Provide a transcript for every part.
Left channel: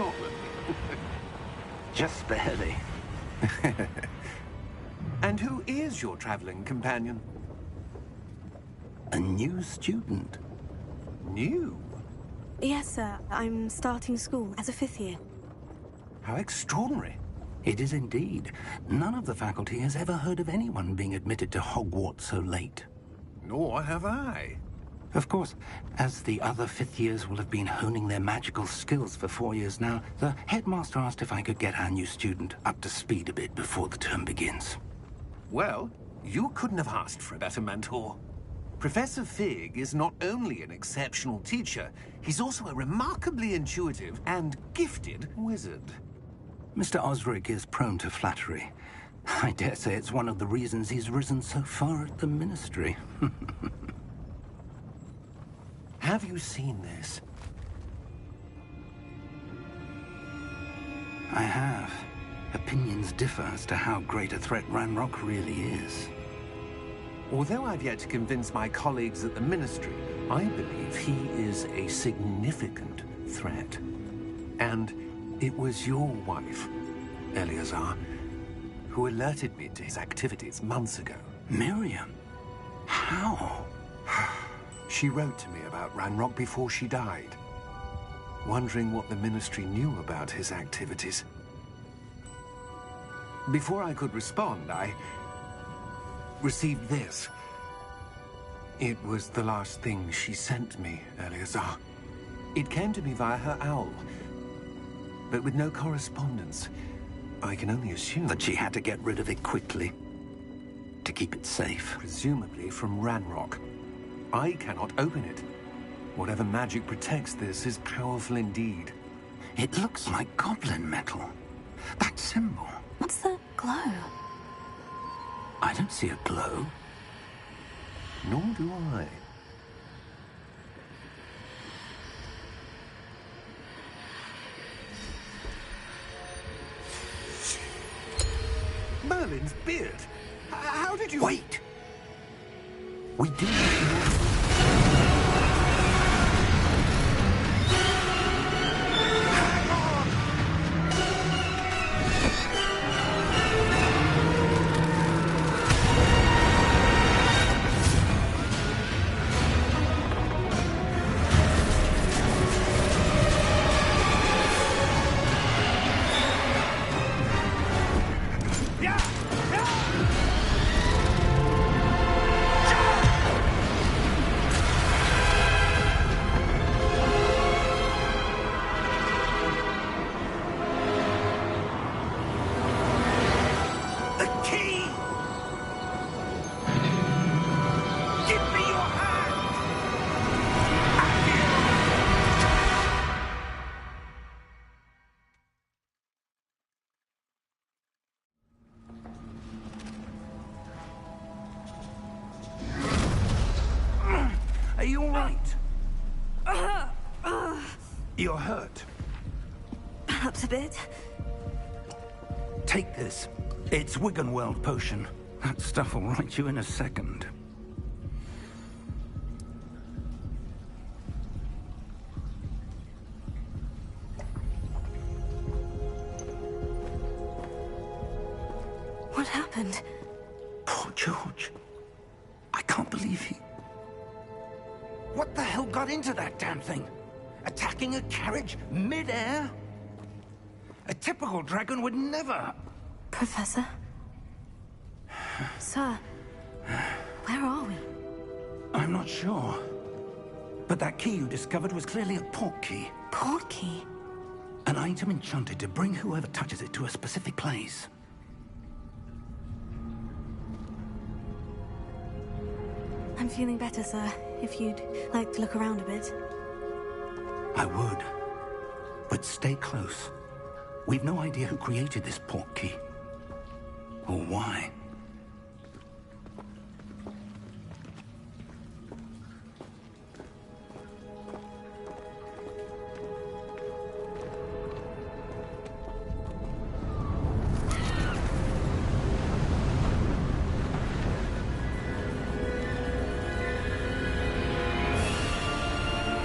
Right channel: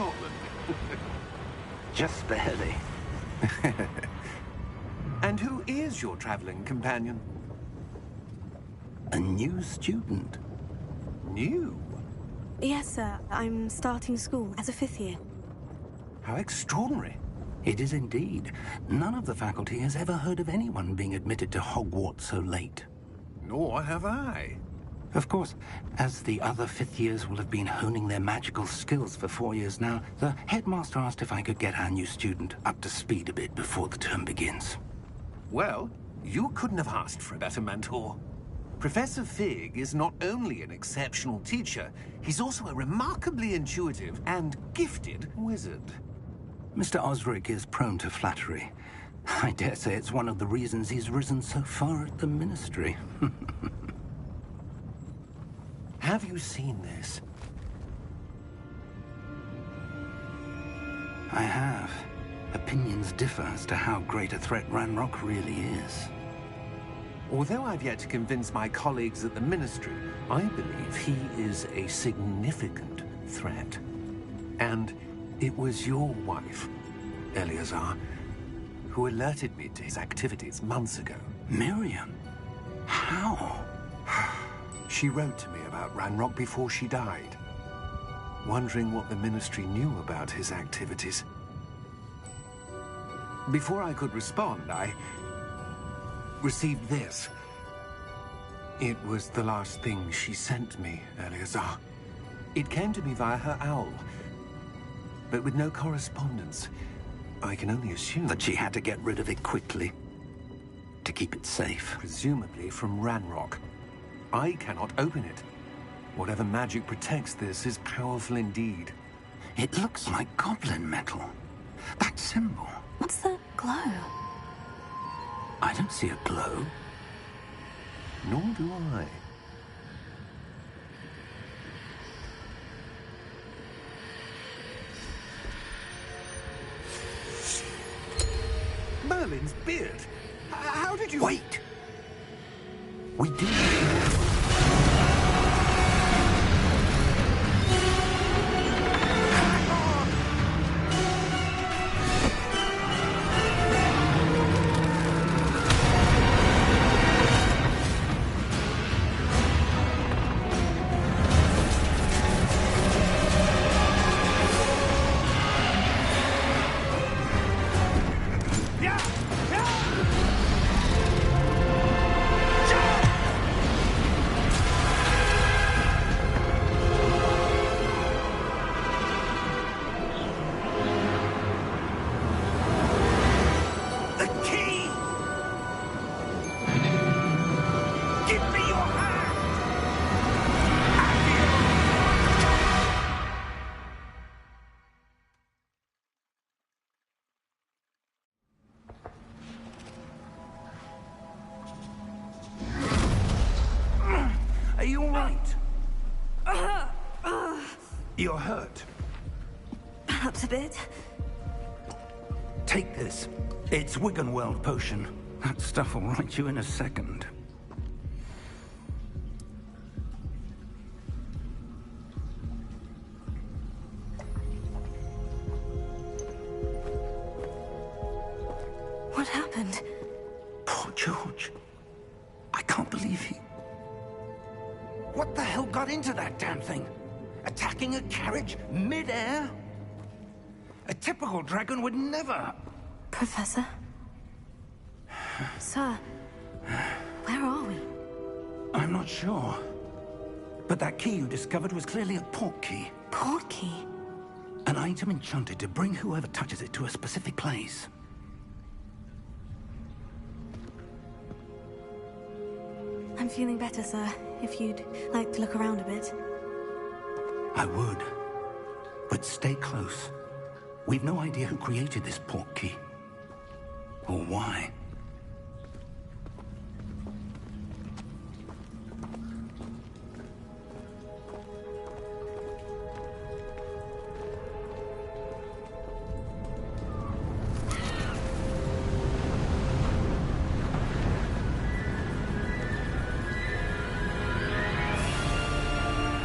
Scotland? Just barely. And who is your traveling companion? A new student. New? Yes, sir. I'm starting school as a 5th year. How extraordinary. It is indeed. None of the faculty has ever heard of anyone being admitted to Hogwarts so late. Nor have I. Of course, as the other 5th years will have been honing their magical skills for 4 years now, the headmaster asked if I could get our new student up to speed a bit before the term begins. Well, you couldn't have asked for a better mentor. Professor Fig is not only an exceptional teacher, he's also a remarkably intuitive and gifted wizard. Mr. Osric is prone to flattery. I dare say it's one of the reasons he's risen so far at the Ministry. Have you seen this? I have. Opinions differ as to how great a threat Ranrock really is. Although I've yet to convince my colleagues at the Ministry, I believe he is a significant threat. And it was your wife, Eleazar, who alerted me to his activities months ago. Miriam? How? She wrote to me about Ranrock before she died, wondering what the Ministry knew about his activities. Before I could respond, I received this. It was the last thing she sent me, Eleazar. It came to me via her owl, but with no correspondence. I can only assume That she had to get rid of it quickly, to keep it safe. presumably from Ranrock. I cannot open it. Whatever magic protects this is powerful indeed. It looks like goblin metal. That symbol. What's the glow? I don't see a glow. Nor do I. Merlin's beard. How did you... Wait! We do. Hang on! Yeah! Yeah! The key! Give me your hand! Are you all right? You're hurt. Perhaps a bit. Take this. It's Wiggenweld potion. That stuff will right you in a second. What happened? Poor George. I can't believe he... What the hell got into that damn thing? Attacking a carriage mid-air? A typical dragon would never... Professor? Sir, where are we? I'm not sure. But that key you discovered was clearly a port key. Port key? An item enchanted to bring whoever touches it to a specific place. I'm feeling better, sir. If you'd like to look around a bit. I would. But stay close. We've no idea who created this port key. Or why.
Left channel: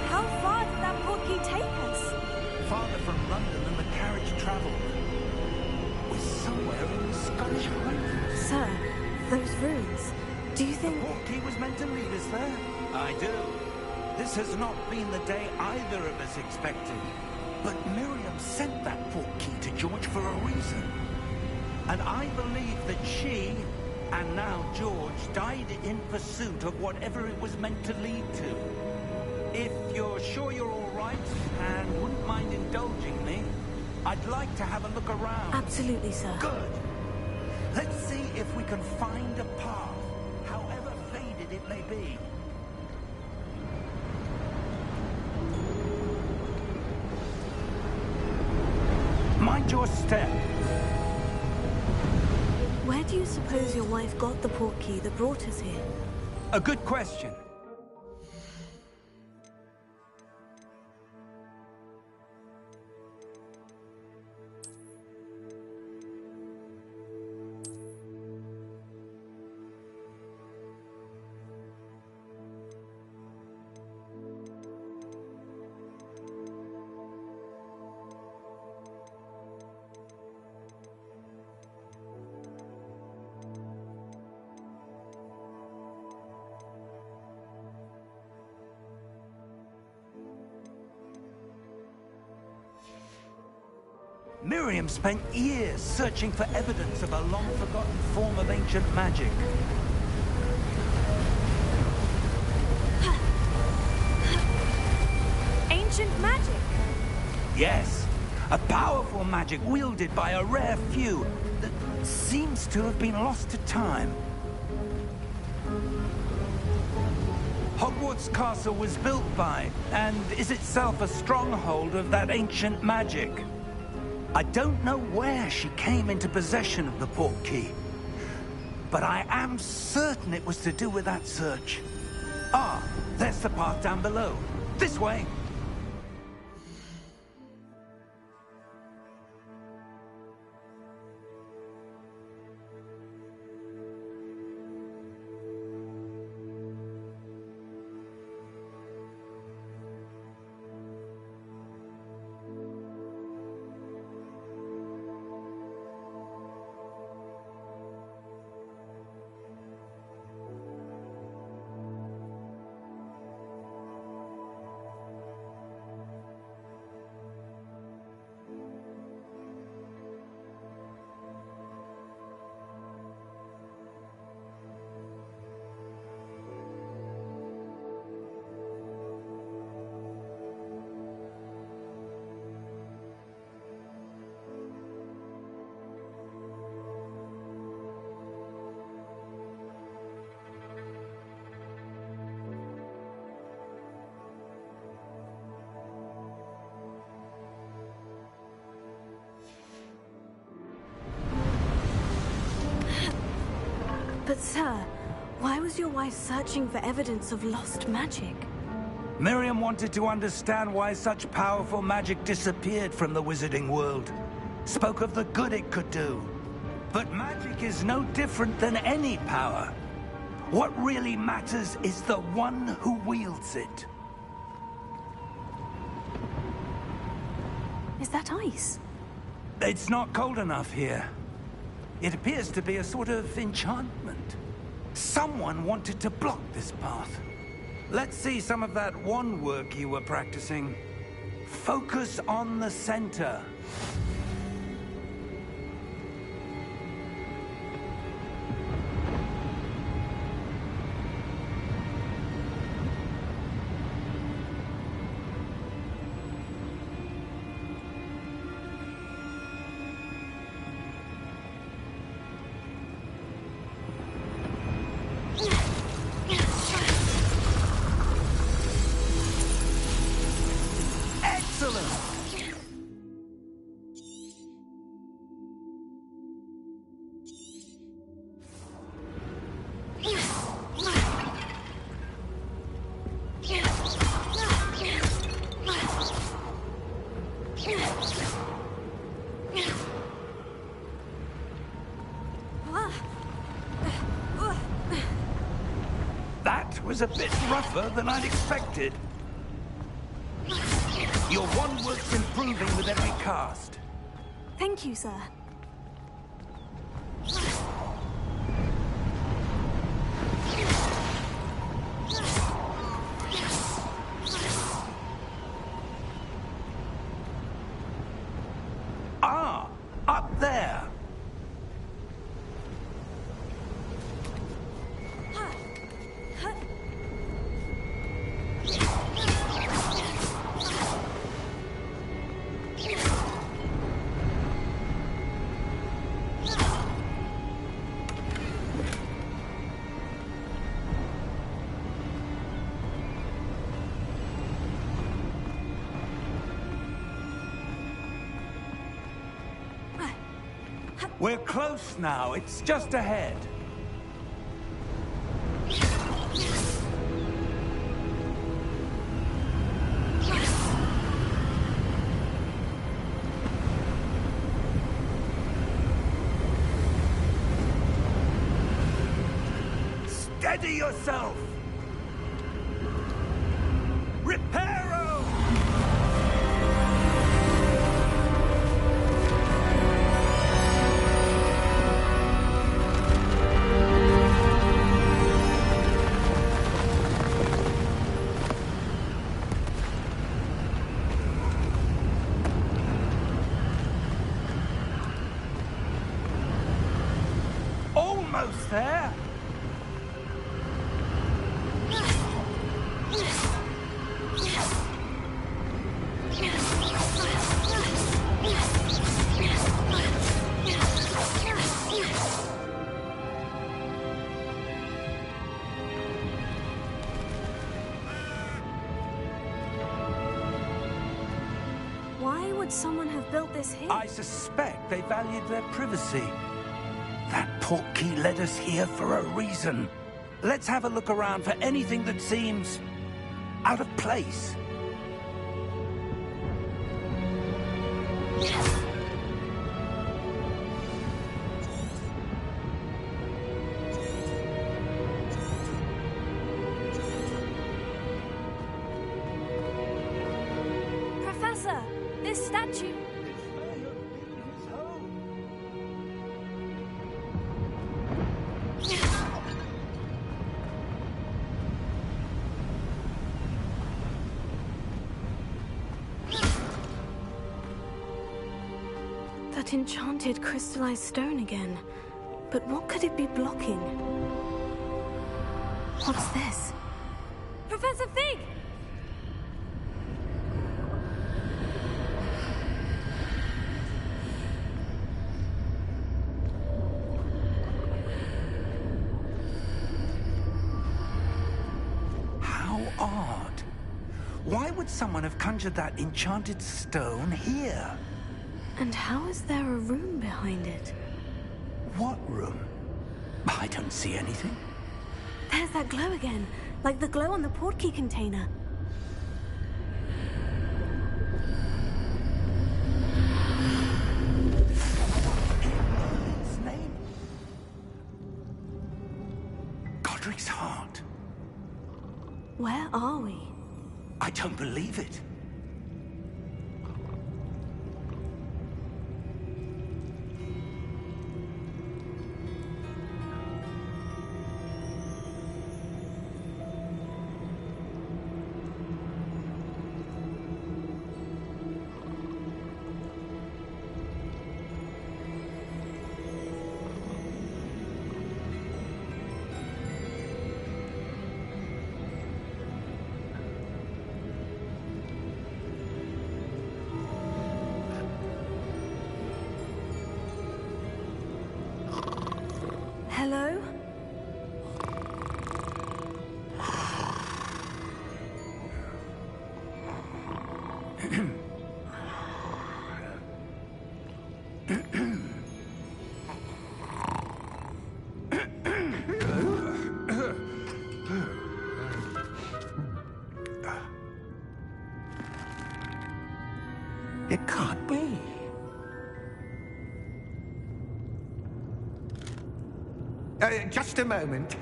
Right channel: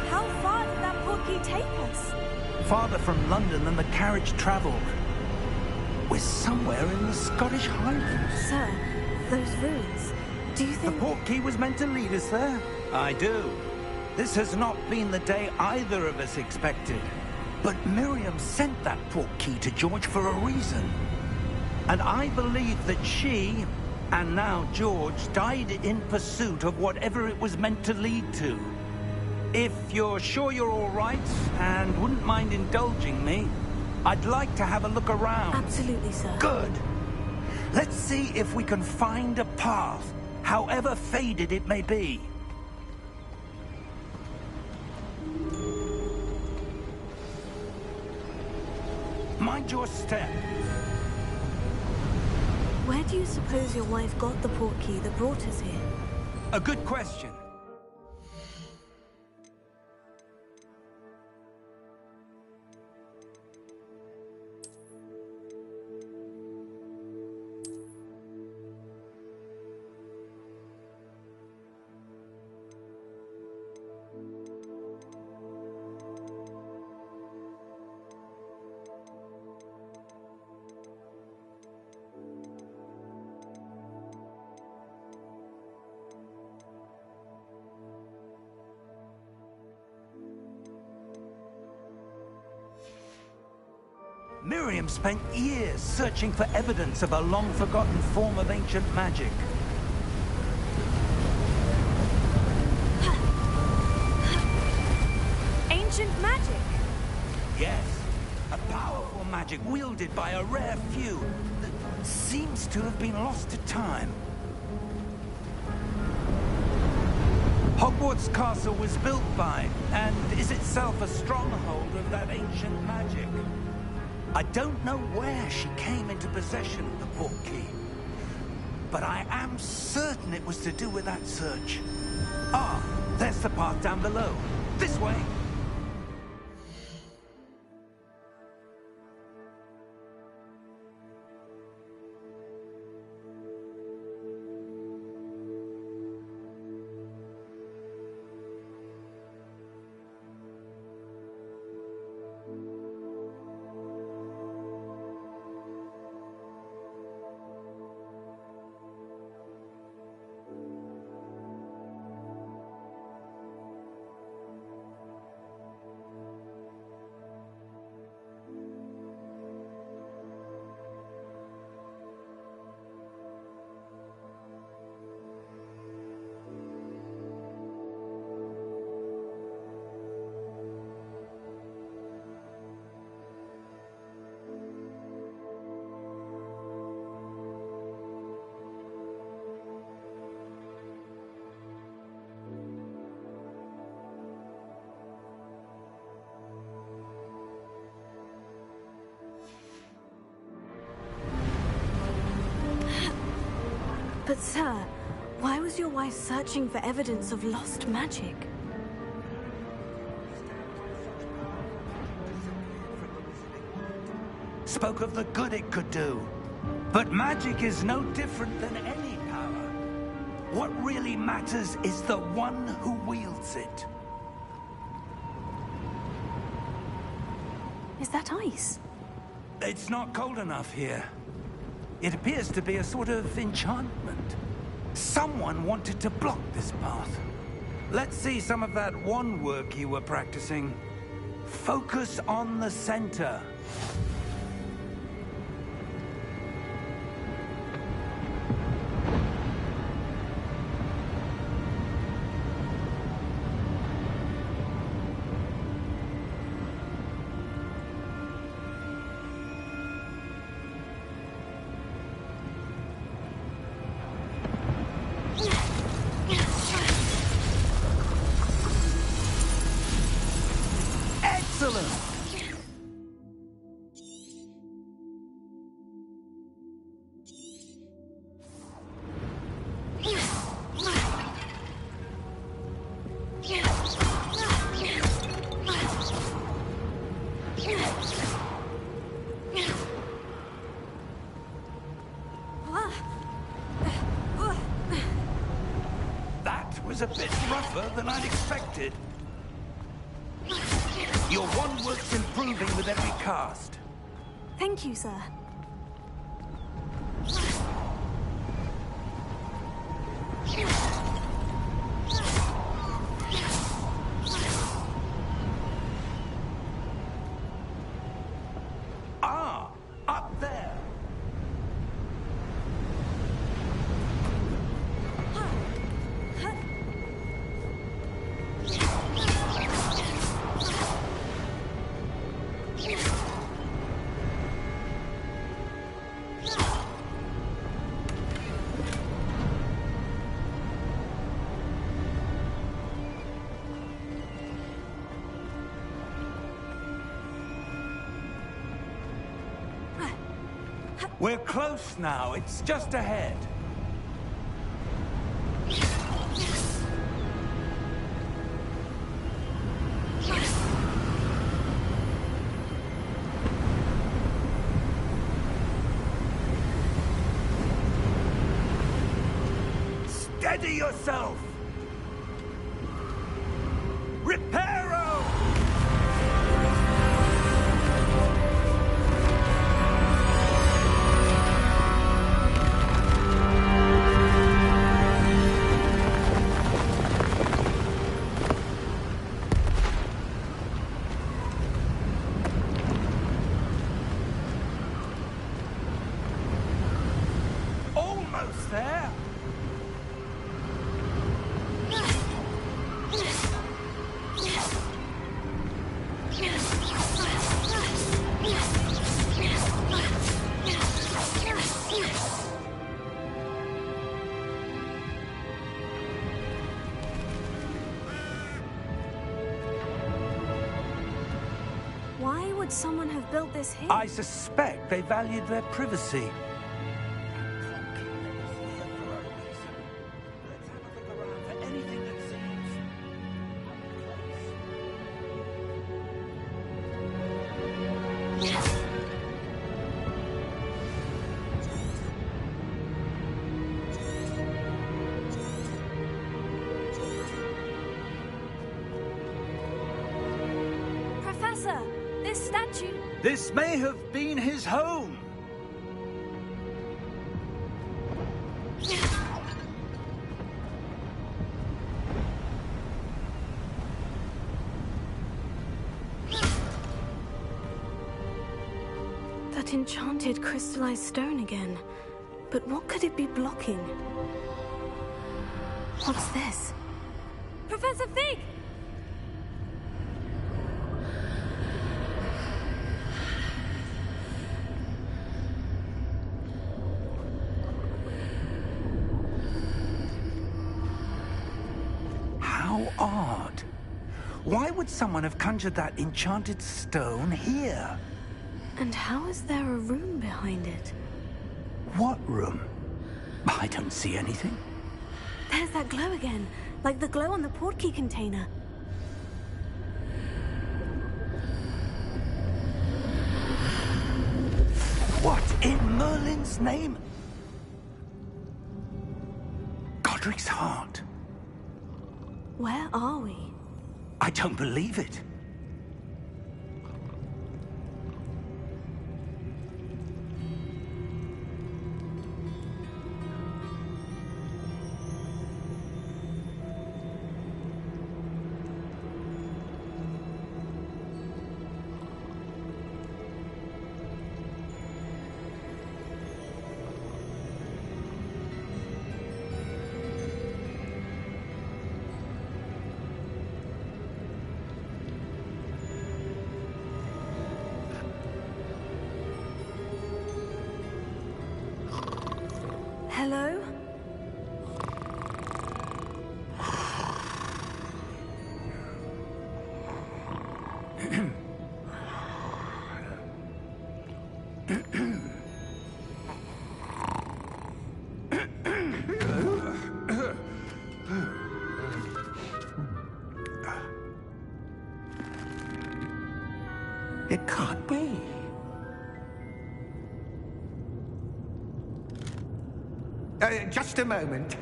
How far did that port key take us? farther from London than the carriage travelled. We're somewhere in the Scottish Highlands. Sir, those ruins. Do you think... The portkey was meant to lead us there? I do. This has not been the day either of us expected. But Miriam sent that portkey to George for a reason. And I believe that she, and now George, died in pursuit of whatever it was meant to lead to. If you're sure you're all right, and wouldn't mind indulging me, I'd like to have a look around. Absolutely, sir. Good. Let's see if we can find a path, however faded it may be. Mind your step. Where do you suppose your wife got the portkey that brought us here? A good question. Miriam spent years searching for evidence of a long-forgotten form of ancient magic. Ancient magic? Yes, a powerful magic wielded by a rare few that seems to have been lost to time. Hogwarts Castle was built by, and is itself a stronghold of that ancient magic. I don't know where she came into possession of the portkey, but I am certain it was to do with that search. Ah, there's the path down below. This way. But sir, why was your wife searching for evidence of lost magic? Miriam wanted to understand why such powerful magic disappeared from the wizarding world. Spoke of the good it could do. But magic is no different than any power. What really matters is the one who wields it. Is that ice? It's not cold enough here. It appears to be a sort of enchantment. Someone wanted to block this path. Let's see some of that wand work you were practicing. Focus on the center. Excellent! That was a bit rougher than I'd expected. Your one-work's improving with every cast. Thank you, sir. Ah, up there. We're close now. It's just ahead. Steady yourself! Reparo! Almost there! Why would someone have built this here? I suspect they valued their privacy. That portkey led us here for a reason. Let's have a look around for anything that seems out of place. Professor, this statue... This may have been his home. That enchanted crystallized stone again. But what could it be blocking? What's this? Professor Fig! How odd. Why would someone have conjured that enchanted stone here? And how is there a room behind it? What room? I don't see anything. There's that glow again, like the glow on the portkey container. What in Merlin's name? Godric's heart. Where are we? I don't believe it. Hello? It can't be. Just a moment.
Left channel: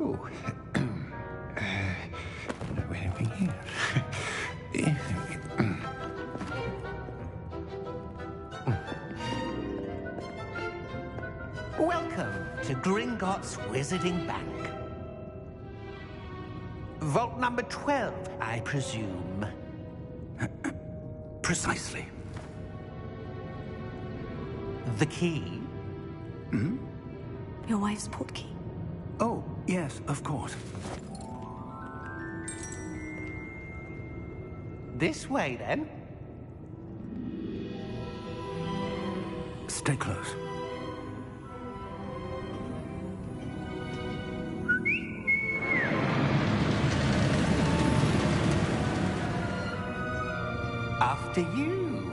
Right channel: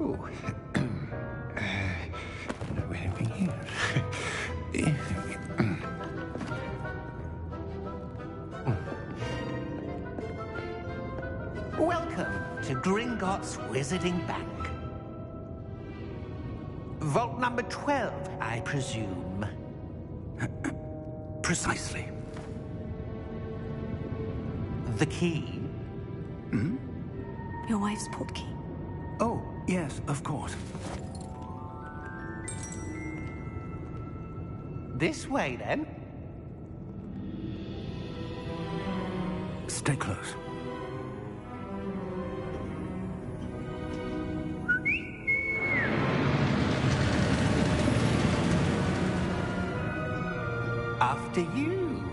Oh. No, anything here? Welcome to Gringotts Wizarding Bank. Vault number 12, I presume. Precisely. The key? Hmm? Your wife's portkey. Oh, yes, of course. This way, then. Stay close. After you.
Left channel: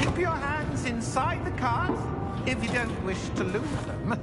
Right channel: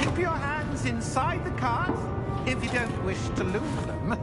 Keep your hands inside the cart if you don't wish to lose them.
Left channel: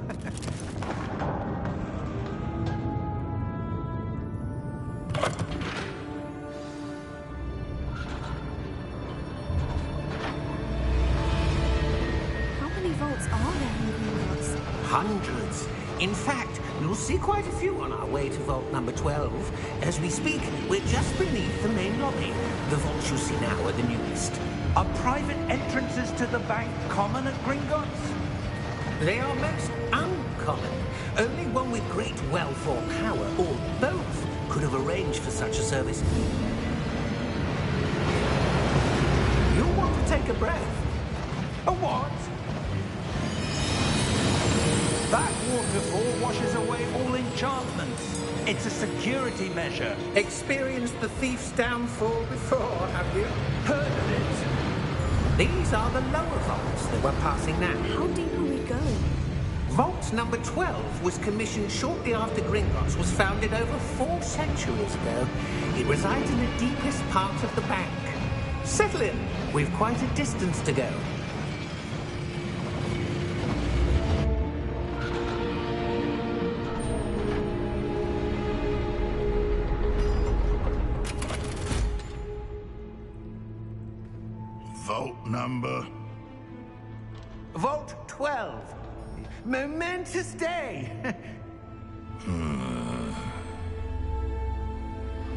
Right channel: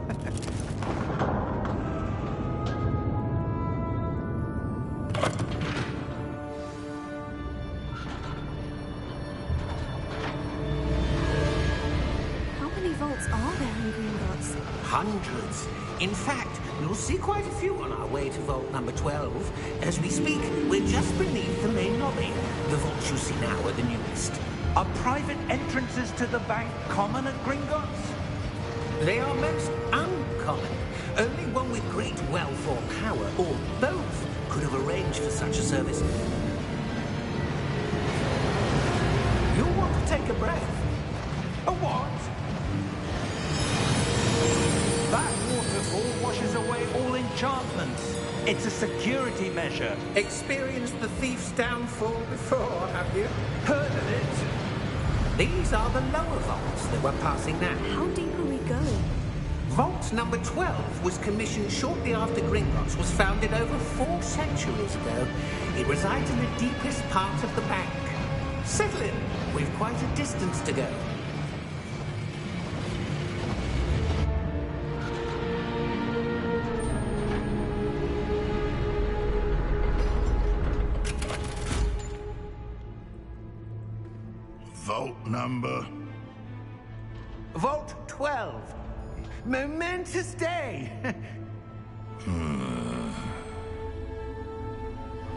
How many vaults are there in Gringotts? Hundreds. In fact, you'll see quite a few on our way to vault number 12. As we speak, we're just beneath the main lobby. The vaults you see now are the newest. Are private entrances to the bank common at Gringotts? They are most uncommon. Only one with great wealth or power, or both, could have arranged for such a service. You'll want to take a breath. A what? That waterfall washes away all enchantments. It's a security measure. Experienced the thief's downfall before, have you? Heard of it? These are the lower vaults that we're passing now. How deep are we going? Vault number 12 was commissioned shortly after Gringotts was founded over 4 centuries ago. It resides in the deepest part of the bank. Settle in. We've quite a distance to go. Vault number? Vault 12. Momentous day.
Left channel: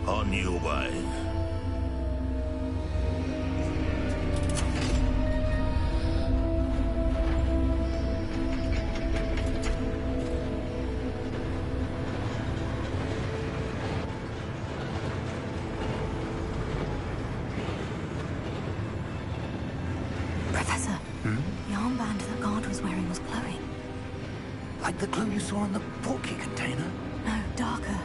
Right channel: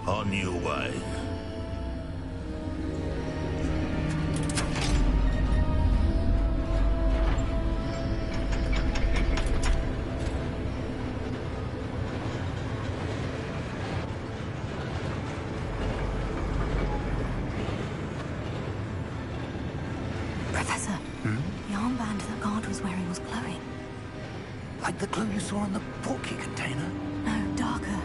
On your way. Professor, the armband that guard was wearing was glowing. Like the glow you saw on the portkey container? No, darker.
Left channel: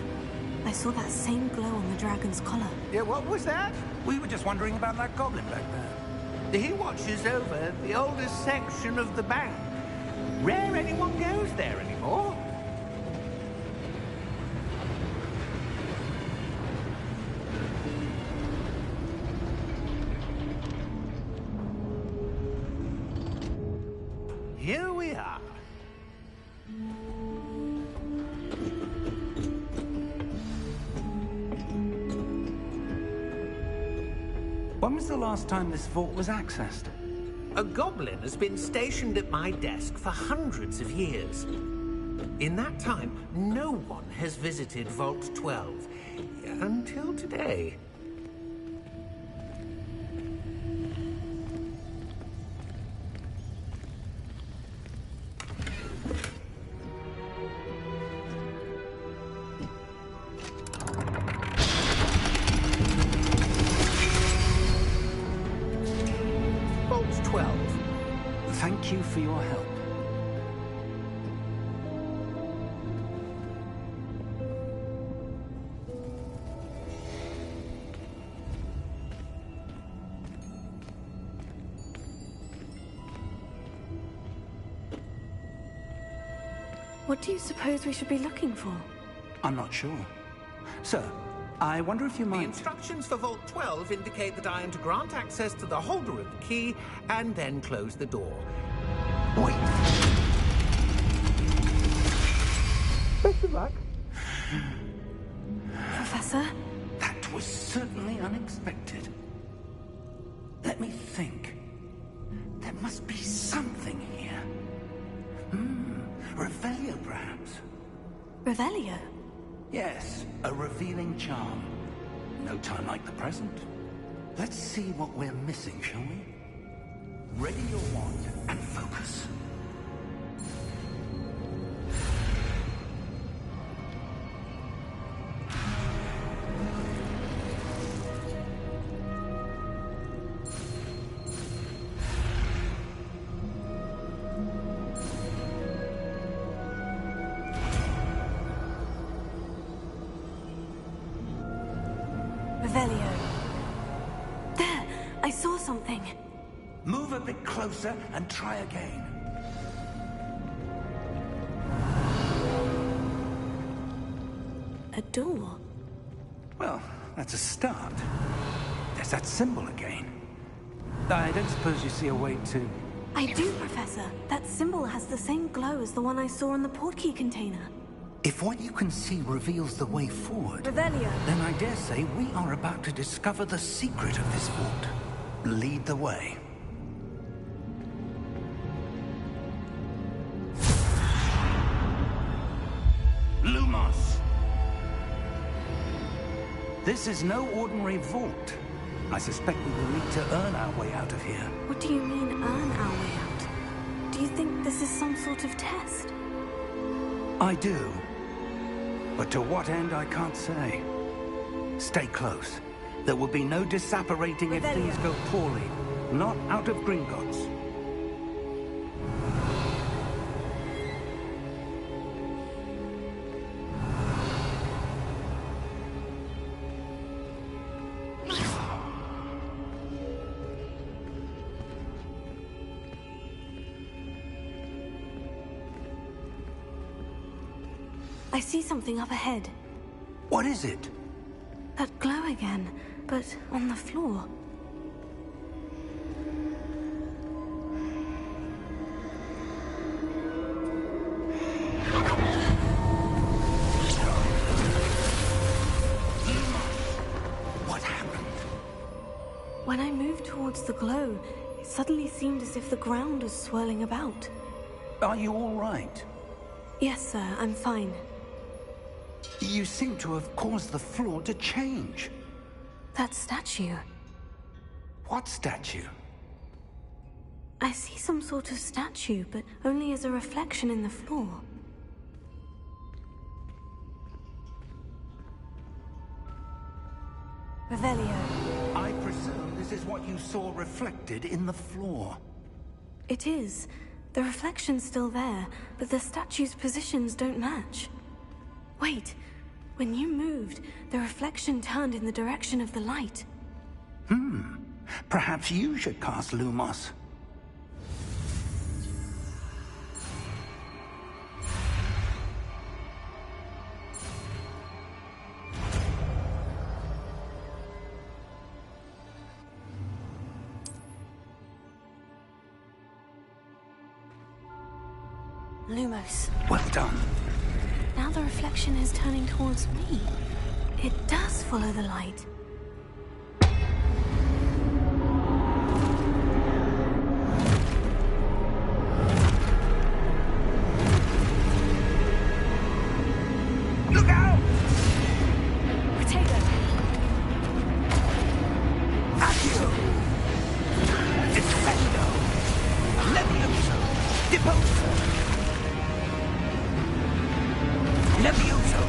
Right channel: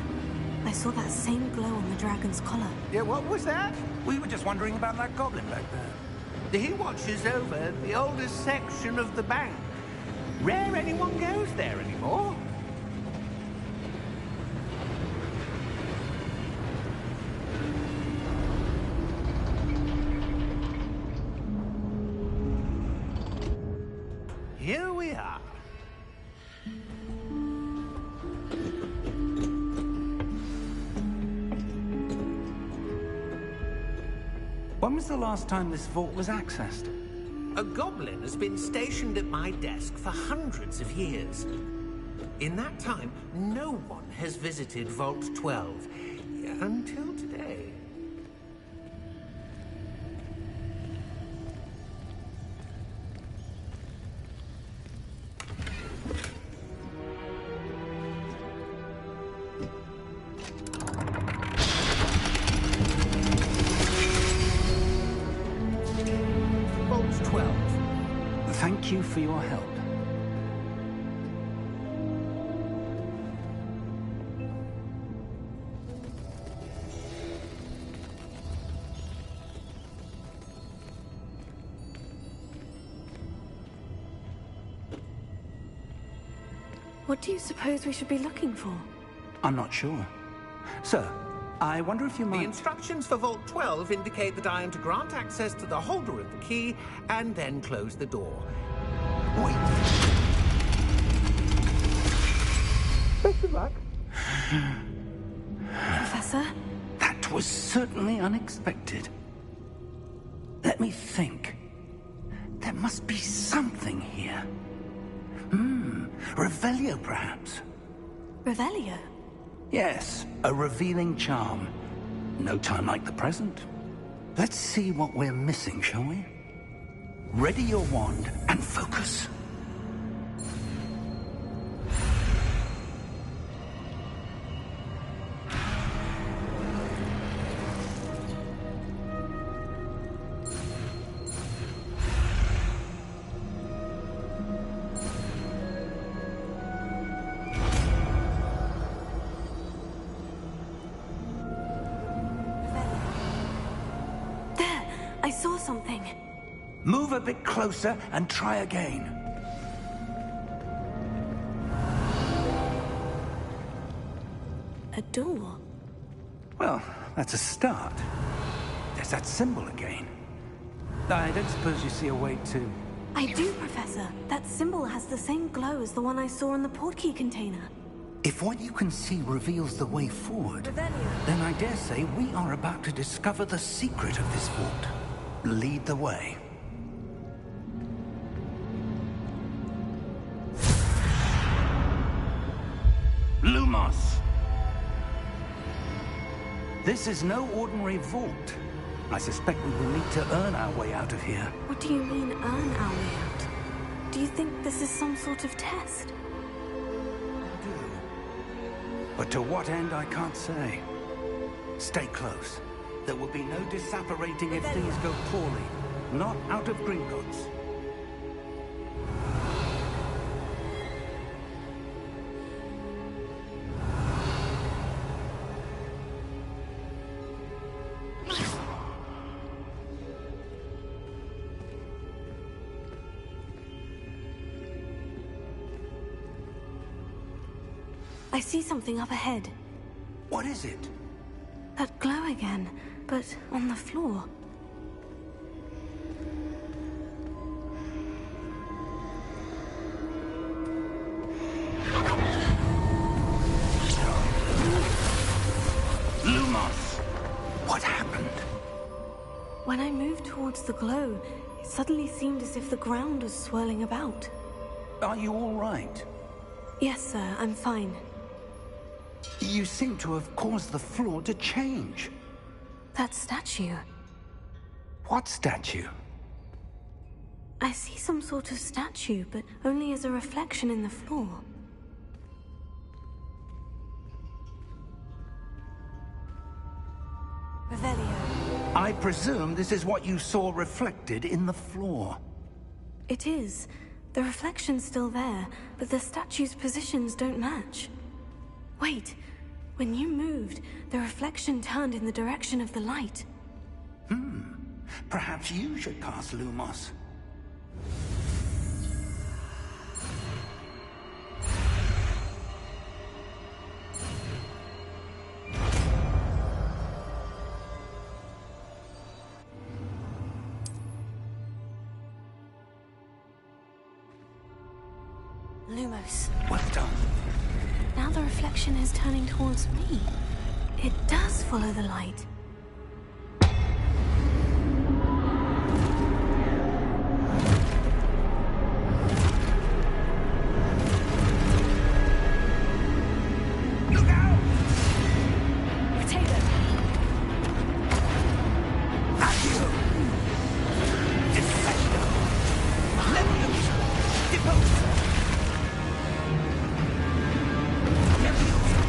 I saw that same glow on the dragon's collar. Yeah, what was that? We were just wondering about that goblin back there. He watches over the oldest section of the bank. Rare anyone goes there anymore. Here we are. When was the last time this vault was accessed? A goblin has been stationed at my desk for hundreds of years. In that time, no one has visited Vault 12 until today. Vault 12. Thank you for your help. What do you suppose we should be looking for? I'm not sure. Sir, I wonder if you The might... instructions for Vault 12 indicate that I am to grant access to the holder of the key and then close the door. Wait. Best of luck. Professor? That was certainly unexpected. Let me think. There must be something here. Revelio, perhaps? Revelio? Yes, a revealing charm. No time like the present. Let's see what we're missing, shall we? Ready your wand and focus. I saw something. Move a bit closer and try again. A door? Well, that's a start. There's that symbol again. I don't suppose you see a way to... I do, Professor. That symbol has the same glow as the one I saw in the portkey container. If what you can see reveals the way forward... Revelio. Then I dare say we are about to discover the secret of this vault. Lead the way. Lumos! This is no ordinary vault. I suspect we will need to earn our way out of here. What do you mean, earn our way out? Do you think this is some sort of test? I do. But to what end, I can't say. Stay close. There will be no disapparating if things go poorly. Not out of Gringotts. I see something up ahead. What is it? That glow again, but on the floor. Lumos! What happened? When I moved towards the glow, it suddenly seemed as if the ground was swirling about. Are you all right? Yes, sir, I'm fine. You seem to have caused the floor to change. That statue. What statue? I see some sort of statue, but only as a reflection in the floor. Revelio. I presume this is what you saw reflected in the floor. It is. The reflection's still there, but the statue's positions don't match. Wait. When you moved, the reflection turned in the direction of the light. Perhaps you should cast Lumos. Lumos. Well done. Now the reflection is turning towards me. It does follow the light. Look out! Potato! Accio! Defendo! Levioso! Deposo! Levioso!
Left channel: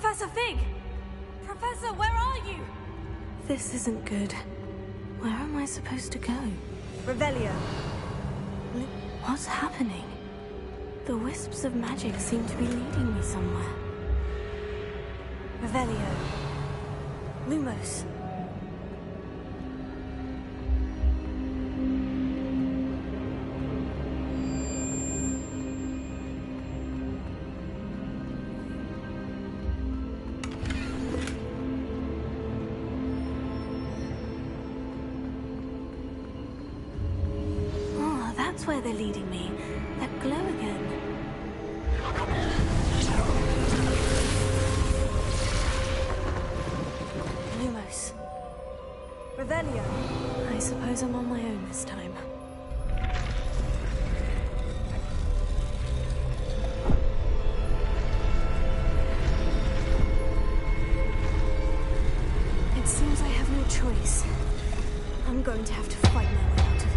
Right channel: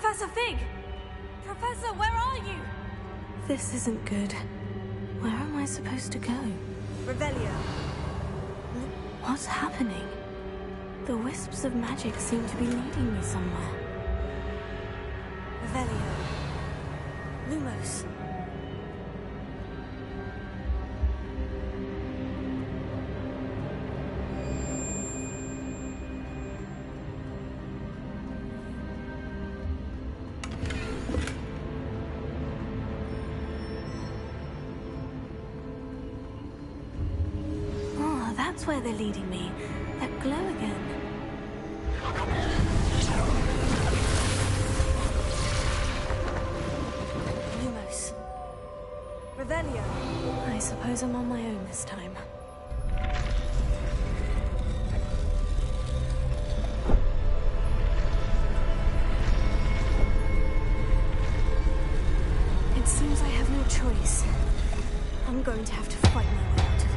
Professor Fig! Professor, where are you? This isn't good. Where am I supposed to go? Revelio. What's happening? The wisps of magic seem to be leading me somewhere. Revelio. Lumos. Oh, that's where they're leading me. That glow again. Lumos. Revelio. I suppose I'm on my own this time. It seems I have no choice. I'm going to have to fight my way out of here.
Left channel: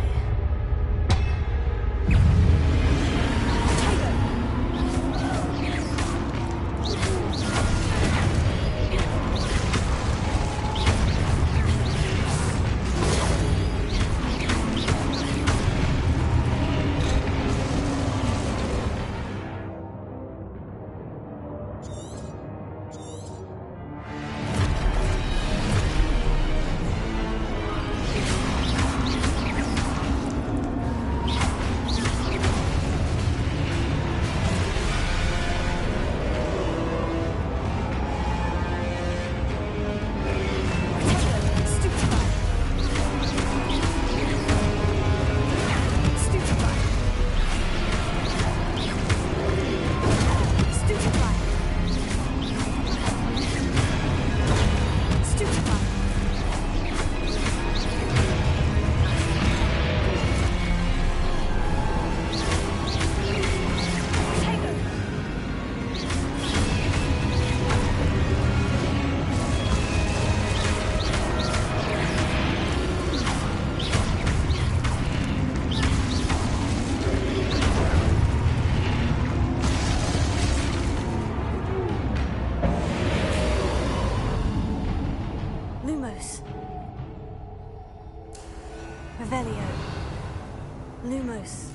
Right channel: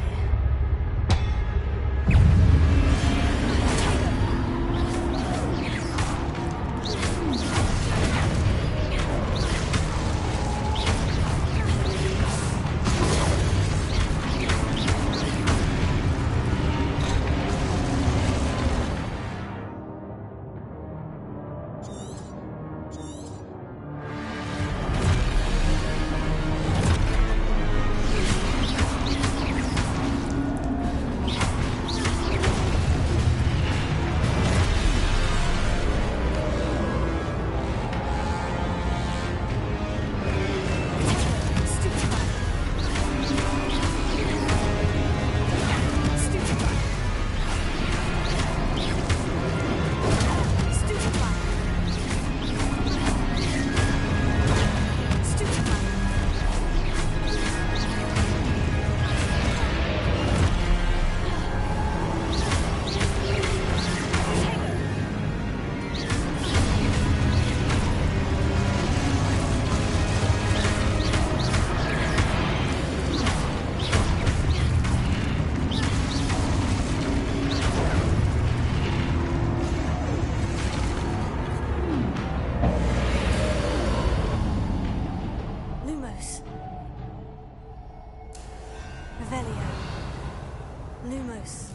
Lumos. Revelio. Lumos.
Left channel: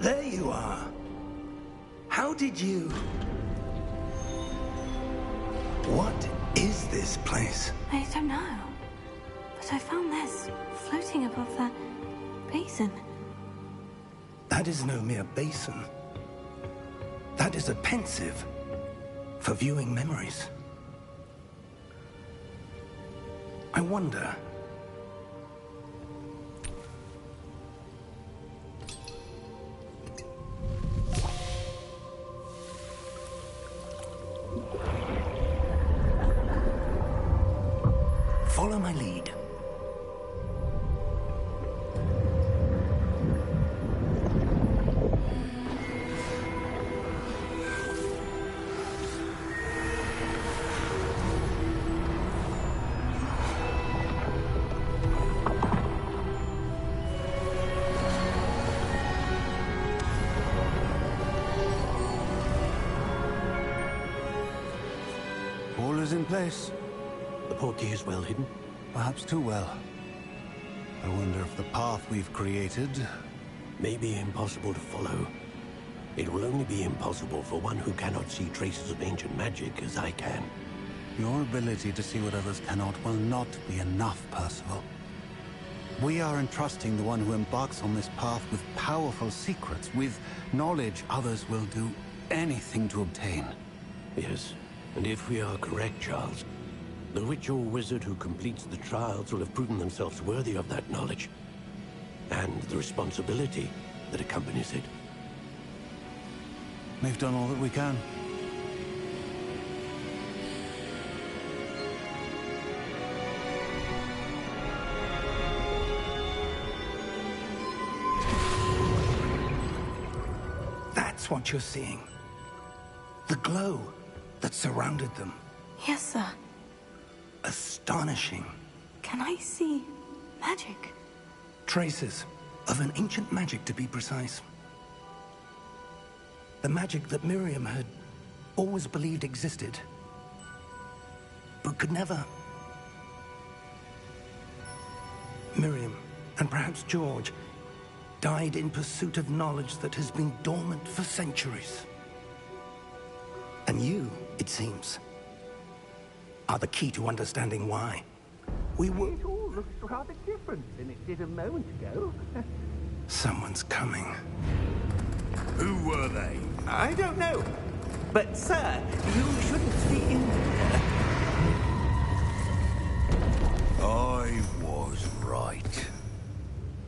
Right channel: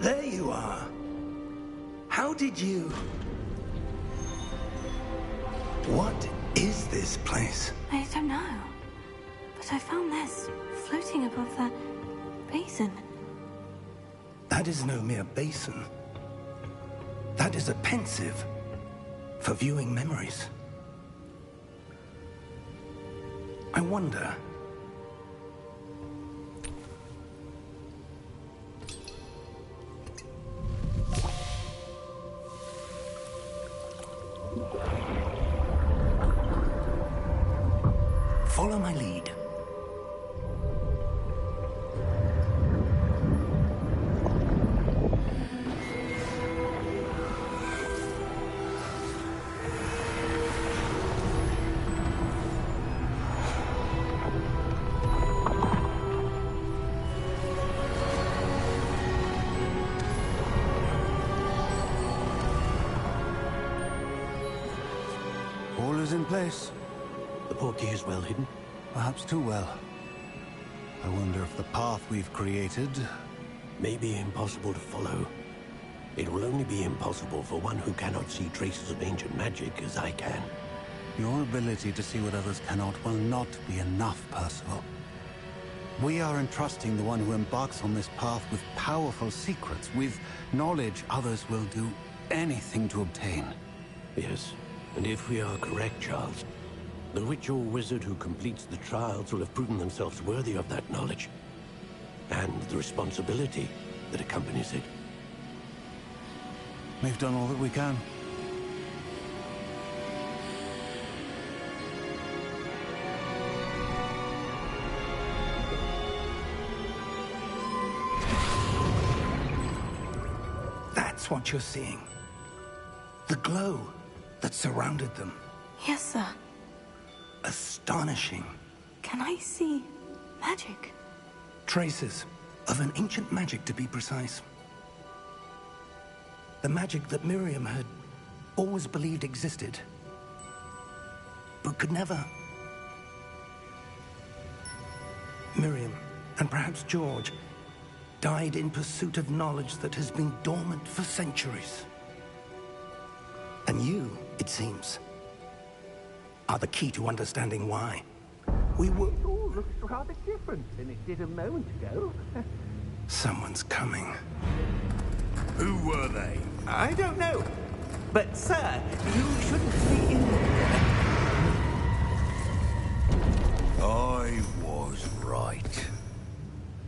There you are. did you... What is this place? I don't know. But I found this floating above that basin. That is no mere basin. That is a pensive for viewing memories. I wonder... Follow my lead. All is in place. The portkey is well hidden? Perhaps too well. I wonder if the path we've created... May be impossible to follow. It will only be impossible for one who cannot see traces of ancient magic as I can. Your ability to see what others cannot will not be enough, Percival. We are entrusting the one who embarks on this path with powerful secrets, with knowledge others will do anything to obtain. Yes, and if we are correct, Charles, the witch or wizard who completes the trials will have proven themselves worthy of that knowledge, and the responsibility that accompanies it. We've done all that we can. That's what you're seeing. The glow that surrounded them. Yes, sir. Astonishing. Can I see magic? Traces of an ancient magic, to be precise. The magic that Miriam had always believed existed, but could never. Miriam, and perhaps George, died in pursuit of knowledge that has been dormant for centuries. And you, it seems, are the key to understanding why. We were... It all looks rather different than it did a moment ago. Someone's coming. Who were they? I don't know. But, sir, you shouldn't be in there. I was right.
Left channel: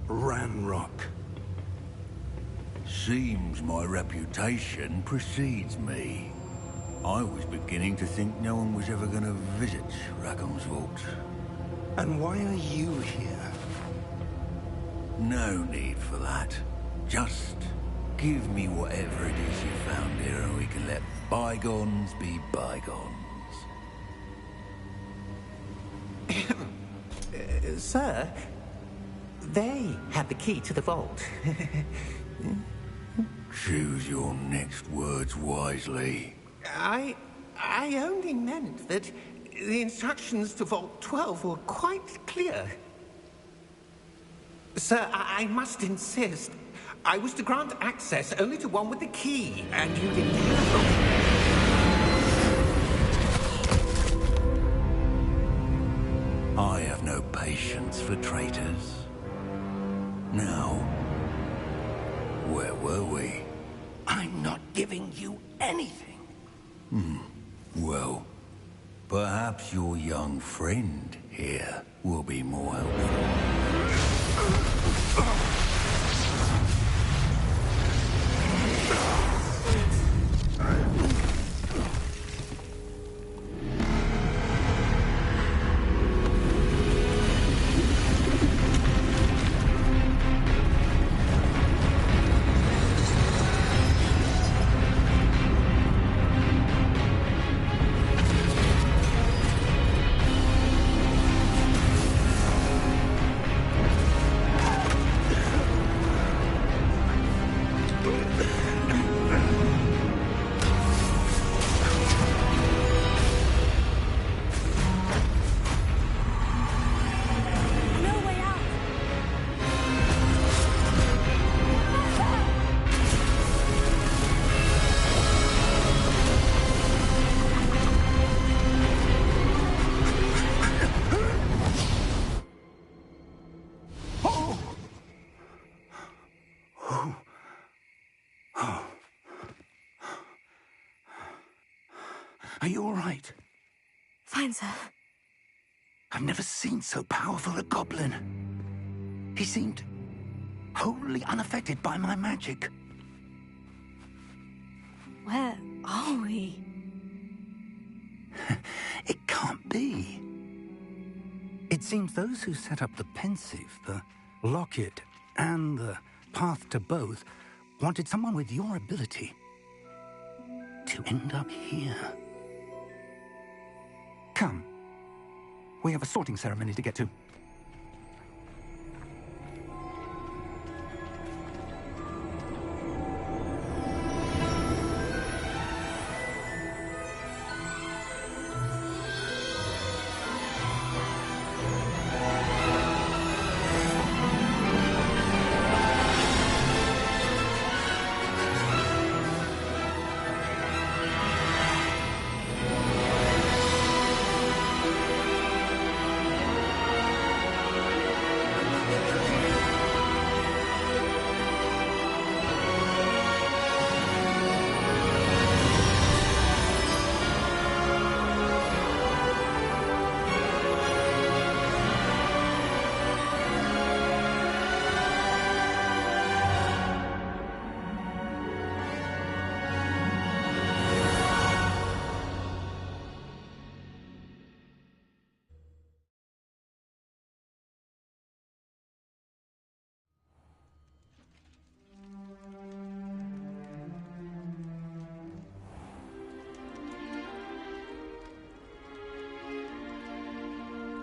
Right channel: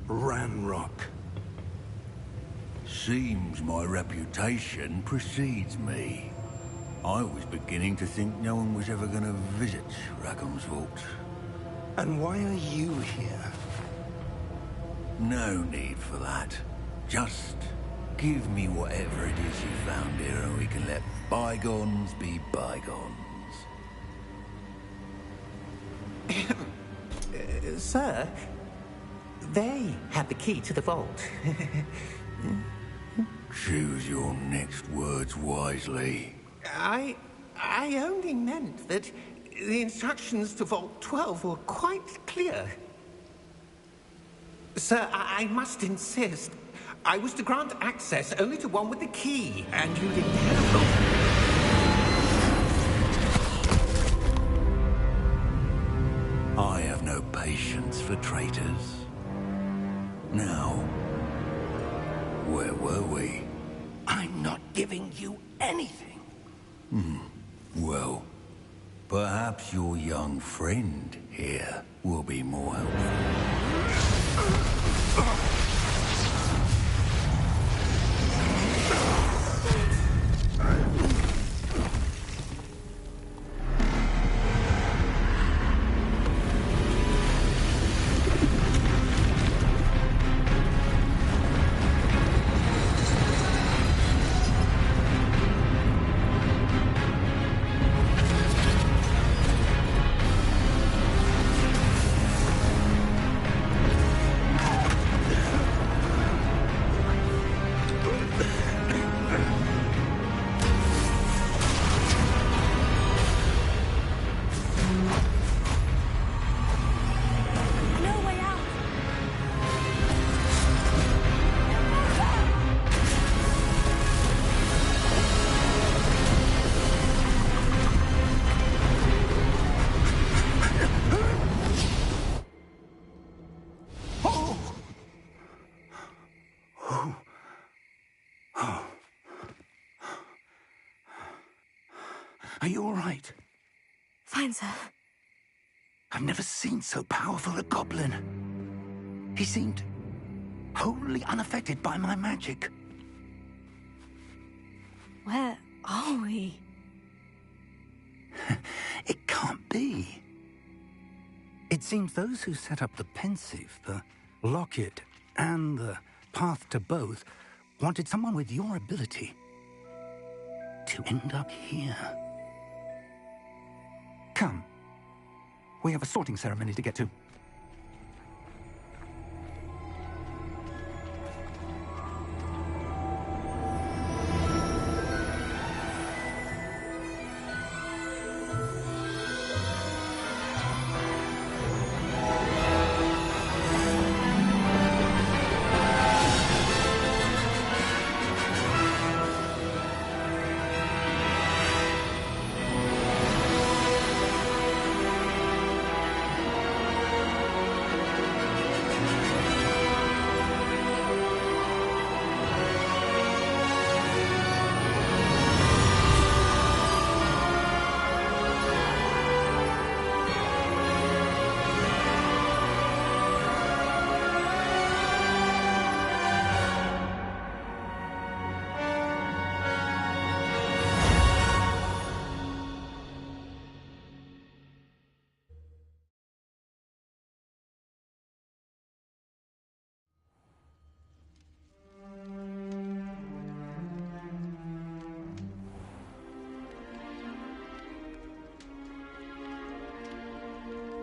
Ranrock. Seems my reputation precedes me. I was beginning to think no one was ever going to visit Rackham's vault. And why are you here? No need for that. Just give me whatever it is you found here and we can let bygones be bygones. Sir, they had the key to the vault. Choose your next words wisely. I only meant that the instructions to Vault 12 were quite clear. Sir, I must insist. I was to grant access only to one with the key, and you didn't have them. I have no patience for traitors. Now, where were we? I'm not giving you anything. Well, perhaps your young friend here will be more helpful. Are you all right? Fine, sir. I've never seen so powerful a goblin. He seemed wholly unaffected by my magic. Where are we? It can't be. It seems those who set up the pensive, the locket, and the path to both wanted someone with your ability to end up here. Come. We have a sorting ceremony to get to.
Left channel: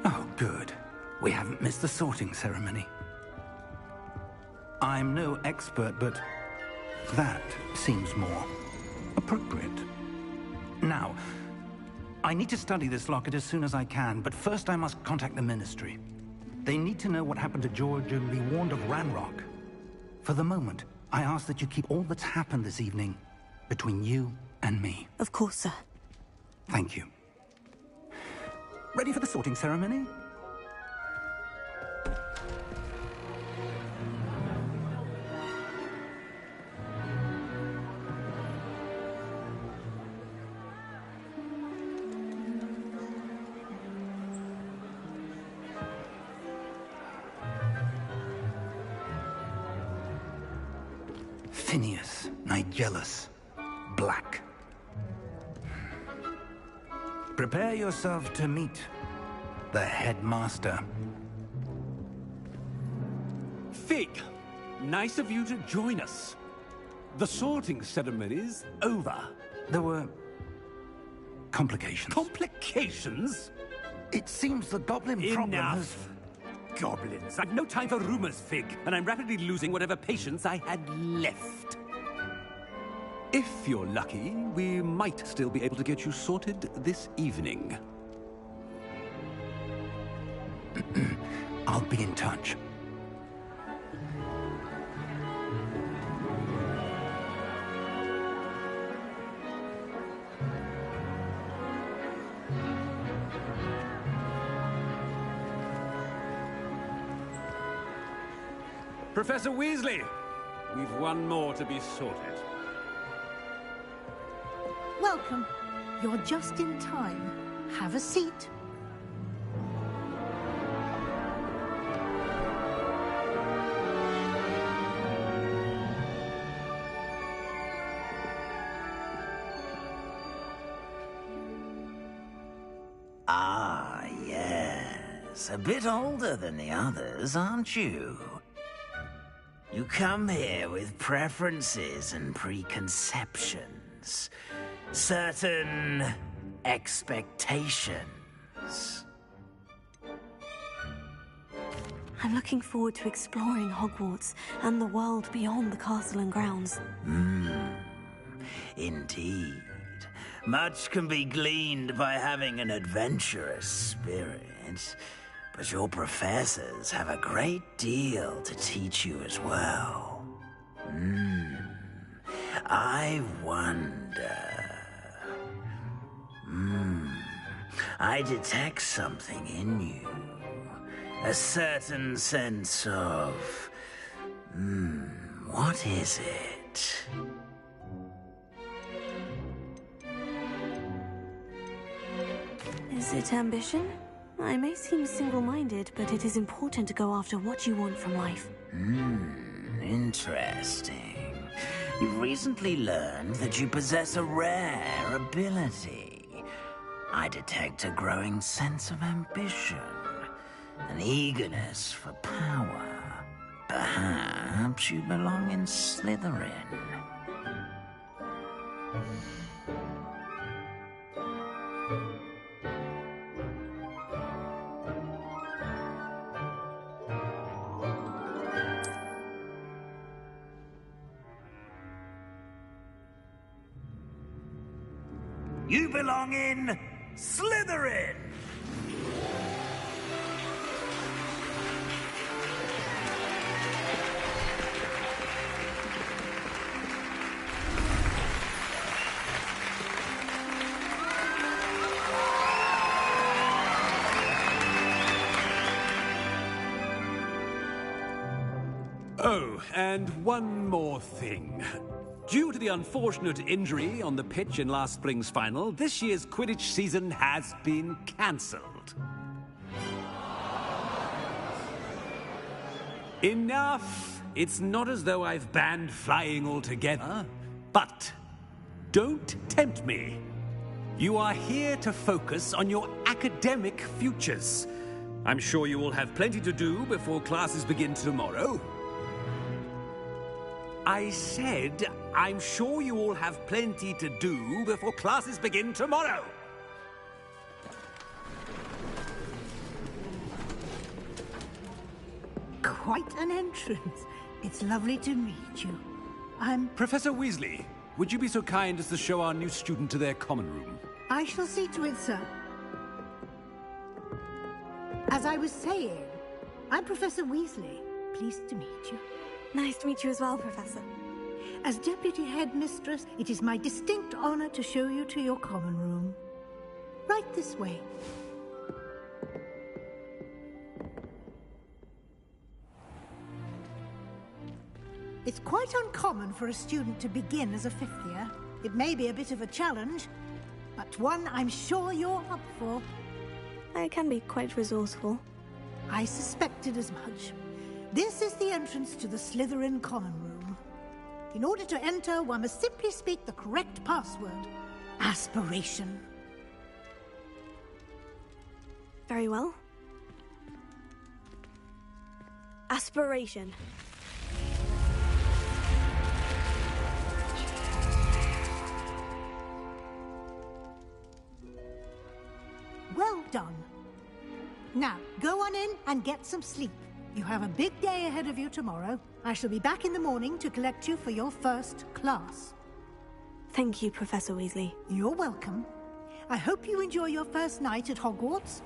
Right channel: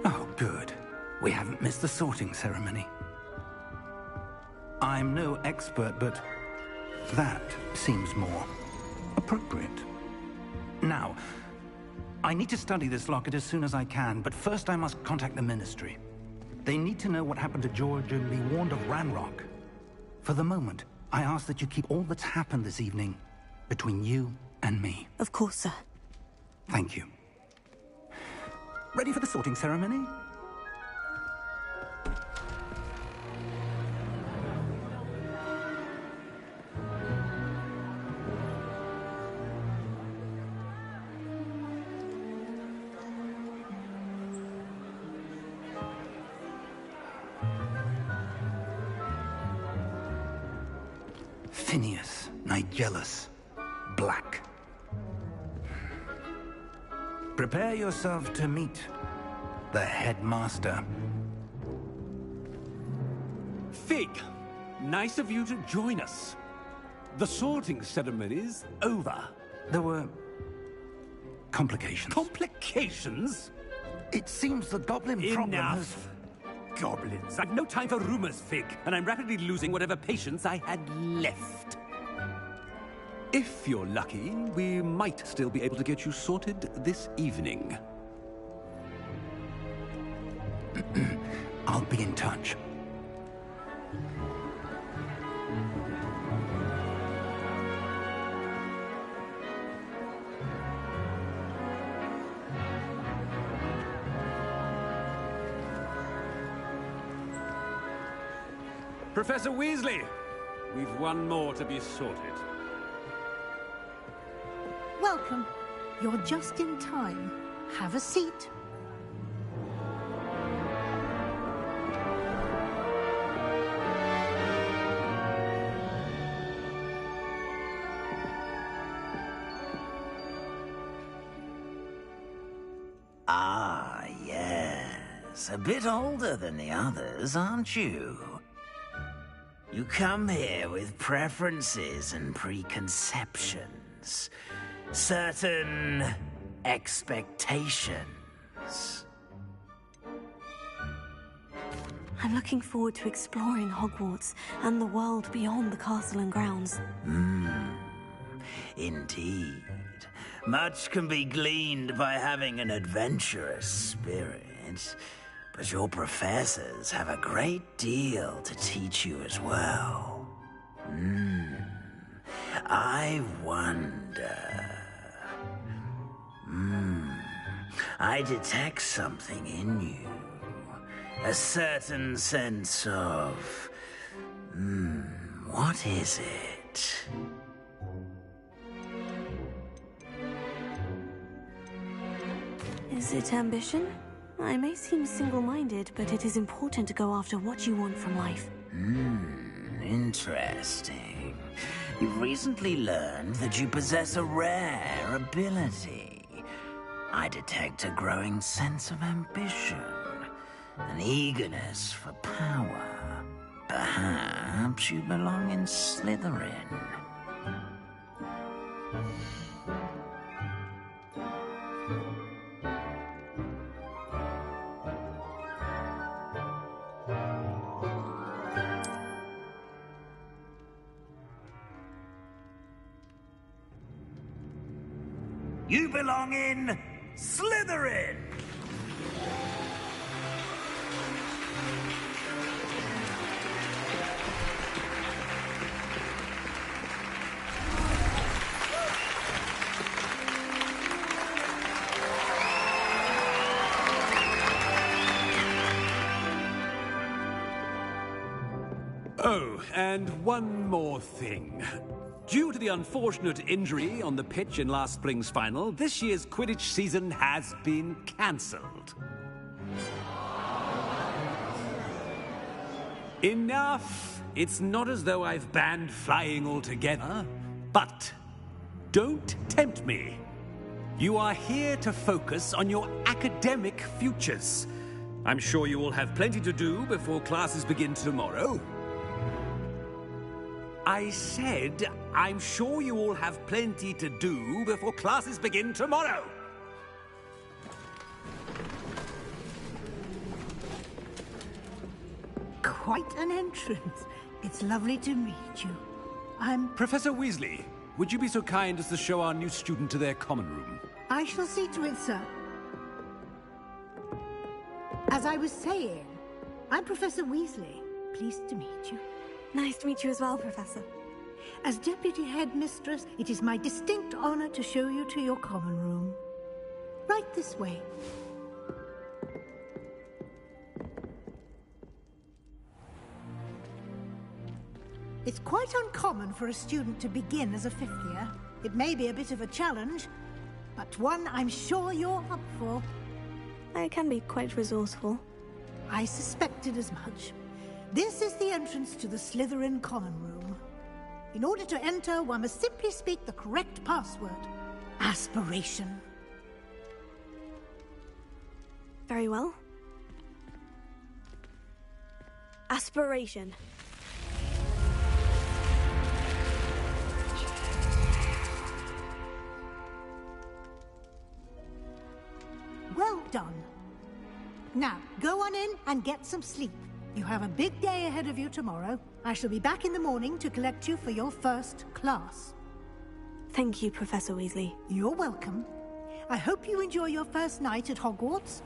Oh, good. We haven't missed the sorting ceremony. I'm no expert, but that seems more appropriate. Now, I need to study this locket as soon as I can, but first I must contact the Ministry. They need to know what happened to George and be warned of Ranrock. For the moment, I ask that you keep all that's happened this evening between you and me. Of course, sir. Thank you. Ready for the sorting ceremony? Phineas, Nigellus, Black. Prepare yourself to meet the headmaster. Fig, nice of you to join us. The sorting ceremony's over. There were complications. Complications? It seems the goblin problem has... Enough. Goblins. I've no time for rumors, Fig, and I'm rapidly losing whatever patience I had left. If you're lucky, we might still be able to get you sorted this evening. I'll be in touch. Professor Weasley, we've one more to be sorted. Welcome. You're just in time. Have a seat. Ah, yes. A bit older than the others, aren't you? You come here with preferences and preconceptions. Certain expectations. I'm looking forward to exploring Hogwarts and the world beyond the castle and grounds. Indeed. Much can be gleaned by having an adventurous spirit, but your professors have a great deal to teach you as well. I wonder... I detect something in you. A certain sense of... what is it? Is it ambition? I may seem single-minded, but it is important to go after what you want from life. Interesting. You've recently learned that you possess a rare ability. I detect a growing sense of ambition, an eagerness for power. Perhaps you belong in Slytherin. You belong in Slytherin! Oh, and one more thing. Due to the unfortunate injury on the pitch in last spring's final, this year's Quidditch season has been cancelled. Enough! It's not as though I've banned flying altogether, but don't tempt me. You are here to focus on your academic futures. I'm sure you will have plenty to do before classes begin tomorrow. I said, I'm sure you all have plenty to do before classes begin tomorrow. Quite an entrance. It's lovely to meet you. I'm... Professor Weasley, would you be so kind as to show our new student to their common room? I shall see to it, sir. As I was saying, I'm Professor Weasley. Pleased to meet you. Nice to meet you as well, Professor. As Deputy Headmistress, it is my distinct honor to show you to your common room. Right this way. It's quite uncommon for a student to begin as a fifth year. It may be a bit of a challenge, but one I'm sure you're up for. I can be quite resourceful. I suspected as much. This is the entrance to the Slytherin common room. In order to enter, one must simply speak the correct password. Aspiration. Very well. Aspiration. Well done. Now, go on in and get some sleep. You have a big day ahead of you tomorrow. I shall be back in the morning to collect you for your first class. Thank you, Professor Weasley. You're welcome. I hope you enjoy your first night at Hogwarts.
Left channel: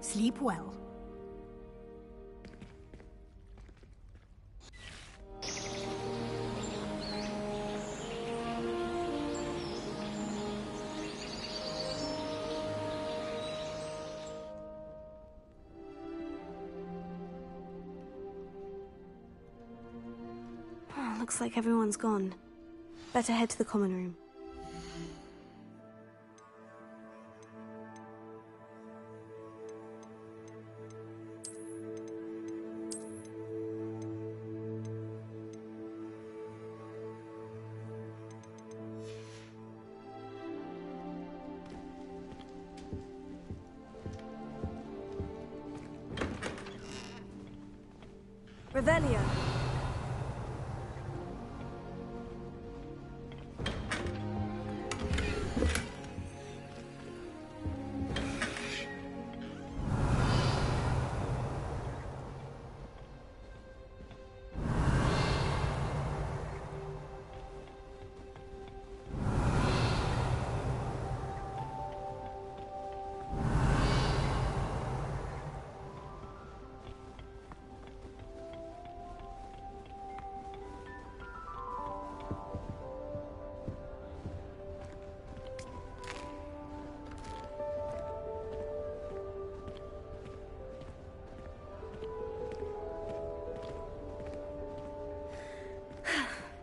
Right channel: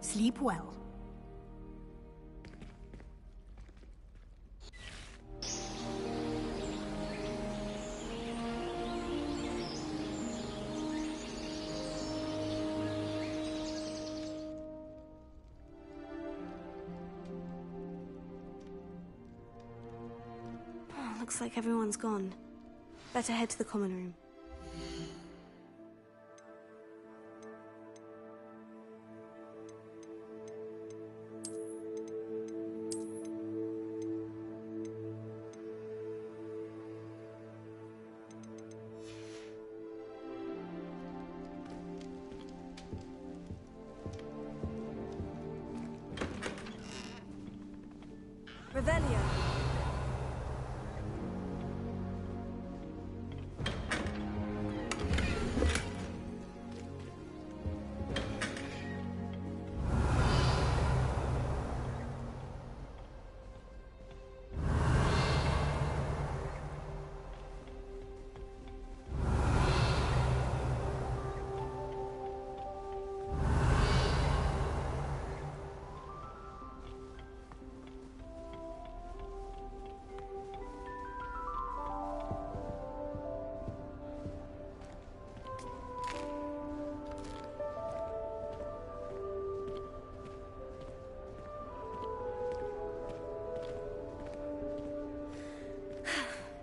Sleep well. Looks like everyone's gone. Better head to the common room. Revelio.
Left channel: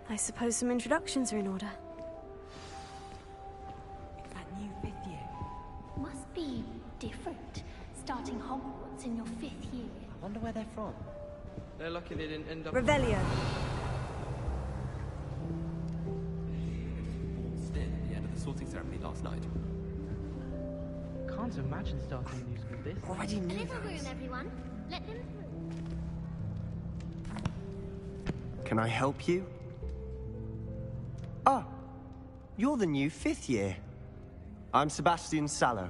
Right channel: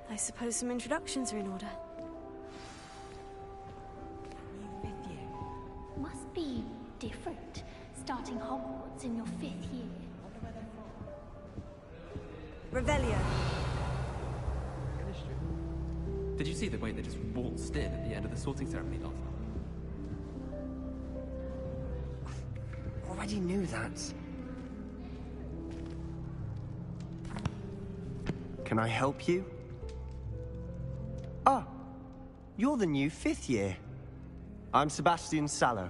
I suppose some introductions are in order. That new fifth year must be starting Hogwarts in your 5th year. I wonder where they're from. They're lucky they didn't end up... Revelio. Did you see the way they just waltzed in at the end of the sorting ceremony last night? Can't imagine starting a business. Already knew that. Can I help you? Ah, you're the new 5th year. I'm Sebastian Sallow.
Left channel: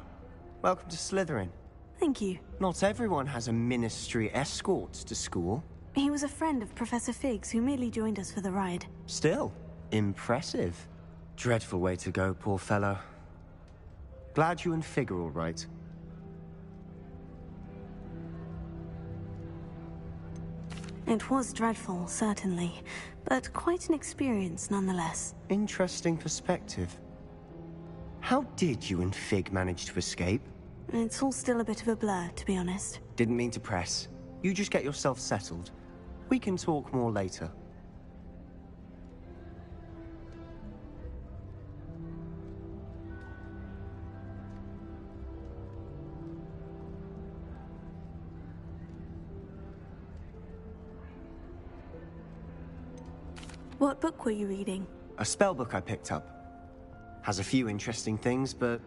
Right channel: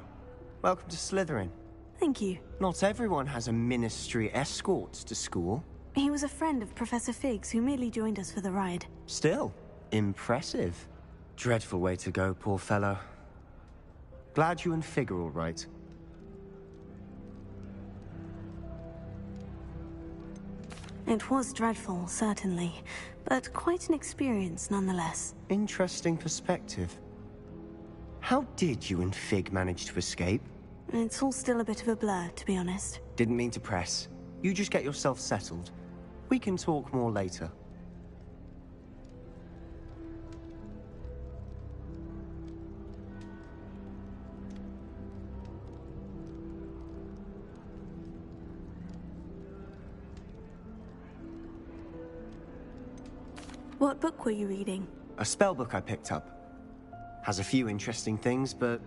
Welcome to Slytherin. Thank you. Not everyone has a ministry escort to school. He was a friend of Professor Fig's who merely joined us for the ride. Still, impressive. Dreadful way to go, poor fellow. Glad you and Fig are all right. It was dreadful, certainly, but quite an experience nonetheless. Interesting perspective. How did you and Fig manage to escape? It's all still a bit of a blur, to be honest. Didn't mean to press. You just get yourself settled. We can talk more later. What book were you reading? A spellbook I picked up. Has a few interesting things, but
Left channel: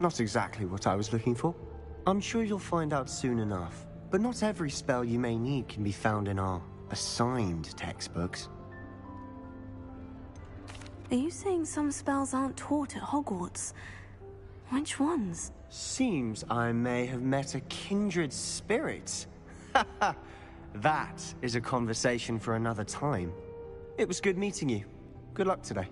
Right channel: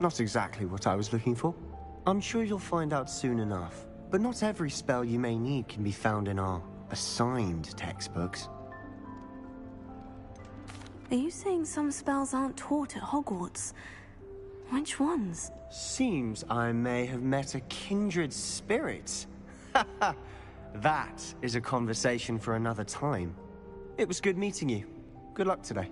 not exactly what I was looking for. I'm sure you'll find out soon enough. But not every spell you may need can be found in our assigned textbooks. Are you saying some spells aren't taught at Hogwarts? Which ones? Seems I may have met a kindred spirit. That is a conversation for another time. It was good meeting you. Good luck today.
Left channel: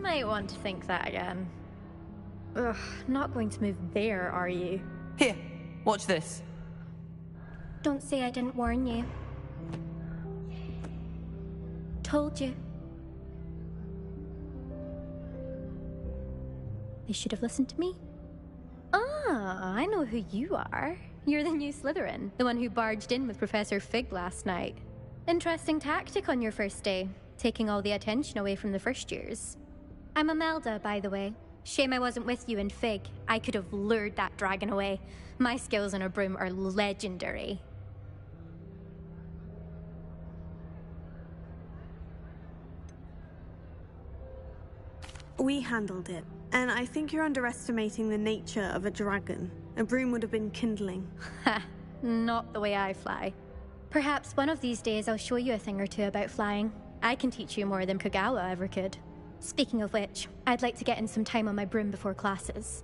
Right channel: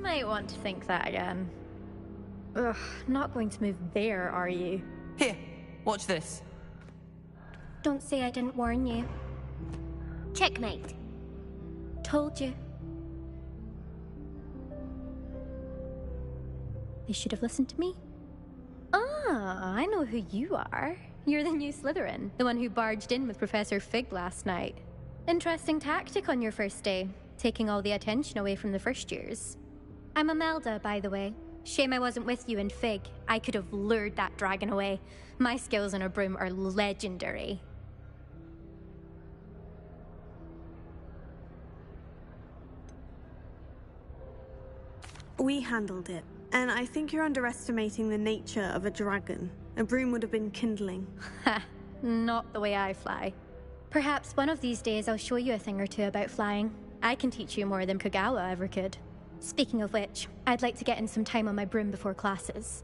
Might want to think that again. Ugh, not going to move there, are you? Here, watch this. Don't say I didn't warn you. Checkmate. Told you. They should have listened to me. Ah, I know who you are. You're the new Slytherin, the one who barged in with Professor Fig last night. Interesting tactic on your first day, taking all the attention away from the first years. I'm Imelda, by the way. Shame I wasn't with you in Fig. I could have lured that dragon away. My skills on a broom are legendary. We handled it, and I think you're underestimating the nature of a dragon. A broom would have been kindling. Ha! Not the way I fly. Perhaps one of these days I'll show you a thing or two about flying. I can teach you more than Kagawa ever could. Speaking of which, I'd like to get in some time on my broom before classes.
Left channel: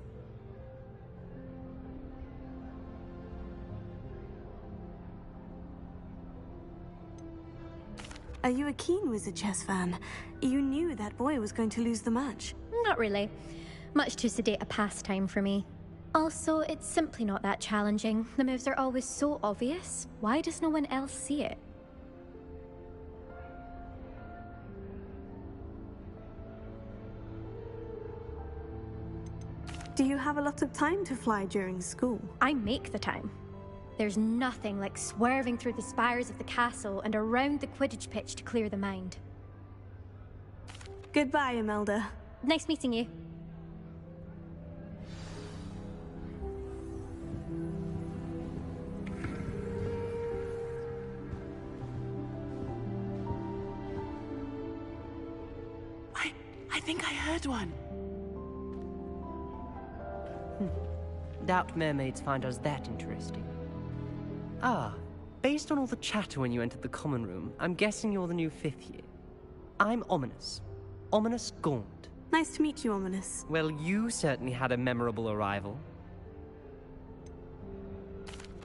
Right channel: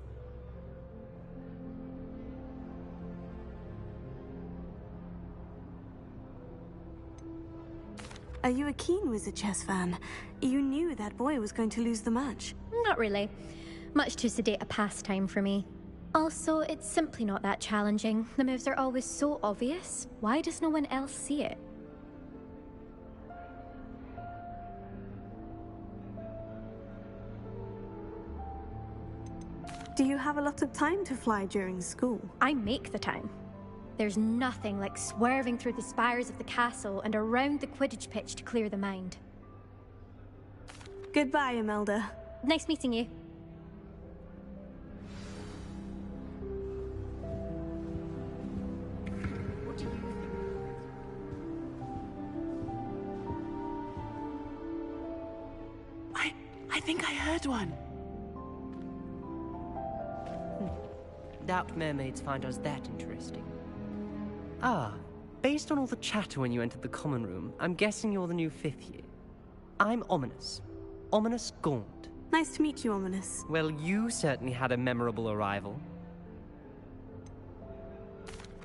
Are you a keen Wizard Chess fan? You knew that boy was going to lose the match. Not really. Much too sedate a pastime for me. Also, it's simply not that challenging. The moves are always so obvious. Why does no one else see it? Do you have a lot of time to fly during school? I make the time. There's nothing like swerving through the spires of the castle and around the Quidditch pitch to clear the mind. Goodbye, Imelda. Nice meeting you. I think I heard one. Doubt mermaids find us that interesting. Ah, based on all the chatter when you entered the common room, I'm guessing you're the new 5th year. I'm Ominous. Ominous Gaunt. Nice to meet you, Ominous. Well, you certainly had a memorable arrival.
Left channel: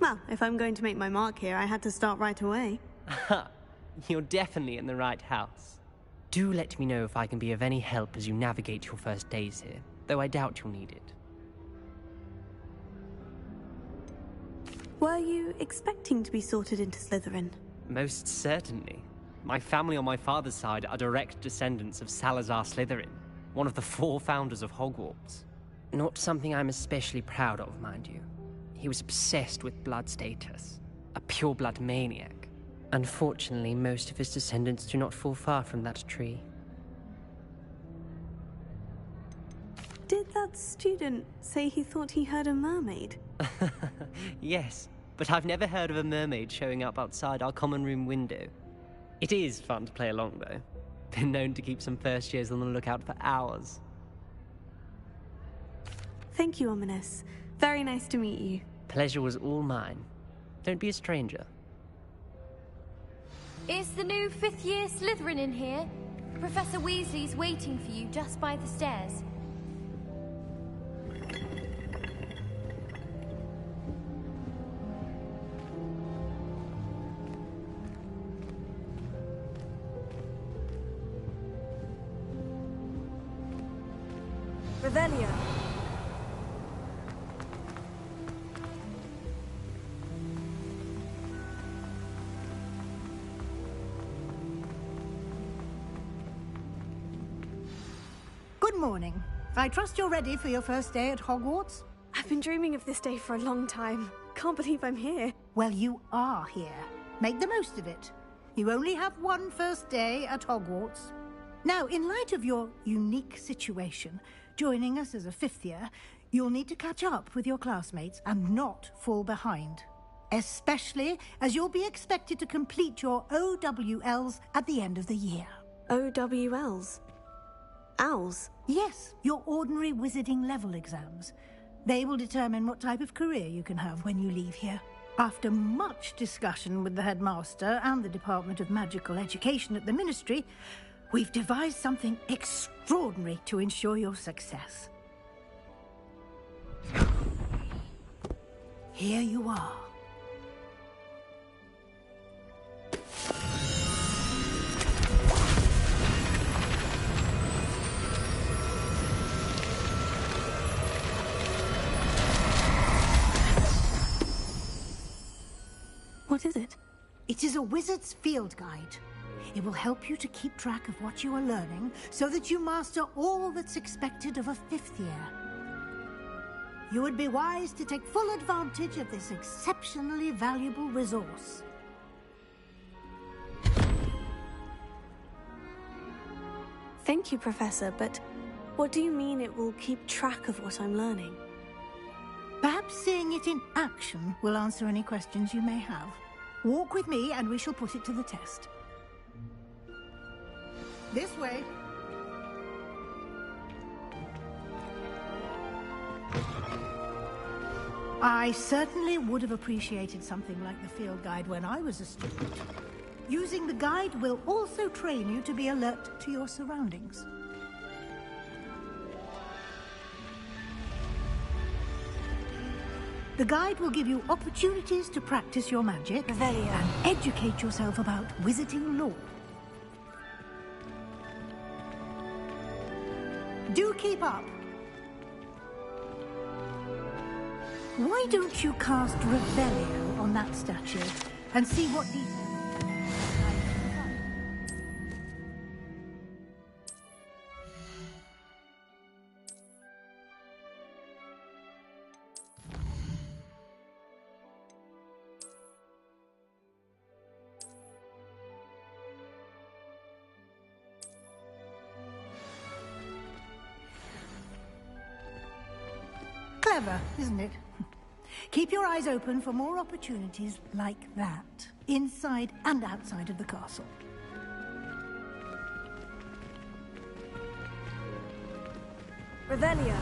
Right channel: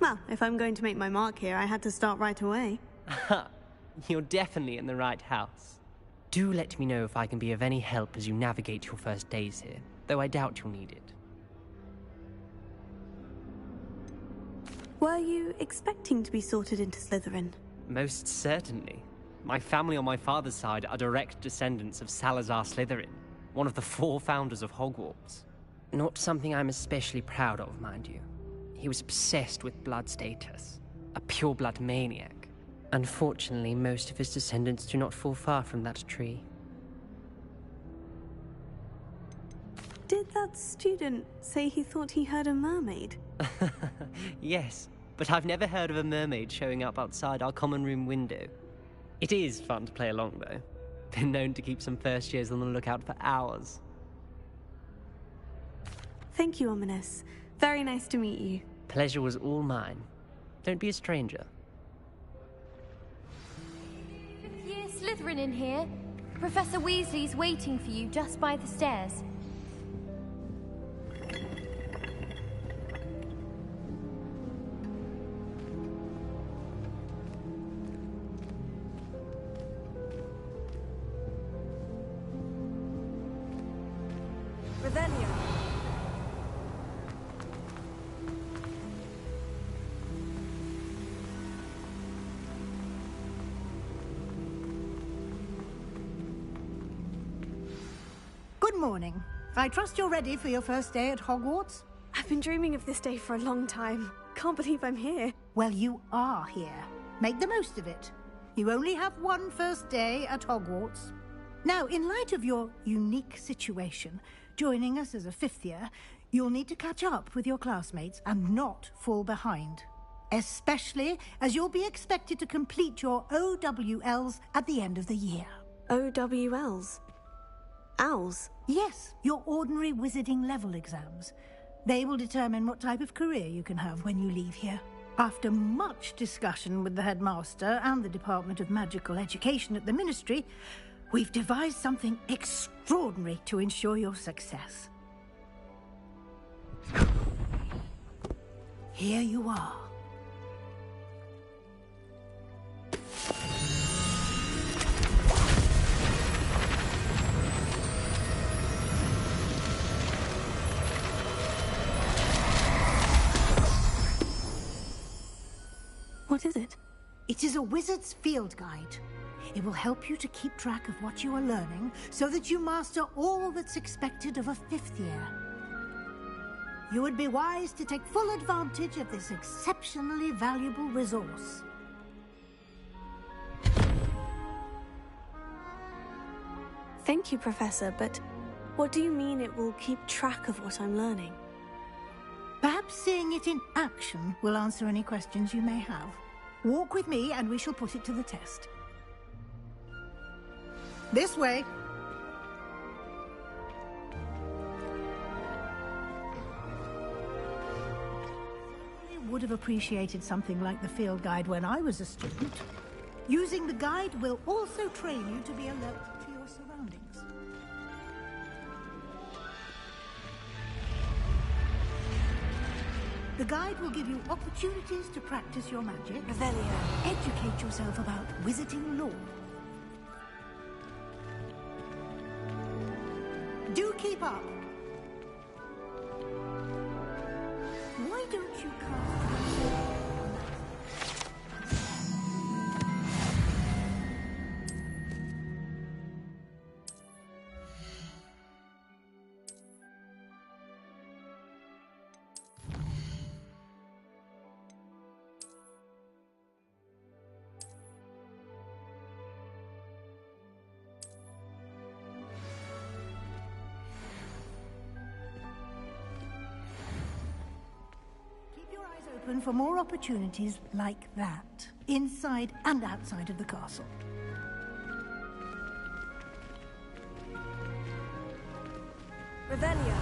Well, if I'm going to make my mark here, I had to start right away. You're definitely in the right house. Do let me know if I can be of any help as you navigate your first days here, though I doubt you'll need it. Were you expecting to be sorted into Slytherin? Most certainly. My family on my father's side are direct descendants of Salazar Slytherin, one of the 4 founders of Hogwarts. Not something I'm especially proud of, mind you. He was obsessed with blood status, a pure-blood maniac. Unfortunately, most of his descendants do not fall far from that tree. Did that student say he thought he heard a mermaid? Yes, but I've never heard of a mermaid showing up outside our common room window. It is fun to play along, though. Been known to keep some first years on the lookout for hours. Thank you, Ominous. Very nice to meet you. Pleasure was all mine. Don't be a stranger. Is the new 5th year Slytherin in here? Professor Weasley's waiting for you just by the stairs. Revelio. Good morning. I trust you're ready for your first day at Hogwarts? I've been dreaming of this day for a long time. Can't believe I'm here. Well, you are here. Make the most of it. You only have one first day at Hogwarts. Now, in light of your unique situation, joining us as a 5th year, you'll need to catch up with your classmates and not fall behind. Especially as you'll be expected to complete your OWLs at the end of the year. OWLs? Owls? Yes, your ordinary wizarding level exams. They will determine what type of career you can have when you leave here. After much discussion with the headmaster and the Department of Magical Education at the Ministry, we've devised something extraordinary to ensure your success. Here you are. What is it? It is a wizard's field guide. It will help you to keep track of what you are learning so that you master all that's expected of a 5th year. You would be wise to take full advantage of this exceptionally valuable resource. Thank you, Professor, but what do you mean it will keep track of what I'm learning? Perhaps seeing it in action will answer any questions you may have. Walk with me and we shall put it to the test. This way. I certainly would have appreciated something like the field guide when I was a student. Using the guide will also train you to be alert to your surroundings. The guide will give you opportunities to practice your magic Revelio. and educate yourself about wizarding lore. Do keep up. Why don't you cast Revelio on that statue and see what these... Clever, isn't it? Keep your eyes open for more opportunities like that, inside and outside of the castle. Revelio.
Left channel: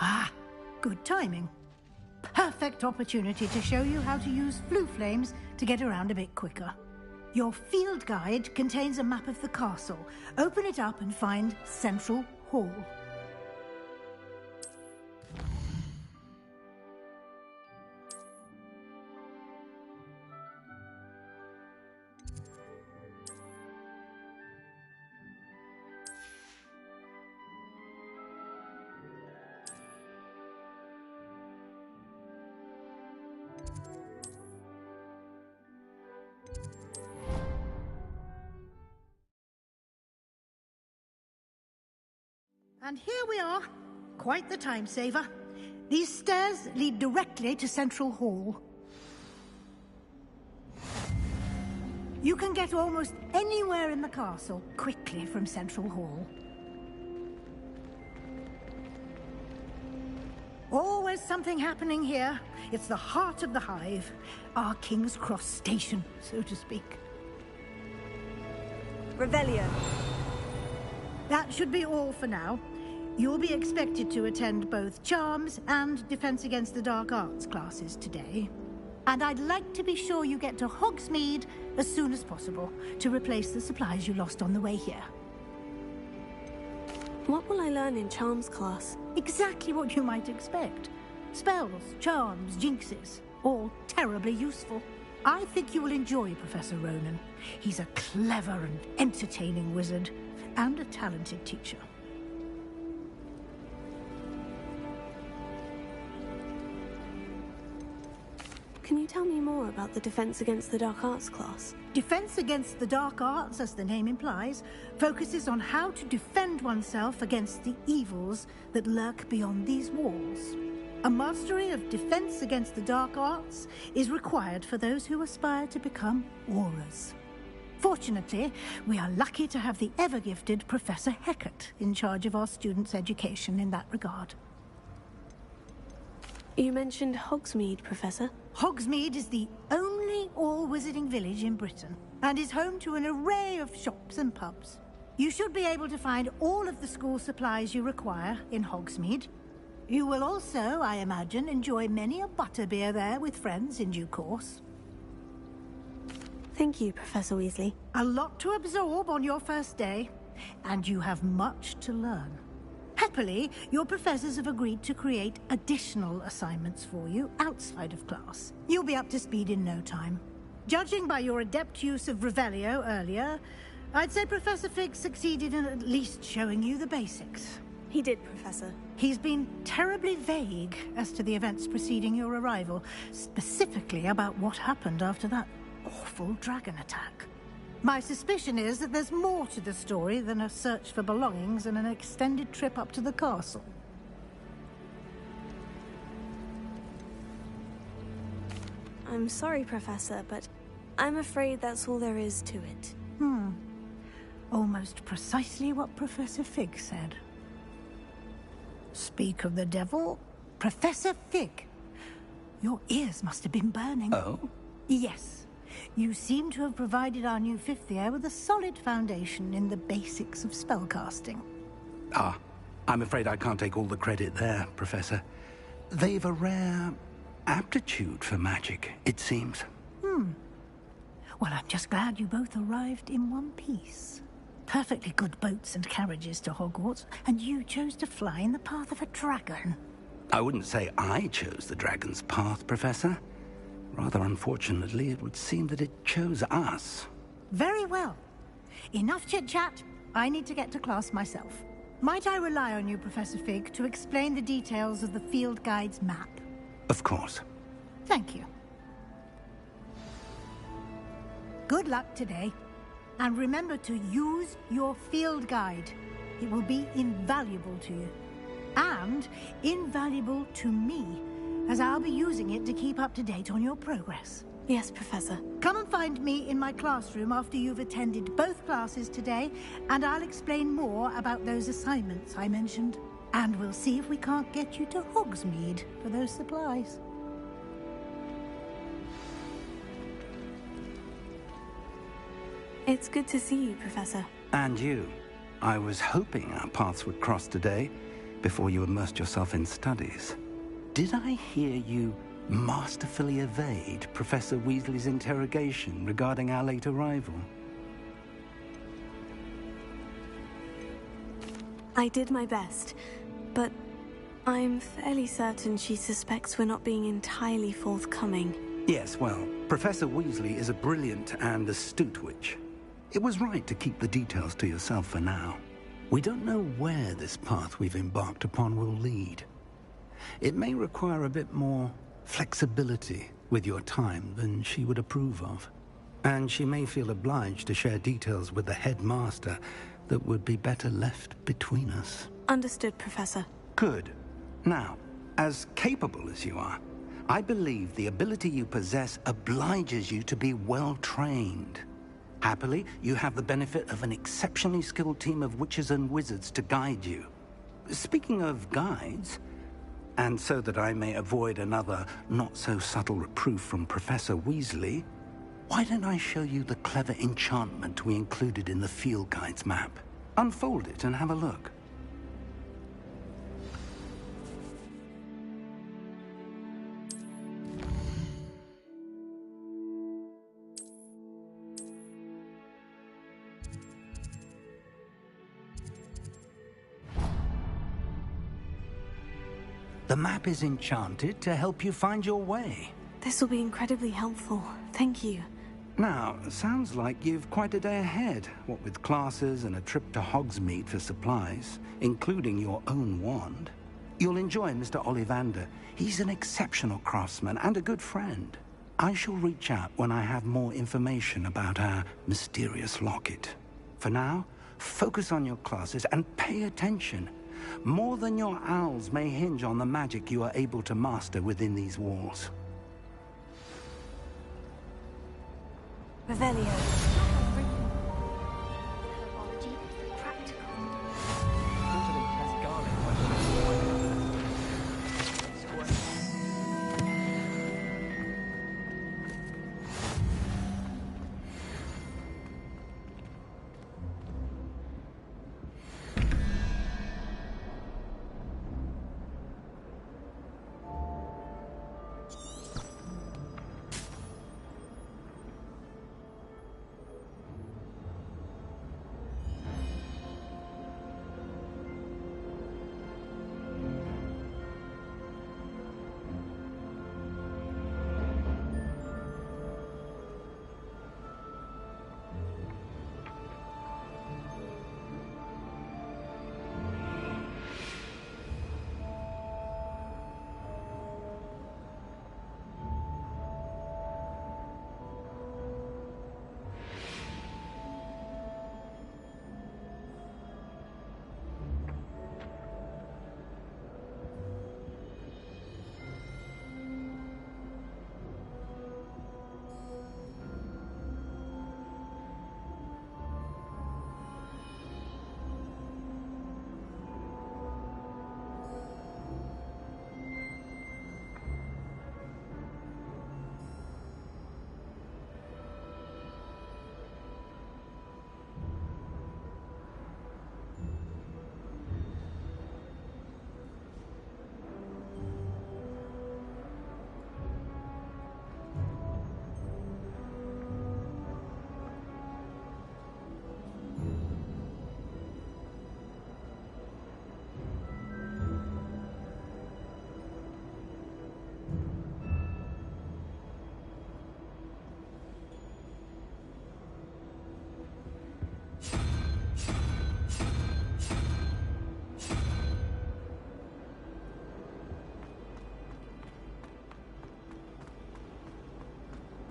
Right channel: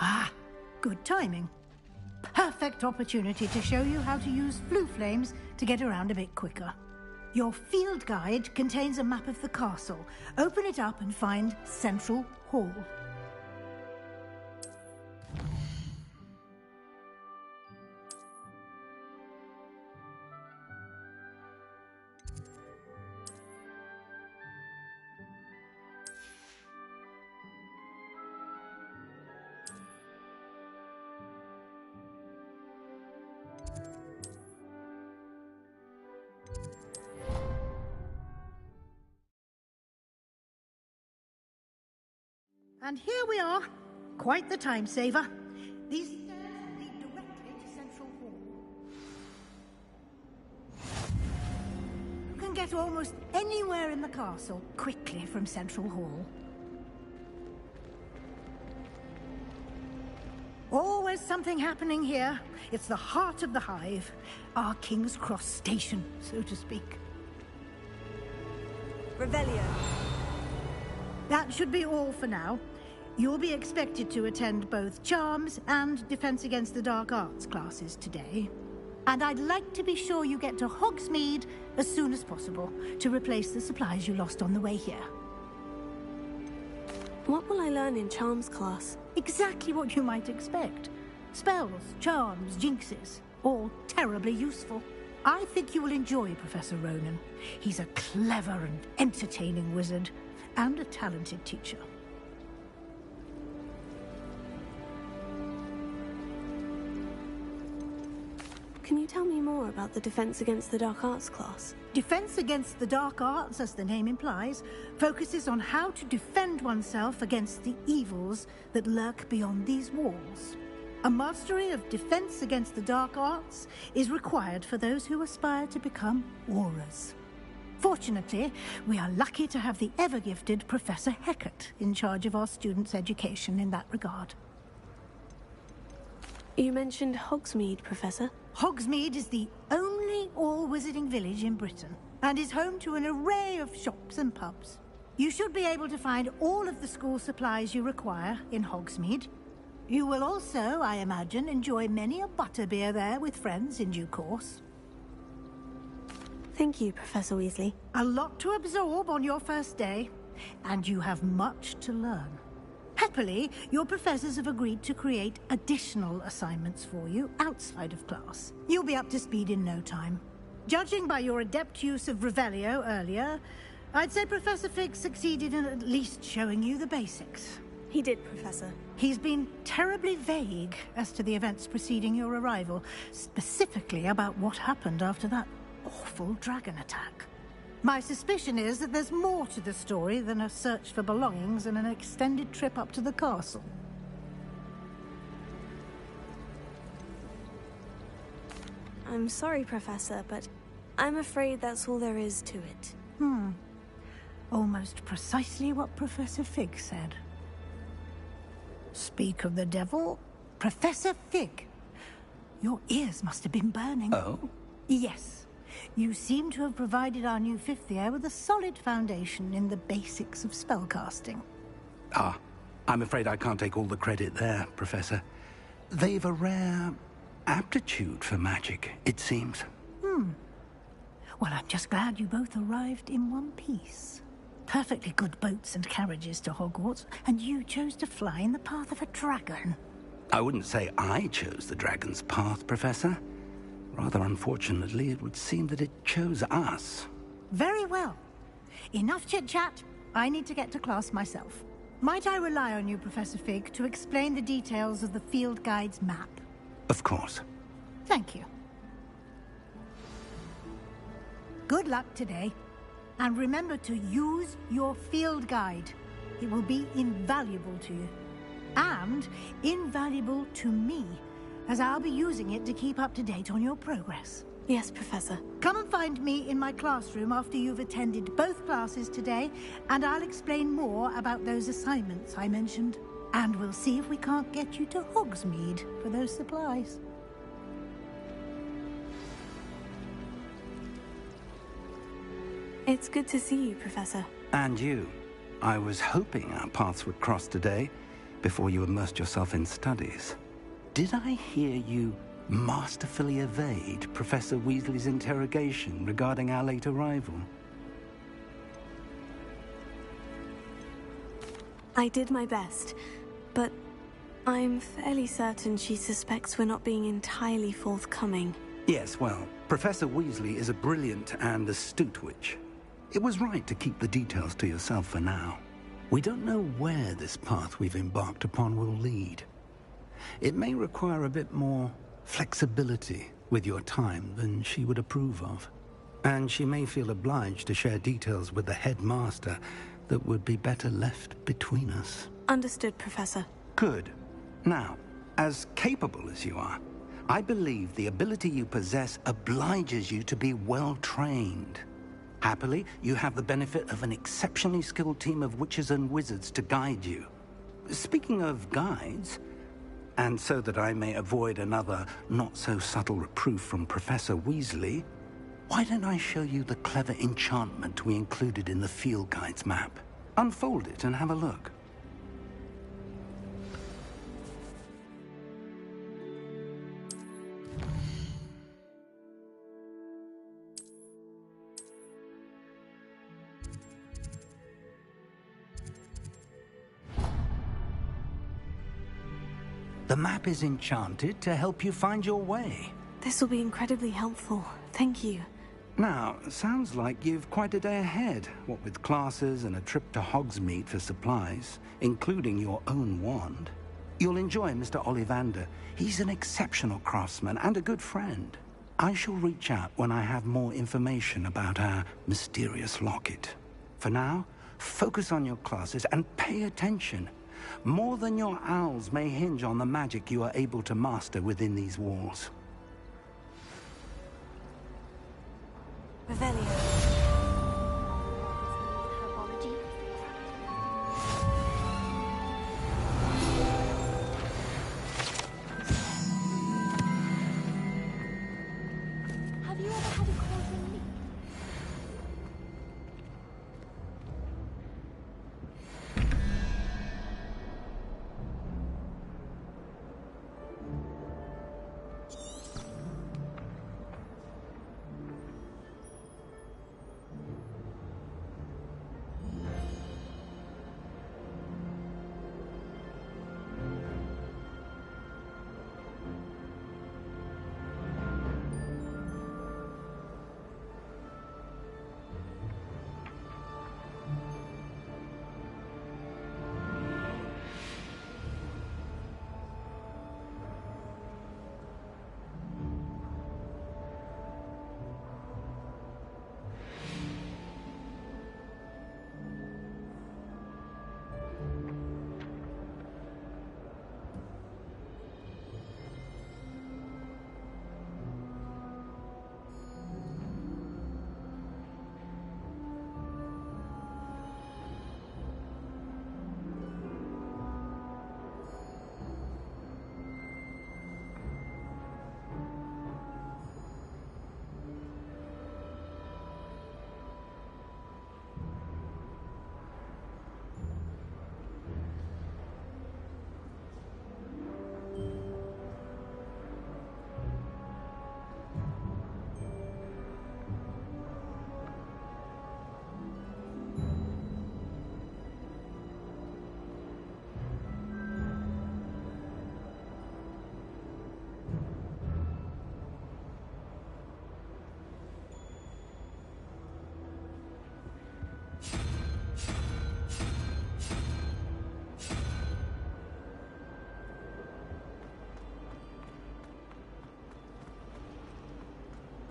Ah, good timing. Perfect opportunity to show you how to use flue flames to get around a bit quicker. Your field guide contains a map of the castle. Open it up and find Central Hall. And here we are. Quite the time saver. These stairs lead directly to Central Hall. You can get almost anywhere in the castle quickly from Central Hall. Always something happening here. It's the heart of the hive. Our King's Cross station, so to speak. Revelio. That should be all for now. You'll be expected to attend both Charms and Defense Against the Dark Arts classes today. And I'd like to be sure you get to Hogsmeade as soon as possible to replace the supplies you lost on the way here. What will I learn in Charms class? Exactly what you might expect. Spells, charms, jinxes, all terribly useful. I think you will enjoy Professor Ronan. He's a clever and entertaining wizard, and a talented teacher. Can you tell me more about the Defense Against the Dark Arts class? Defense Against the Dark Arts, as the name implies, focuses on how to defend oneself against the evils that lurk beyond these walls. A mastery of Defense Against the Dark Arts is required for those who aspire to become Aurors. Fortunately, we are lucky to have the ever-gifted Professor Hecat in charge of our students' education in that regard. You mentioned Hogsmeade, Professor. Hogsmeade is the only all-wizarding village in Britain, and is home to an array of shops and pubs. You should be able to find all of the school supplies you require in Hogsmeade. You will also, I imagine, enjoy many a butterbeer there with friends in due course. Thank you, Professor Weasley. A lot to absorb on your first day, and you have much to learn. Happily, your professors have agreed to create additional assignments for you outside of class. You'll be up to speed in no time. Judging by your adept use of Revelio earlier, I'd say Professor Fig succeeded in at least showing you the basics. He did, Professor. He's been terribly vague as to the events preceding your arrival, specifically about what happened after that awful dragon attack. My suspicion is that there's more to the story than a search for belongings and an extended trip up to the castle. I'm sorry, Professor, but I'm afraid that's all there is to it. Almost precisely what Professor Fig said. Speak of the devil, Professor Fig. Your ears must have been burning. Oh? Yes. You seem to have provided our new fifth year with a solid foundation in the basics of spellcasting. Ah, I'm afraid I can't take all the credit there, Professor. They've a rare aptitude for magic, it seems. Well, I'm just glad you both arrived in one piece. Perfectly good boats and carriages to Hogwarts, and you chose to fly in the path of a dragon. I wouldn't say I chose the dragon's path, Professor. Rather unfortunately, it would seem that it chose us. Very well. Enough chit-chat. I need to get to class myself. Might I rely on you, Professor Fig, to explain the details of the field guide's map? Of course. Thank you. Good luck today. And remember to use your field guide. It will be invaluable to you. And invaluable to me, as I'll be using it to keep up to date on your progress. Yes, Professor. Come and find me in my classroom after you've attended both classes today, and I'll explain more about those assignments I mentioned. And we'll see if we can't get you to Hogsmeade for those supplies. It's good to see you, Professor. And you. I was hoping our paths would cross today, before you immersed yourself in studies. Did I hear you masterfully evade Professor Weasley's interrogation regarding our late arrival? I did my best, but I'm fairly certain she suspects we're not being entirely forthcoming. Yes, well, Professor Weasley is a brilliant and astute witch. It was right to keep the details to yourself for now. We don't know where this path we've embarked upon will lead. It may require a bit more flexibility with your time than she would approve of. And she may feel obliged to share details with the headmaster that would be better left between us. Understood, Professor. Good. Now, as capable as you are, I believe the ability you possess obliges you to be well-trained. Happily, you have the benefit of an exceptionally skilled team of witches and wizards to guide you. Speaking of guides, and so that I may avoid another not-so-subtle reproof from Professor Weasley, why don't I show you the clever enchantment we included in the field guide's map? Unfold it and have a look. The map is enchanted to help you find your way. This will be incredibly helpful. Thank you. Now, sounds like you've quite a day ahead, what with classes and a trip to Hogsmeade for supplies, including your own wand. You'll enjoy Mr. Ollivander. He's an exceptional craftsman and a good friend. I shall reach out when I have more information about our mysterious locket. For now, focus on your classes and pay attention. More than your owls may hinge on the magic you are able to master within these walls. Revelio. Herbology practical.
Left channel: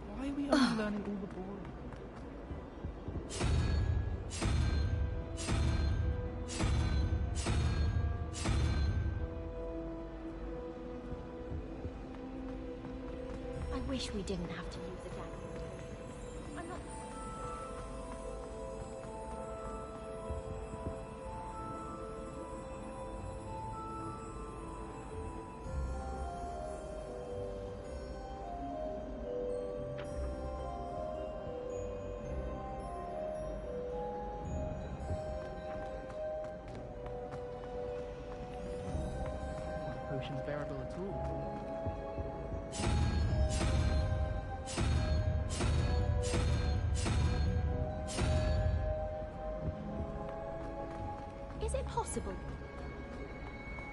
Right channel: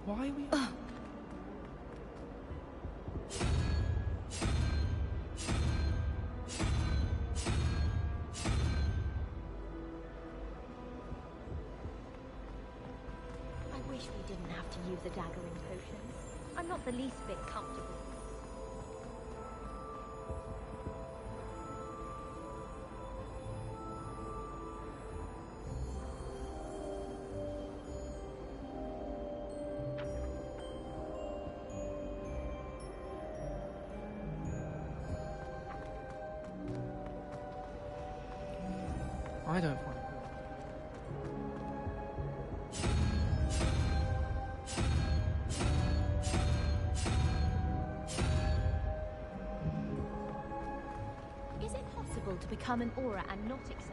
Why are we only learning all the boring? I wish we didn't have to use the dagger and potions. I'm not the least bit comfortable. I don't find potions bearable at all. Is it possible to become an aura and not excel?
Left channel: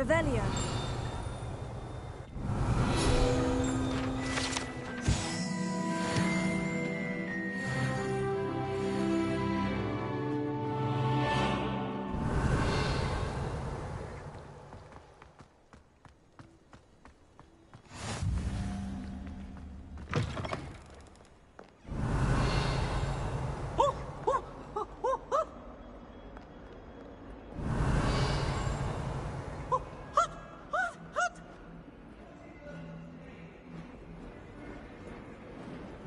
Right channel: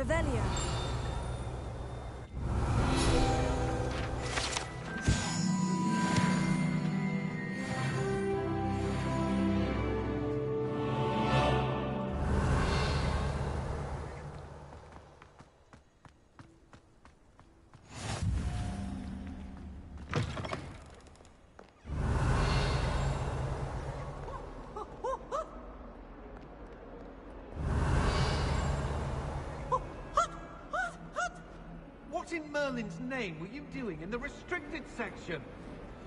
Revelio. name were you doing in the restricted section?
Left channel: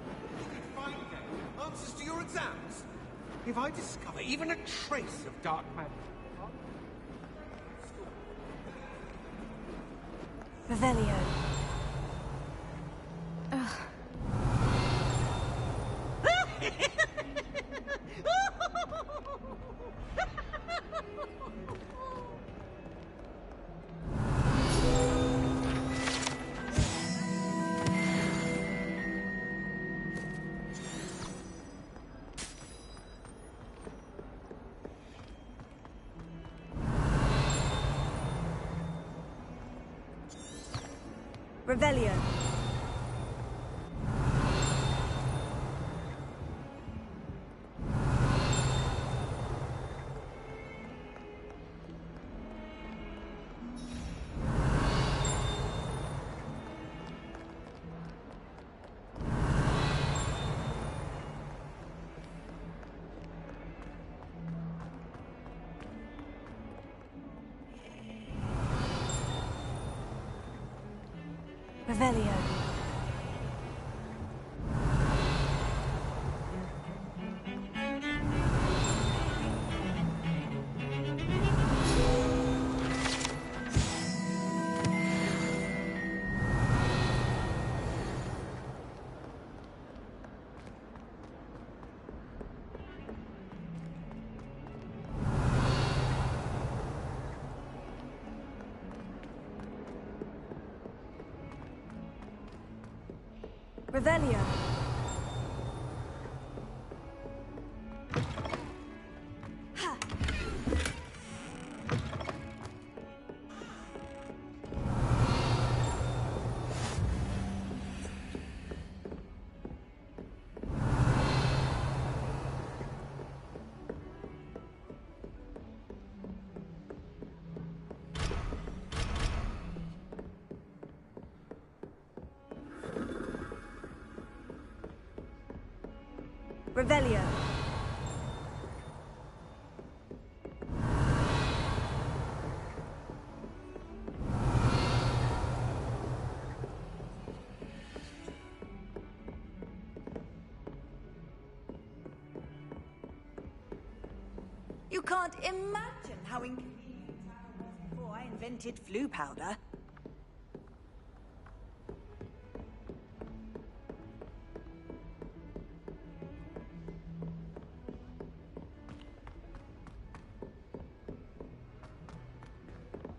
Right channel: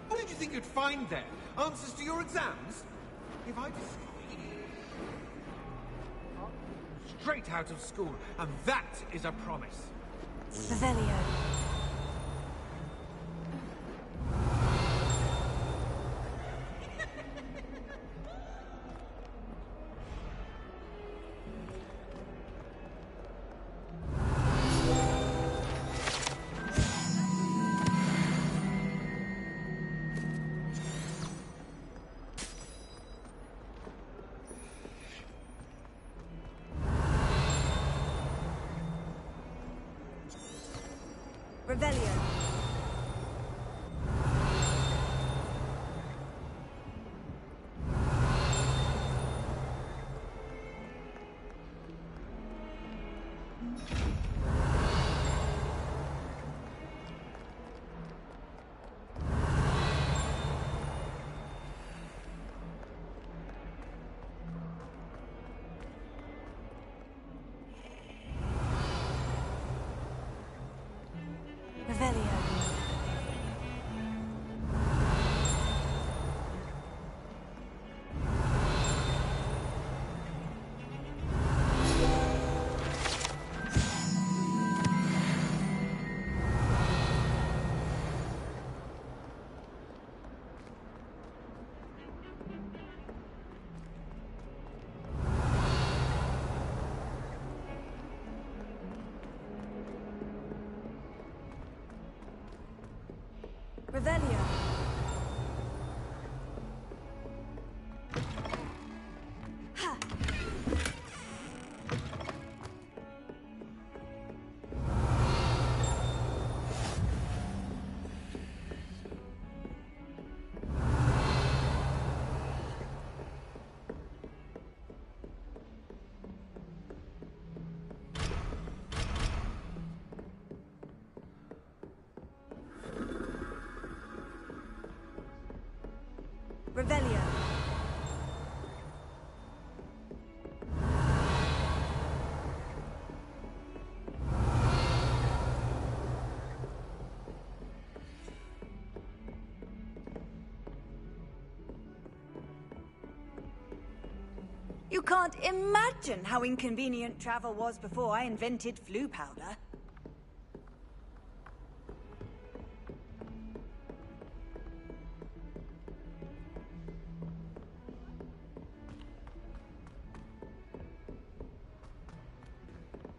What did you think you'd find there? Answers to your exams? If I discover even a trace of dark magic, I'll go straight out of school, and that is a promise. Revelio. Revelio. Revelio. Revelio. Ha! Revelio. You can't imagine how inconvenient travel was before I invented flu powder.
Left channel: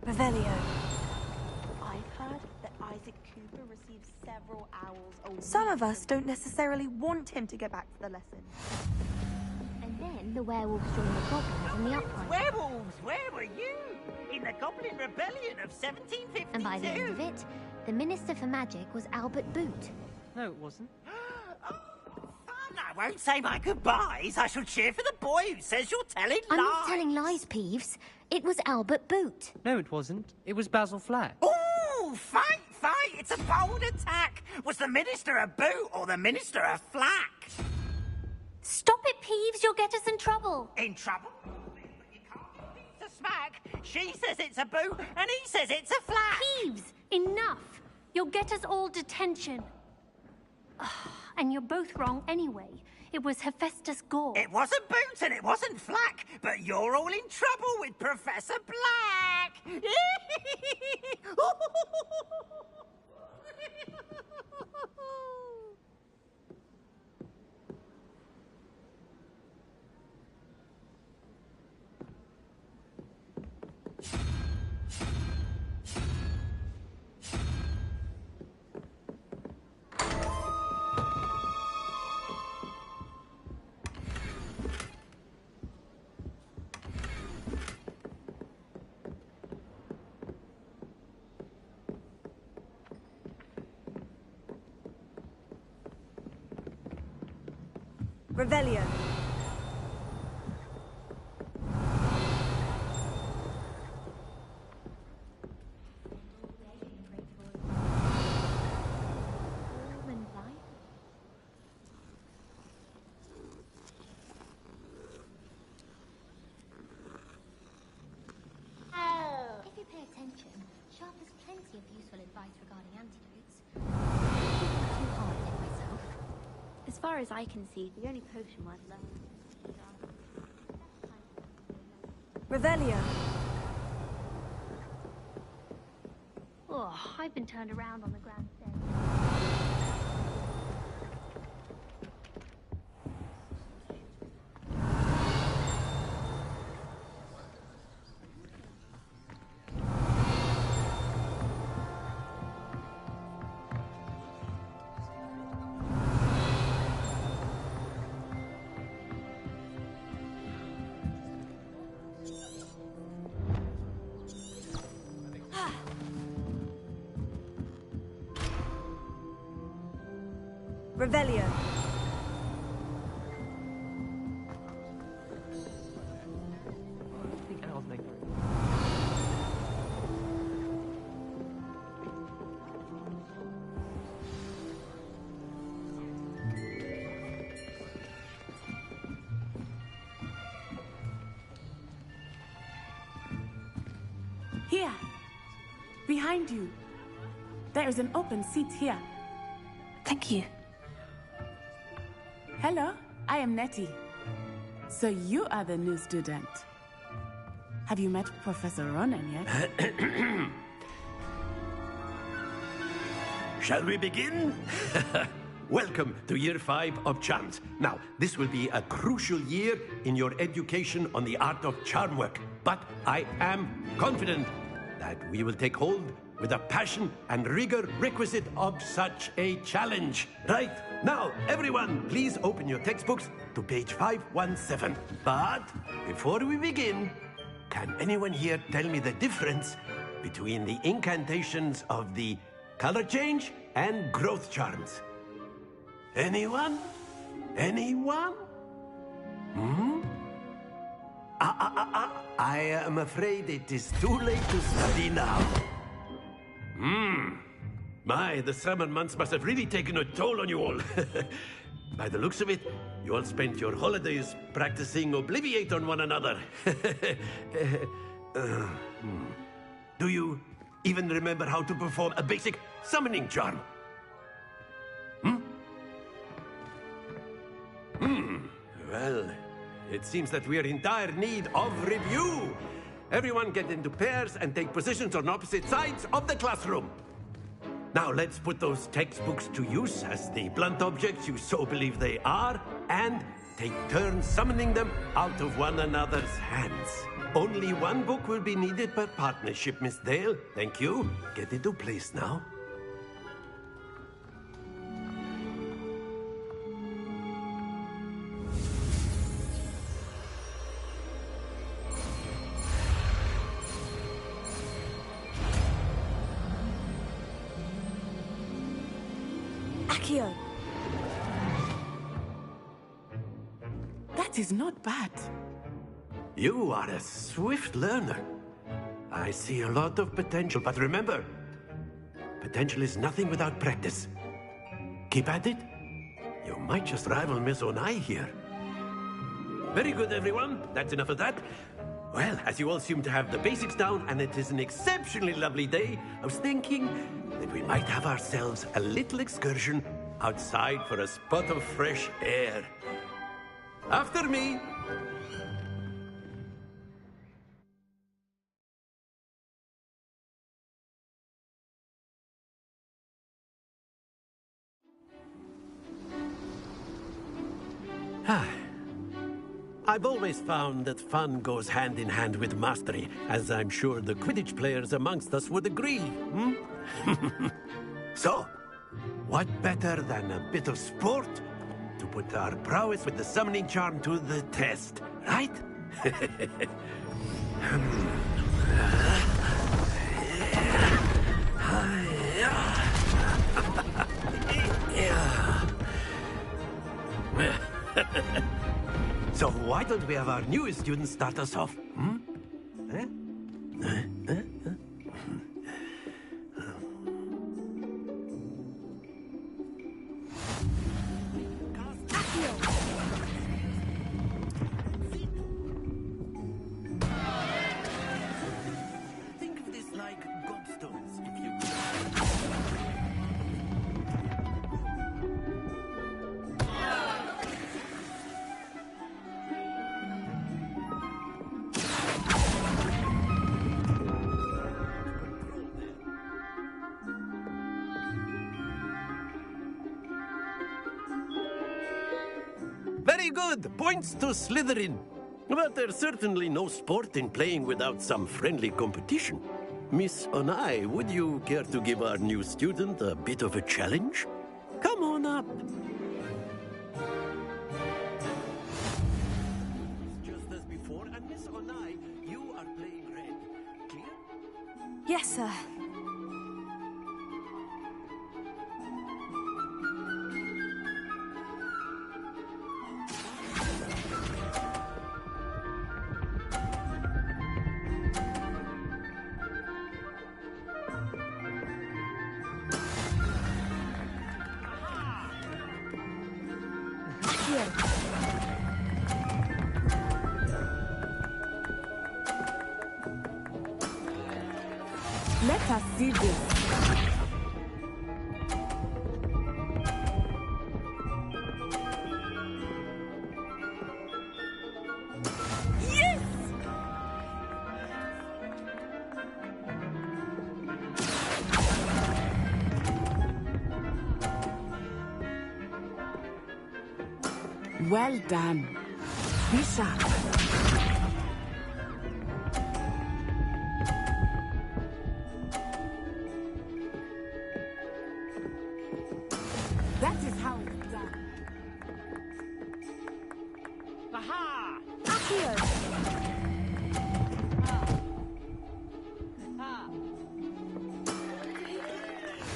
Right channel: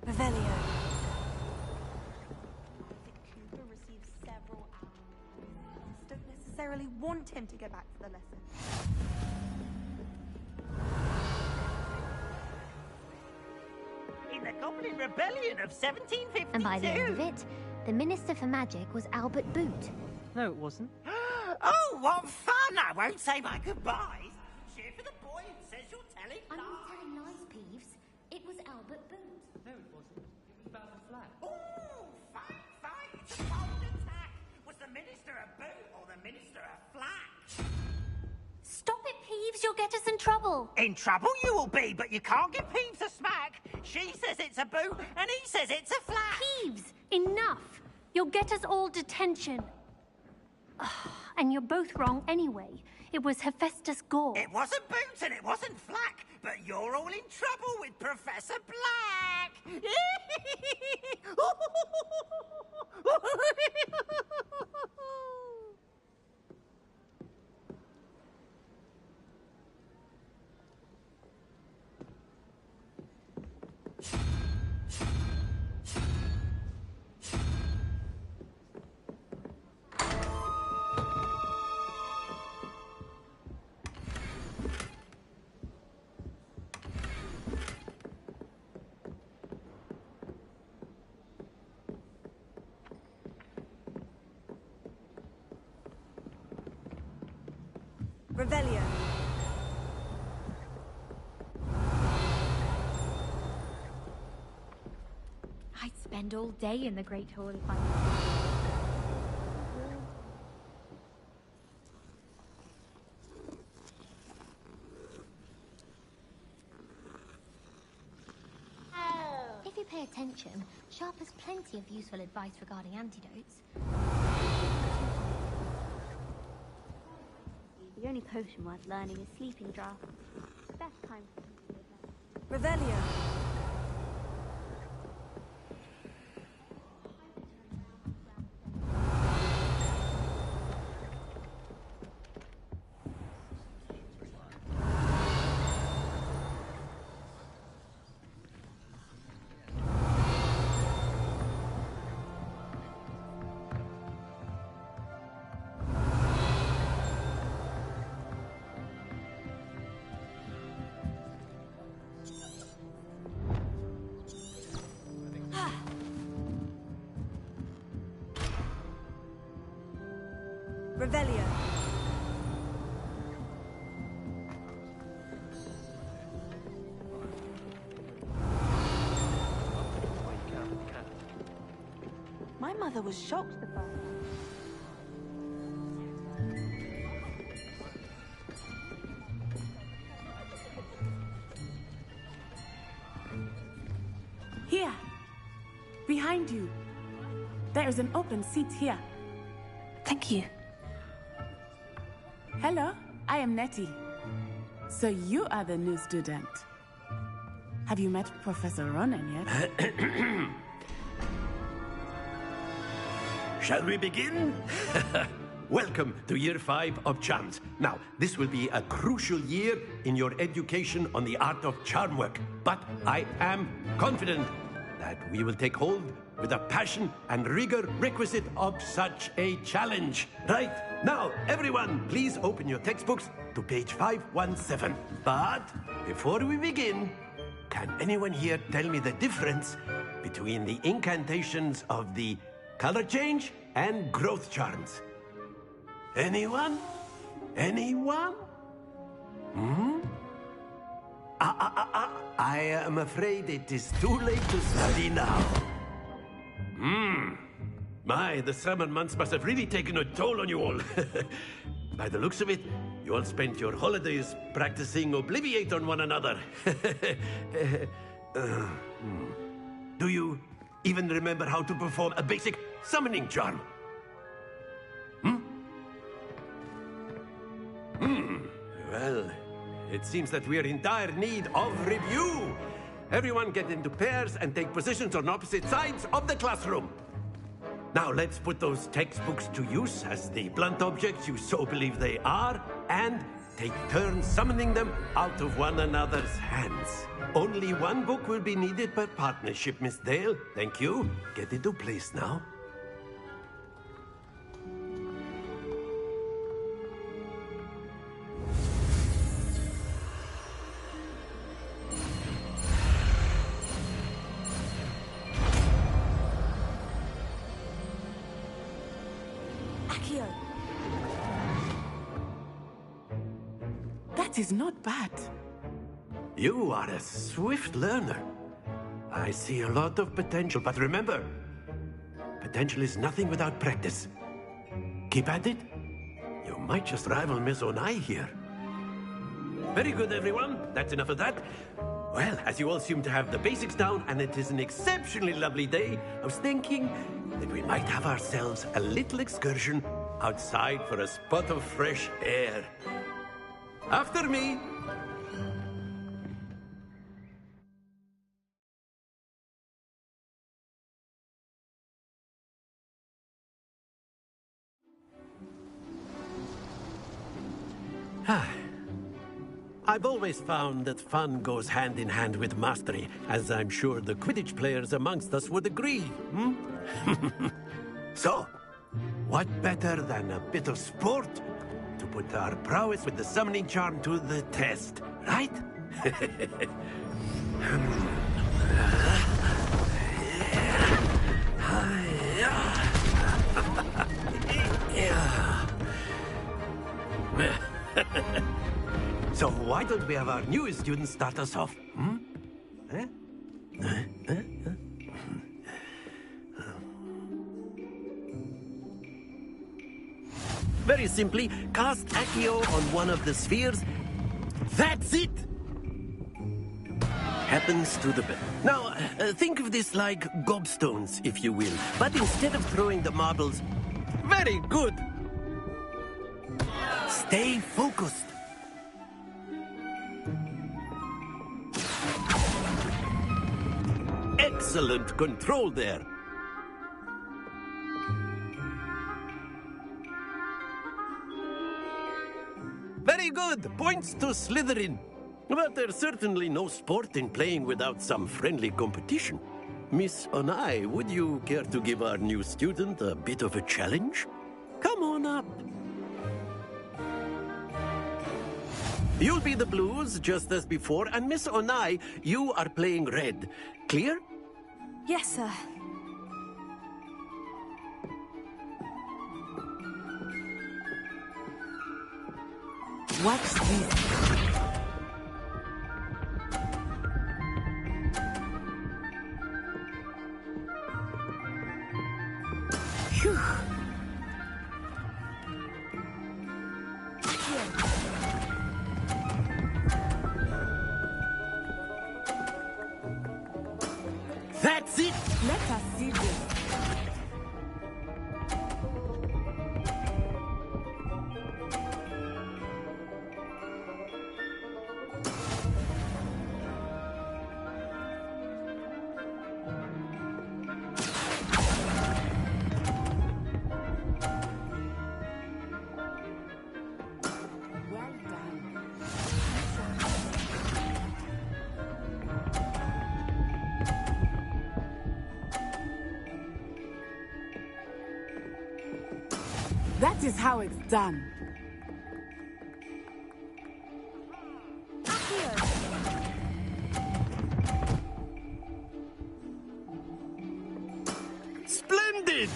Revelio. I've heard that Isaac Cooper received several hours a week. Some of us don't necessarily want him to get back to the lesson. And then the werewolves joined the Goblins on the uprising. Werewolves, where were you? In the Goblin Rebellion of 1752. And by the end of it, the Minister for Magic was Albert Boot. No, it wasn't. Oh, what fun! I won't say my goodbyes. I shall cheer for the boy who says you're telling I'm lies. not telling lies, Peeves. It was Albert Boot. No, it wasn't. It was Basil Flack. Ooh, fight, fight! It's a bold attack. Was the Minister a boot or the Minister a flack? Stop it, Peeves. You'll get us in trouble. In trouble you will be, but you can't give Peeves a smack. She says it's a boot, and he says it's a flack. Peeves, enough. You'll get us all detention. And you're both wrong anyway. It was Hephaestus Gore. It wasn't Boot and it wasn't Flack, but you're all in trouble with Professor Black. Revelio. I'd spend all day in the Great Hall if I warm and light. If you pay attention attention, Sharp has plenty of useful advice regarding antidotes. Too hard on myself. As far as I can see, the only potion worth learning is Sleeping Draught. Best time for Revelio. Oh, I've been turned around on the ground today. Revelio. My mother was shocked the first. Here. Behind you. There is an open seat here. Thank you. Hello, I am Nettie. So you are the new student. Have you met Professor Ronan yet? Shall we begin? Welcome to Year 5 of Charms. Now, this will be a crucial year in your education on the art of charm work. But I am confident that we will take hold with the passion and rigor requisite of such a challenge. Right, now, everyone, please open your textbooks to page 517. But before we begin, can anyone here tell me the difference between the incantations of the color change and growth charms? Anyone? Anyone? I am afraid it is too late to study now. My, the summer months must have really taken a toll on you all. By the looks of it, you all spent your holidays practicing Obliviate on one another. Do you even remember how to perform a basic summoning charm? Well, it seems that we are in dire need of review. Everyone get into pairs and take positions on opposite sides of the classroom. Now let's put those textbooks to use as the blunt objects you so believe they are, and take turns summoning them out of one another's hands. Only one book will be needed per partnership, Miss Dale. Thank you. Get into place now. Accio. That is not bad. You are a swift learner. I see a lot of potential, but remember, potential is nothing without practice. Keep at it. You might just rival Miss Onai here. Very good, everyone. That's enough of that. Well, as you all seem to have the basics down, and it is an exceptionally lovely day, I was thinking that we might have ourselves a little excursion outside for a spot of fresh air. After me. I've always found that fun goes hand in hand with mastery, as I'm sure the Quidditch players amongst us would agree, So, what better than a bit of sport to put our prowess with the summoning charm to the test, right? So why don't we have our newest student start us off? Very simply, cast Accio on one of the spheres. That's it! Happens points to the bell. Now, think of this like gobstones, if you will. But instead of throwing the marbles... Very good! Stay focused. Excellent control there. Very good! Points to Slytherin. But there's certainly no sport in playing without some friendly competition. Miss Onai, would you care to give our new student a bit of a challenge? Come on up. You'll be the blues, just as before, and Miss Onai, you are playing red. Clear? Yes, sir. Watch this. That's it! Let us see this. Yes! Well done. Be sharp. That is how it's done. Aha! Splendid!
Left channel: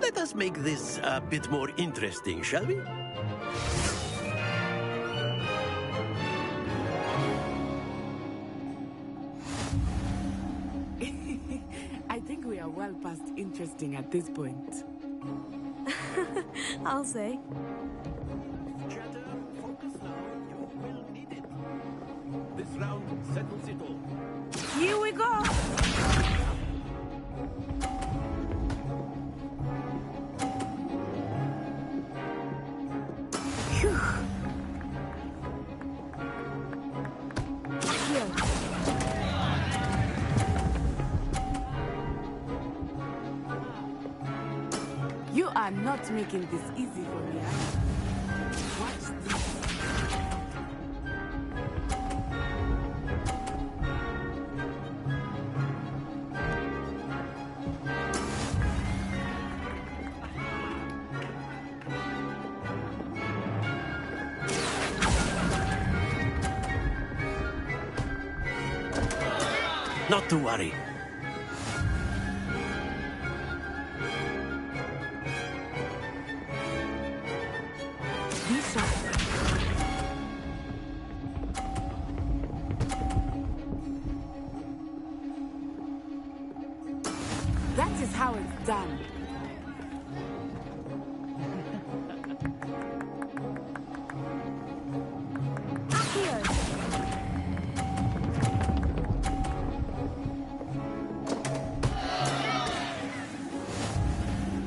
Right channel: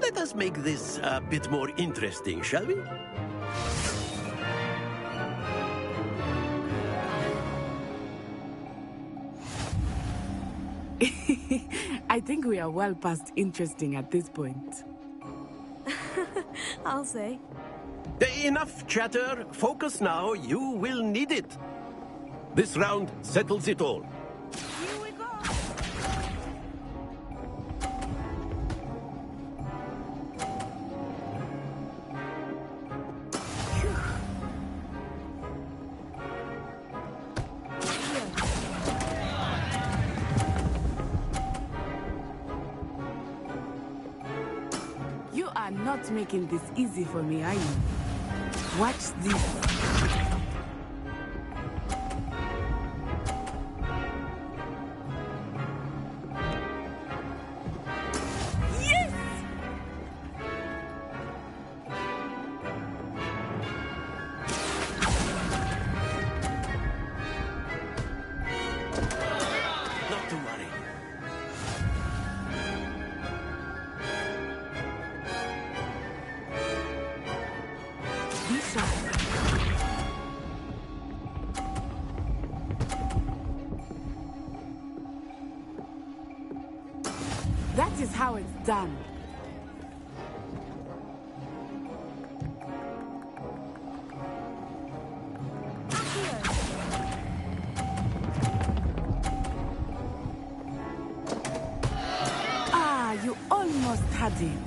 Let us make this a bit more interesting, shall we? I think we are well past interesting at this point. I'll say. Enough chatter. Focus now. You will need it. This round settles it all. Here we go! You are not making this easy for me, are you? Watch this. Not to worry. Be sharp. That is how it's done. Ah, you almost had it.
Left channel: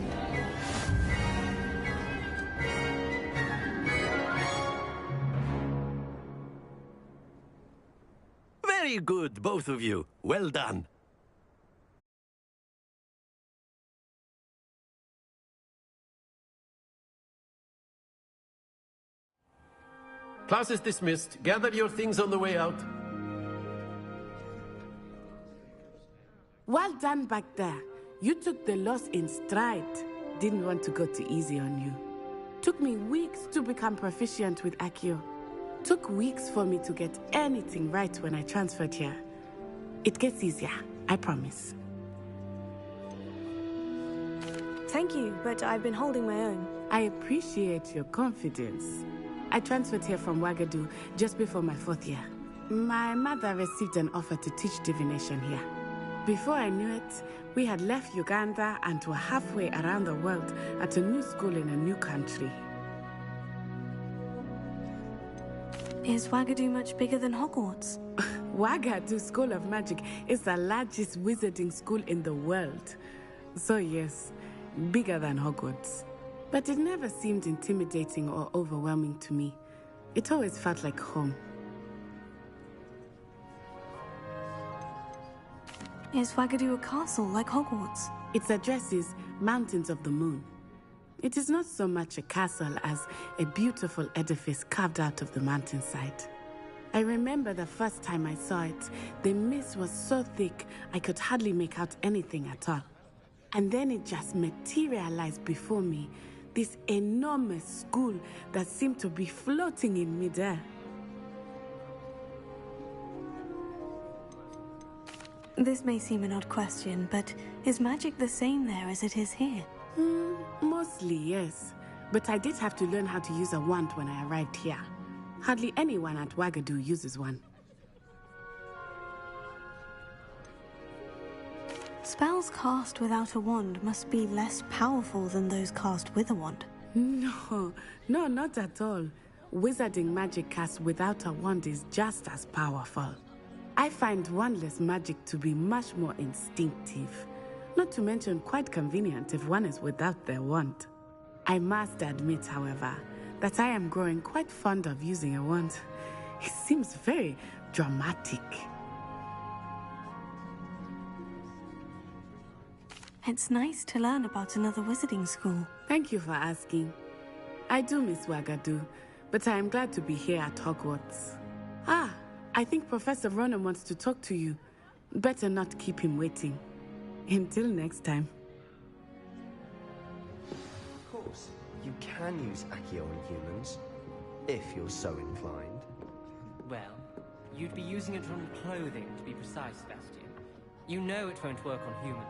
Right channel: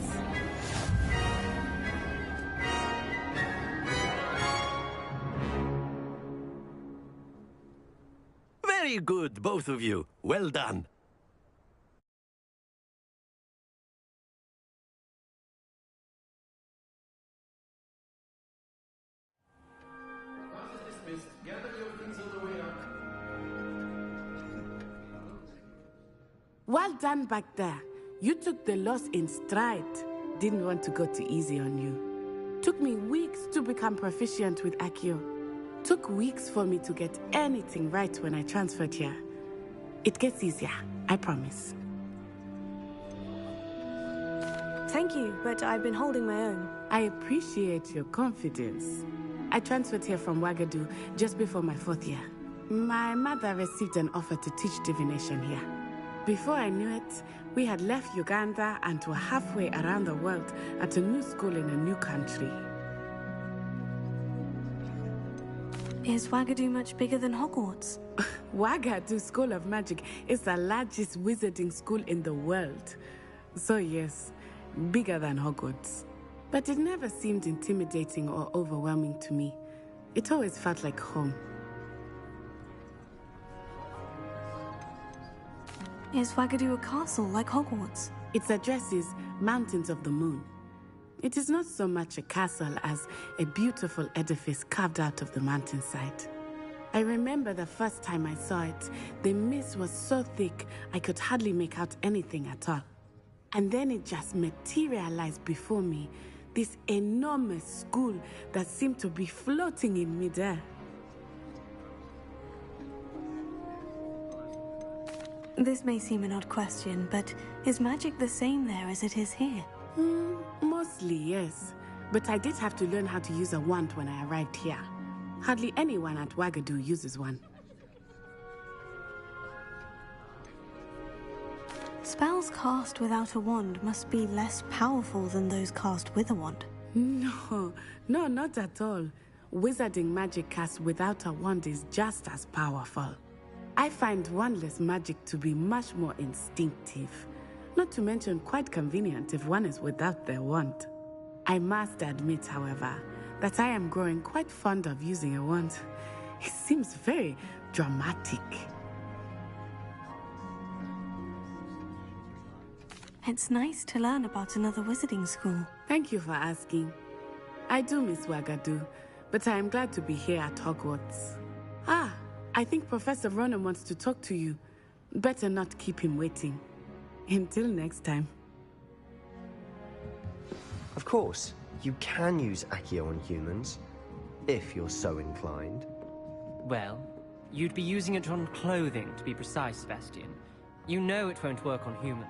Very good, both of you. Well done. Class is dismissed. Gather your things on the way out. Well done back there. You took the loss in stride. Didn't want to go too easy on you. Took me weeks to become proficient with Accio. Took weeks for me to get anything right when I transferred here. It gets easier, I promise. Thank you, but I've been holding my own. I appreciate your confidence. I transferred here from Wagadu just before my 4th year. My mother received an offer to teach divination here. Before I knew it, we had left Uganda and were halfway around the world at a new school in a new country. Is Wagadu much bigger than Hogwarts? Wagadu School of Magic is the largest wizarding school in the world. So yes, bigger than Hogwarts. But it never seemed intimidating or overwhelming to me. It always felt like home. Is Wagadu a castle like Hogwarts? Its address is Mountains of the Moon. It is not so much a castle as a beautiful edifice carved out of the mountainside. I remember the first time I saw it, the mist was so thick I could hardly make out anything at all. And then it just materialized before me, this enormous school that seemed to be floating in midair. This may seem an odd question, but is magic the same there as it is here? Mostly, yes. But I did have to learn how to use a wand when I arrived here. Hardly anyone at Wagadu uses one. Spells cast without a wand must be less powerful than those cast with a wand. No, not at all. Wizarding magic cast without a wand is just as powerful. I find wandless magic to be much more instinctive. Not to mention quite convenient if one is without their wand. I must admit, however, that I am growing quite fond of using a wand. It seems very dramatic. It's nice to learn about another wizarding school. Thank you for asking. I do miss Wagadu, but I am glad to be here at Hogwarts. I think Professor Ronan wants to talk to you. Better not keep him waiting. Until next time. Of course, you can use Accio on humans, if you're so inclined. Well, you'd be using it on clothing, to be precise, Sebastian. You know it won't work on humans.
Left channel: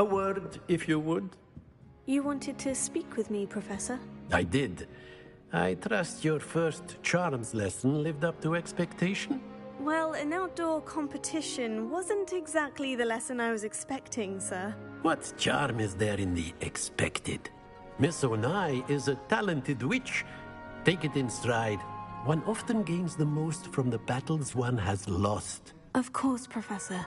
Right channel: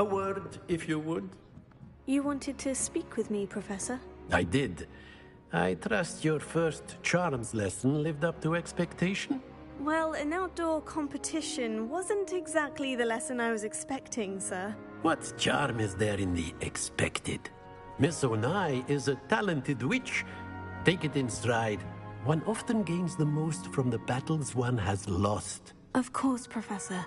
A word, if you would. You wanted to speak with me, Professor? I did. I trust your first charms lesson lived up to expectation? Well, an outdoor competition wasn't exactly the lesson I was expecting, sir. What charm is there in the expected? Miss Onai is a talented witch. Take it in stride. One often gains the most from the battles one has lost. Of course, Professor.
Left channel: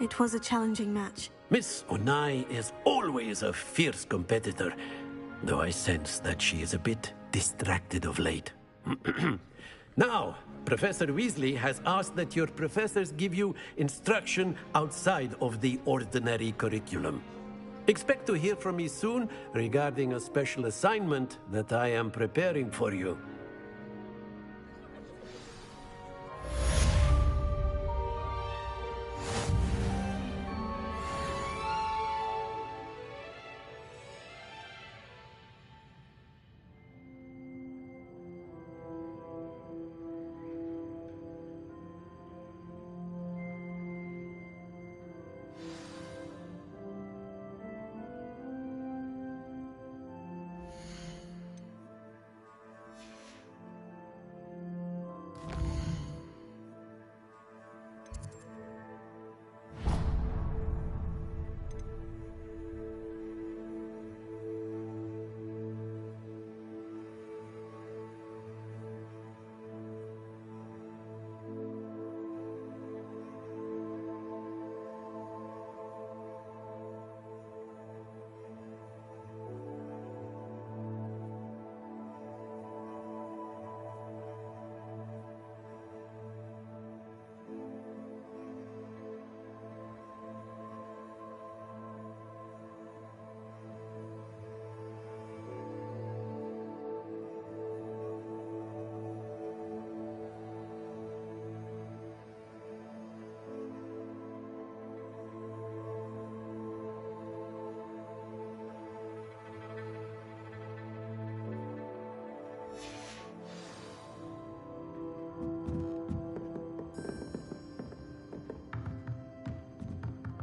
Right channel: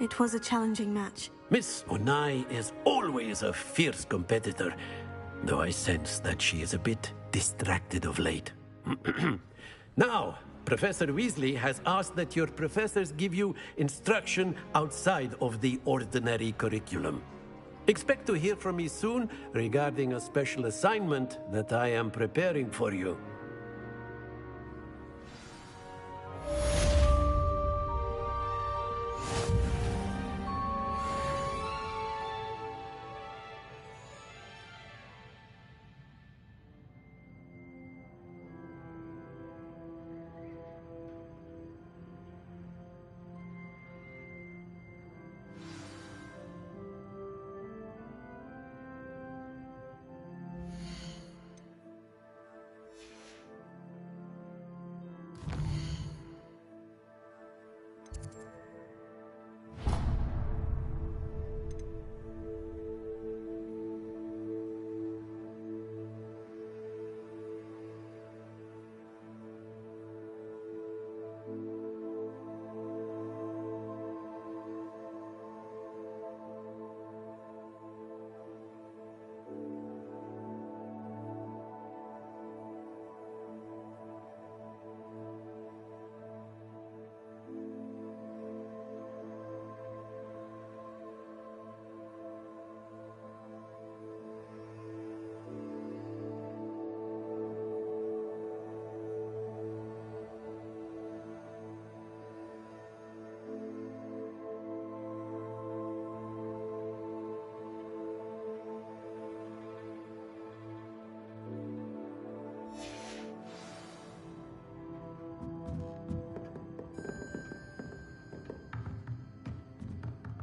It was a challenging match. Miss Onai is always a fierce competitor, though I sense that she is a bit distracted of late. Now, Professor Weasley has asked that your professors give you instruction outside of the ordinary curriculum. Expect to hear from me soon regarding a special assignment that I am preparing for you.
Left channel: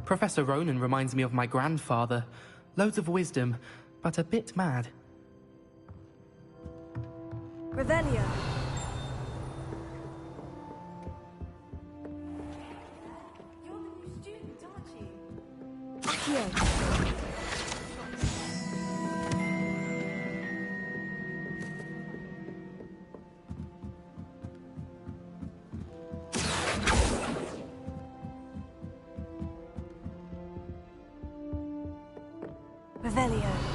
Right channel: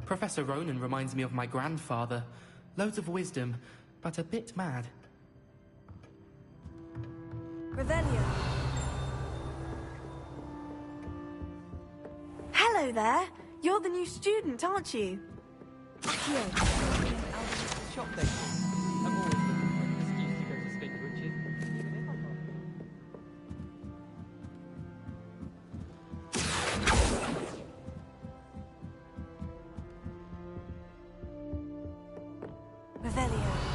Professor Ronan reminds me of my grandfather. Loads of wisdom, but a bit mad. Revelio. Hello there. You're the new student, aren't you? Accio. Revelio.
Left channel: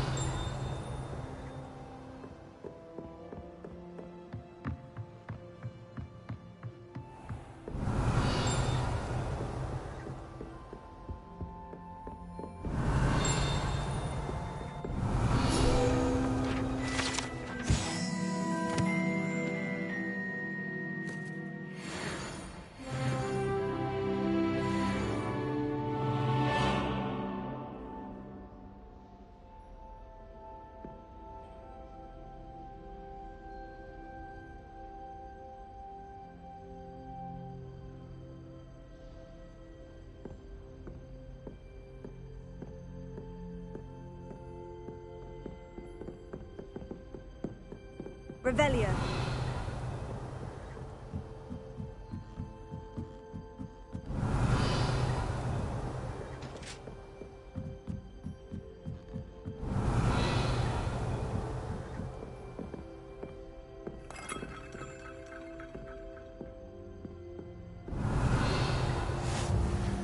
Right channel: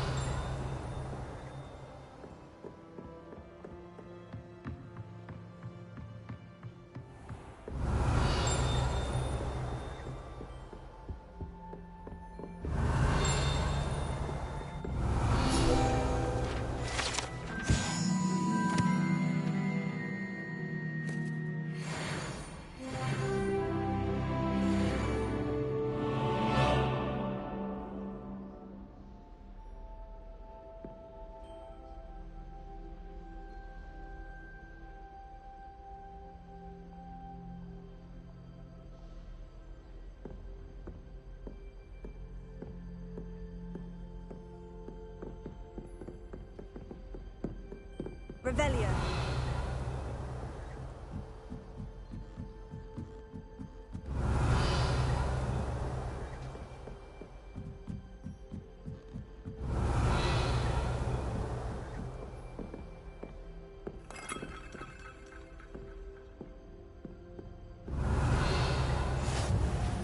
Revelio.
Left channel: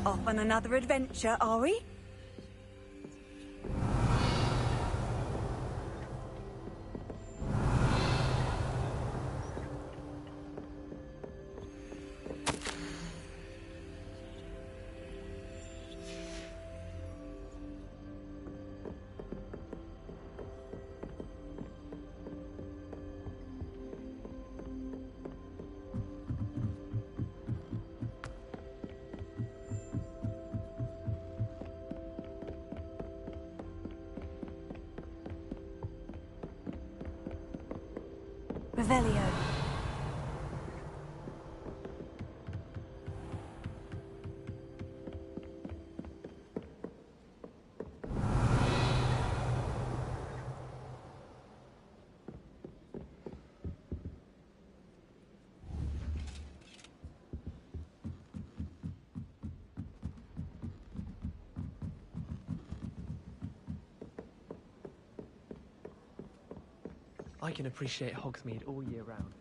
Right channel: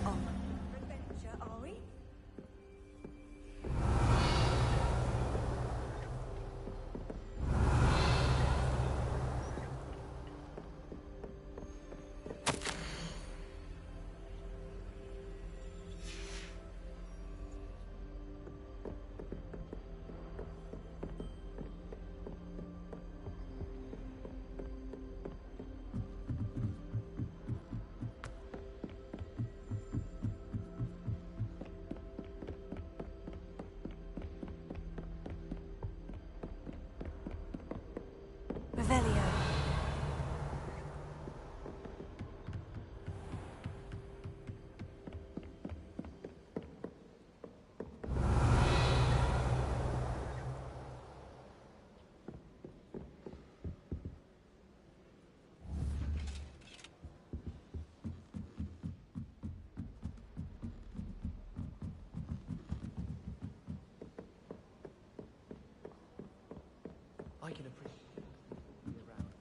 Off on another adventure, are we? Revelio. I can appreciate Hogsmeade all year round.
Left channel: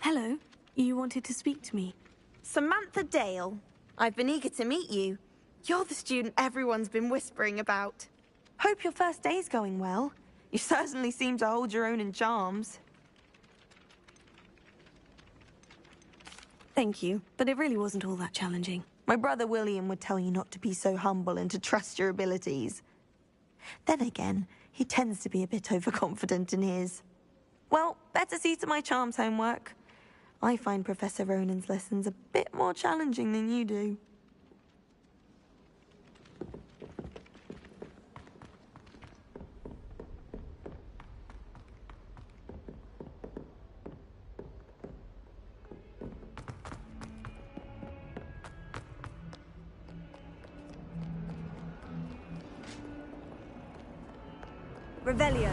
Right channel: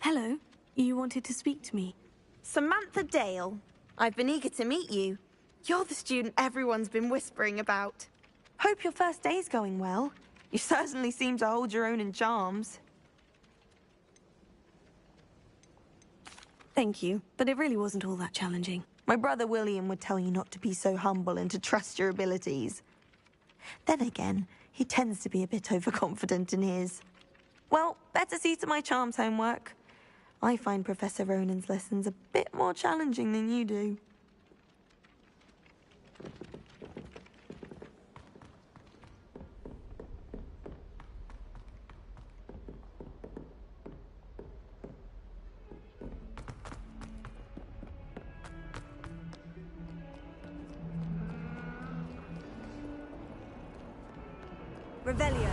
Hello. You wanted to speak to me? Samantha Dale. I've been eager to meet you. You're the student everyone's been whispering about. Hope your first day's going well. You certainly seem to hold your own in charms. Thank you, but it really wasn't all that challenging. My brother William would tell you not to be so humble and to trust your abilities. Then again, he tends to be a bit overconfident in his. Well, better see to my charms homework. I find Professor Ronan's lessons a bit more challenging than you do. Revelio.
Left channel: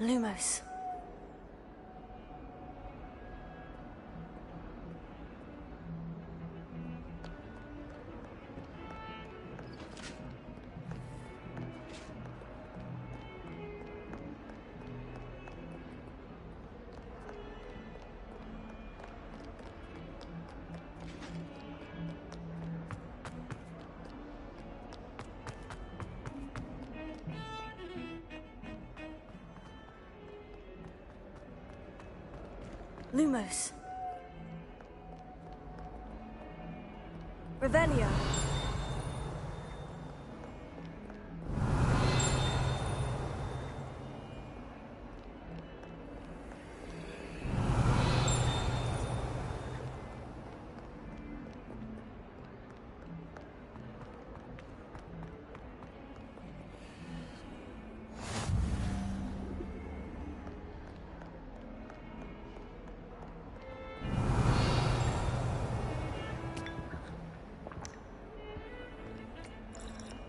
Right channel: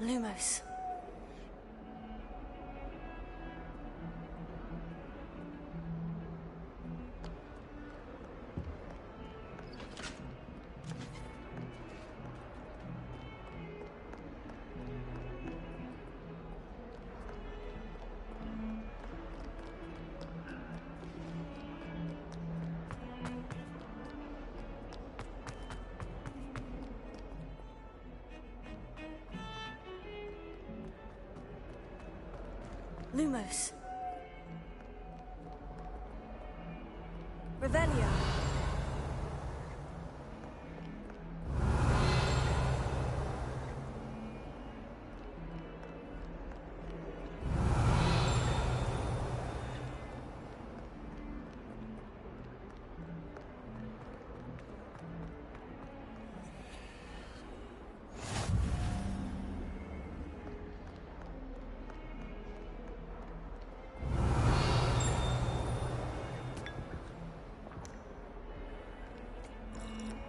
Lumos. Lumos. Revelio.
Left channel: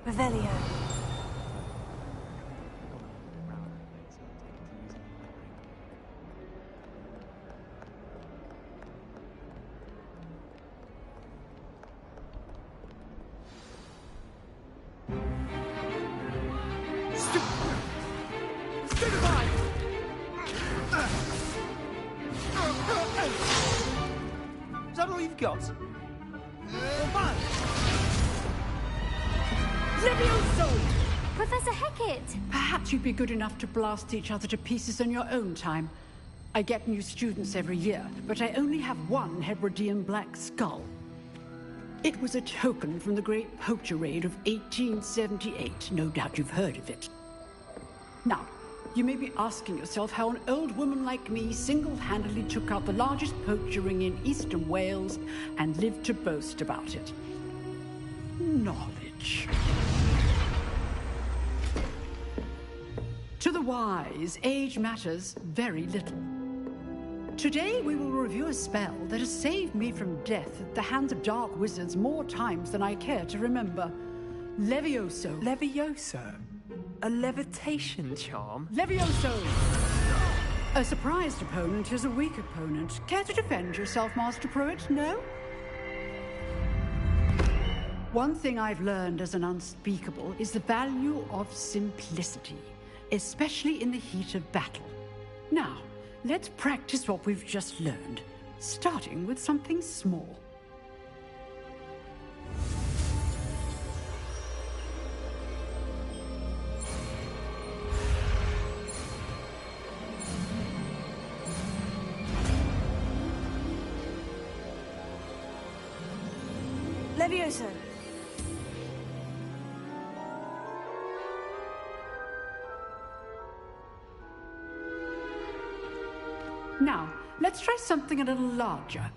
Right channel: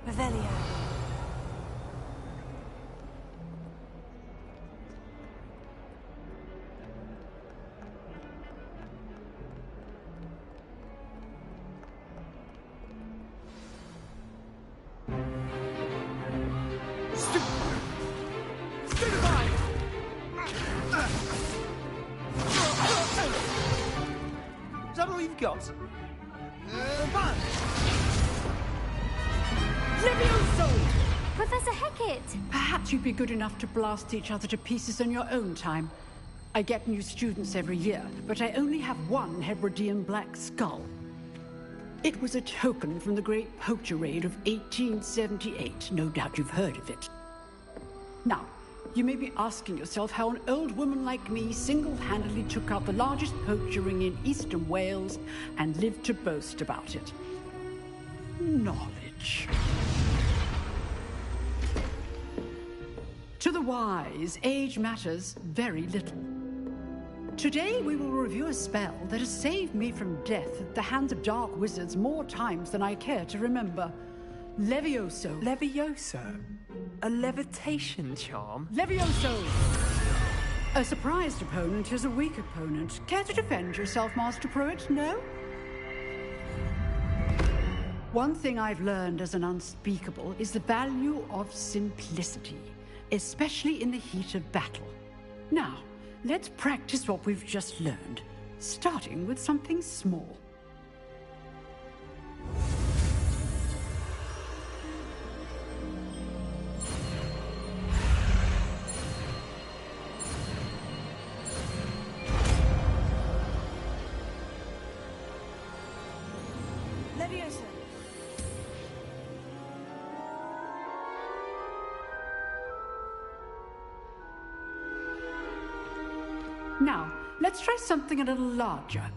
Revelio. Is that all you've got? Levioso! Professor Hecat! Perhaps you'd be good enough to blast each other to pieces in your own time. I get new students every year, but I only have one Hebridean black skull. It was a token from the Great Poacher Raid of 1878. No doubt you've heard of it. Now, you may be asking yourself how an old woman like me single-handedly took out the largest poacher ring in eastern Wales and lived to boast about it. Knowledge. To the wise, age matters very little. Today we will review a spell that has saved me from death at the hands of dark wizards more times than I care to remember. Levioso. Levioso? A levitation charm? Levioso! A surprised opponent is a weak opponent. Care to defend yourself, Master Pruitt? No? One thing I've learned as an unspeakable is the value of simplicity, especially in the heat of battle. Now, let's practice what we've just learned, starting with something small. Levioso. Now, let's try something a little larger.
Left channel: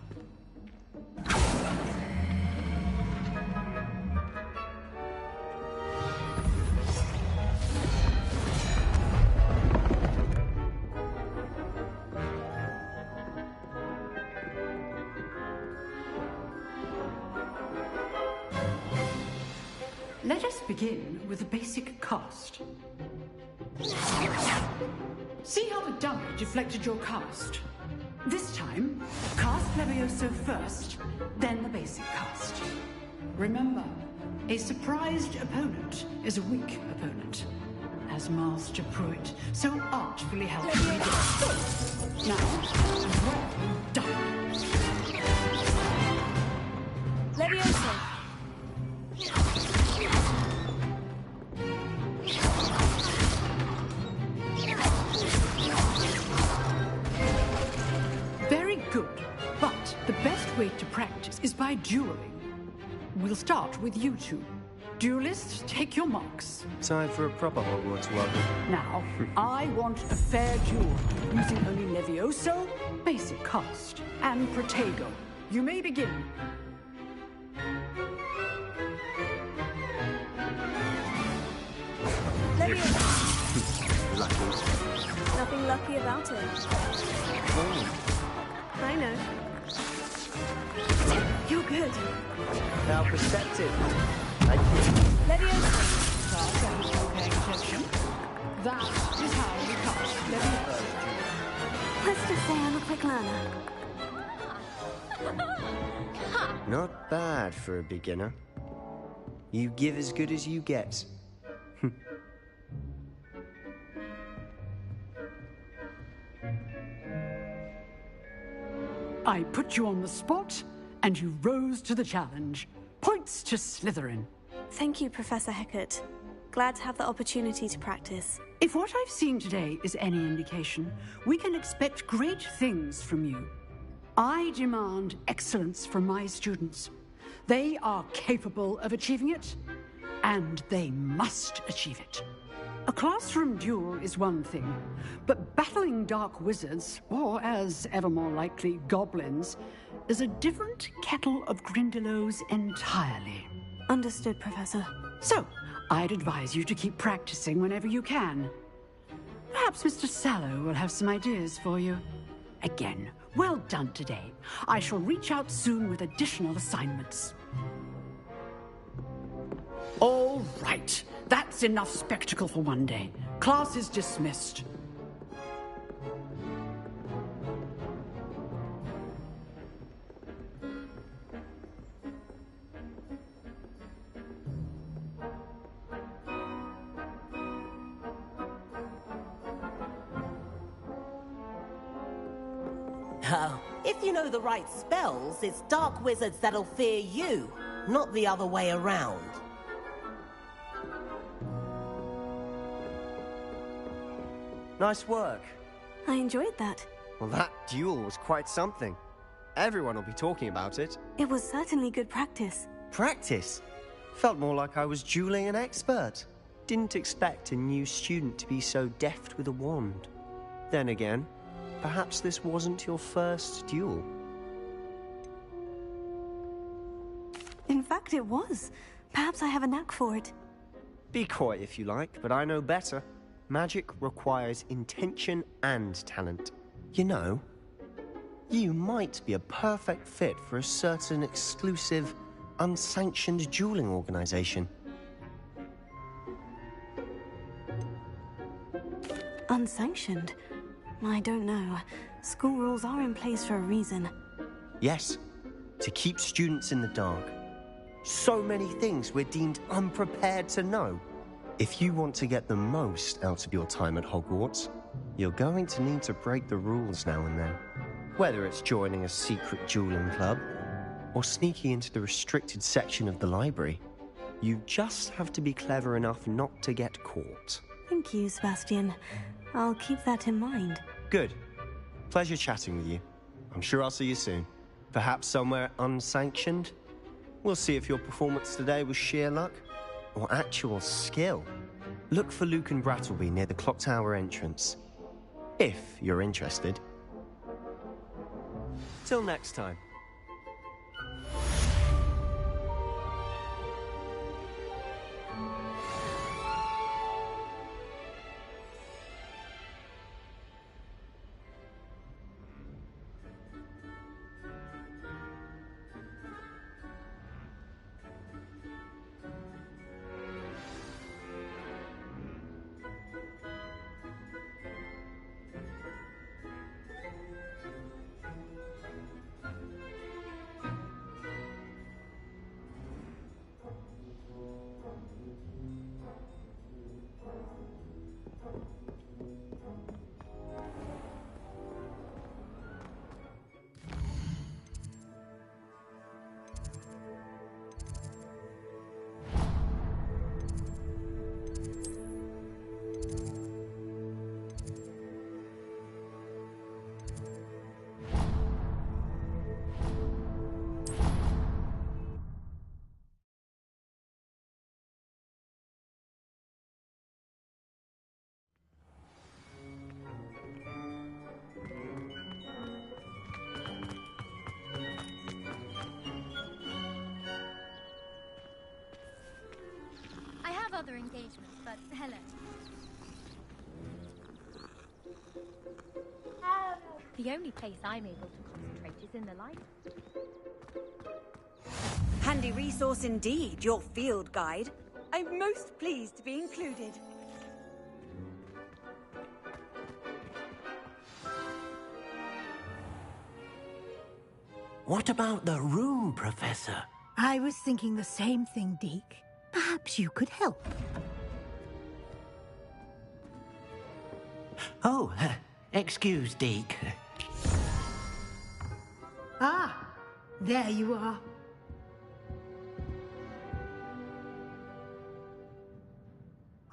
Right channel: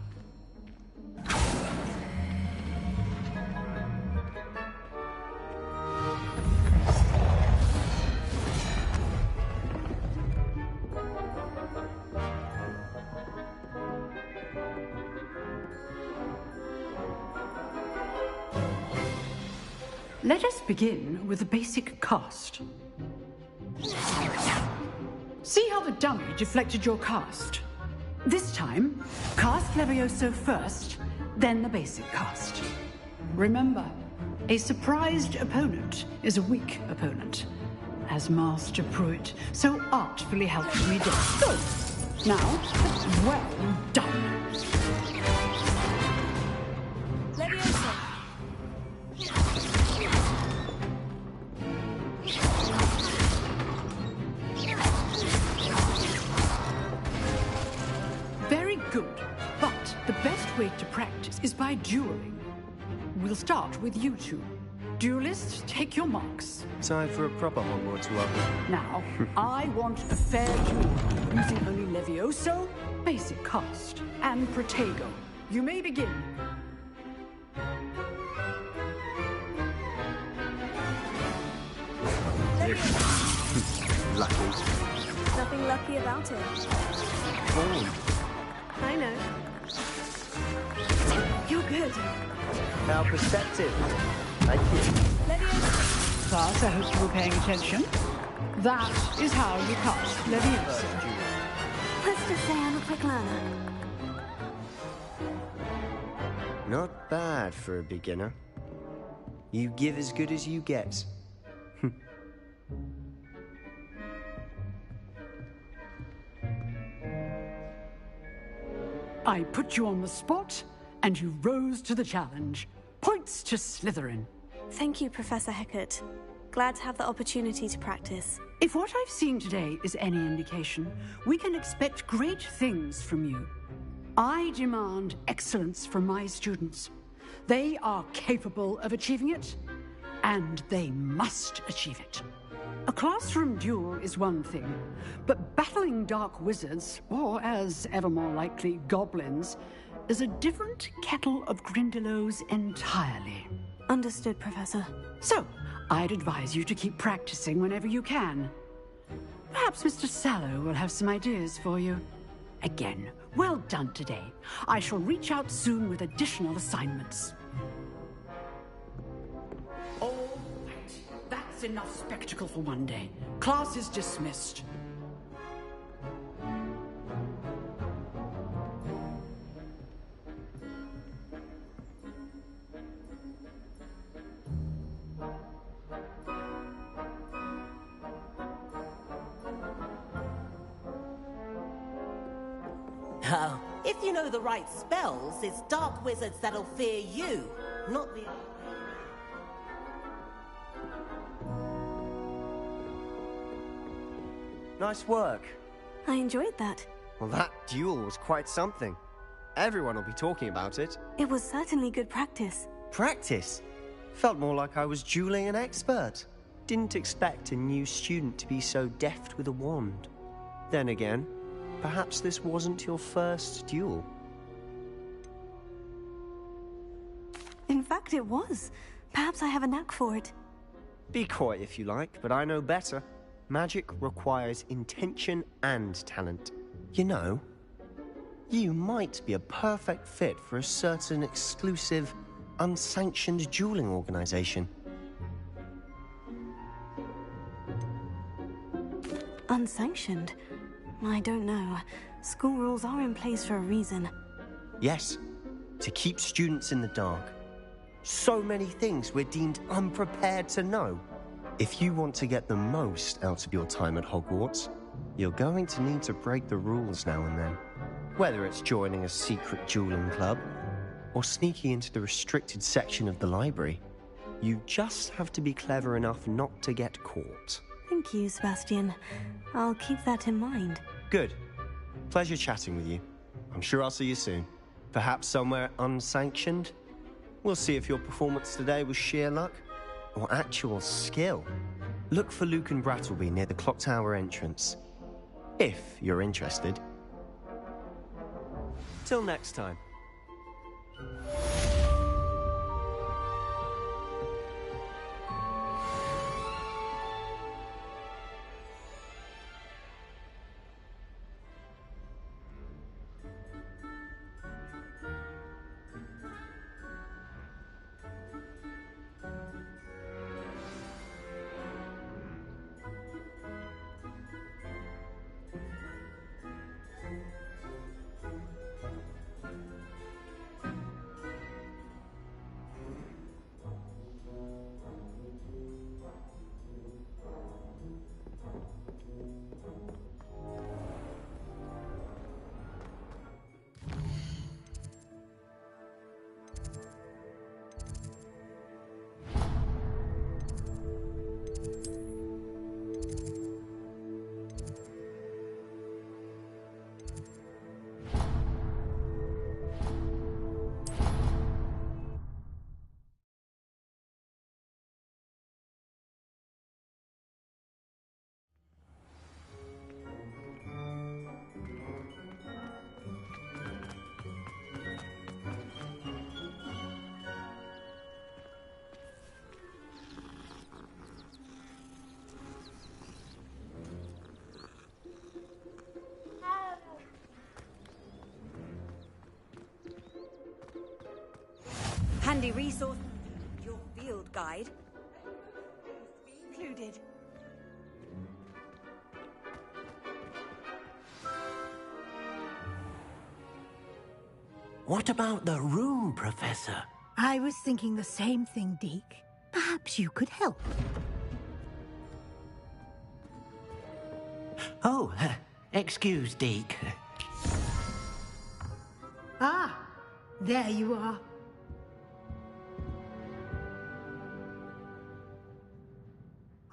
Let us begin with the basic cast. See how the dummy deflected your cast? This time, cast Levioso first, then the basic cast. Remember, a surprised opponent is a weak opponent, as Master Pruitt so artfully helped me do. Now, well done. Levioso. Very good, but the best way to practice is by dueling. We'll start with you two. Duelists, take your marks. Time for a proper Hogwarts welcome. Now, I want a fair duel, using only Levioso, basic cast, and Protego. You may begin. Lucky. Nothing lucky about it. I know. You're good. How perceptive. Thank you. Levioso. Class, I hope you were paying attention. That is how you cast Levioso. Let's just say I'm a quick learner. Not bad for a beginner. You give as good as you get. I put you on the spot, and you rose to the challenge. Points to Slytherin. Thank you, Professor Hecat. Glad to have the opportunity to practice. If what I've seen today is any indication, we can expect great things from you. I demand excellence from my students. They are capable of achieving it, and they must achieve it. A classroom duel is one thing, but battling dark wizards, or as ever more likely, goblins, is a different kettle of Grindylows entirely. Understood, Professor. So, I'd advise you to keep practicing whenever you can. Perhaps Mr. Sallow will have some ideas for you. Again, well done today. I shall reach out soon with additional assignments. All right. That's enough spectacle for one day. Class is dismissed. Oh, if you know the right spells, it's dark wizards that'll fear you, not the other way around. Nice work. I enjoyed that. Well, that duel was quite something. Everyone will be talking about it. It was certainly good practice. Practice? Felt more like I was dueling an expert. Didn't expect a new student to be so deft with a wand. Then again, perhaps this wasn't your first duel. In fact, it was. Perhaps I have a knack for it. Be coy if you like, but I know better. Magic requires intention and talent. You know, you might be a perfect fit for a certain exclusive, unsanctioned dueling organization. Unsanctioned? I don't know. School rules are in place for a reason. Yes, to keep students in the dark. So many things we're deemed unprepared to know. If you want to get the most out of your time at Hogwarts, you're going to need to break the rules now and then. Whether it's joining a secret dueling club, or sneaking into the restricted section of the library, you just have to be clever enough not to get caught. Thank you, Sebastian. I'll keep that in mind. Good. Pleasure chatting with you. I'm sure I'll see you soon. Perhaps somewhere unsanctioned? We'll see if your performance today was sheer luck or actual skill. Look for Luke and Brattleby near the clock tower entrance. If you're interested. Till next time. The only place I'm able to concentrate is in the light. Handy resource indeed, your field guide. I'm most pleased to be included. What about the room, Professor? I was thinking the same thing, Deke. Perhaps you could help. Oh, excuse, Deke. Ah, there you are.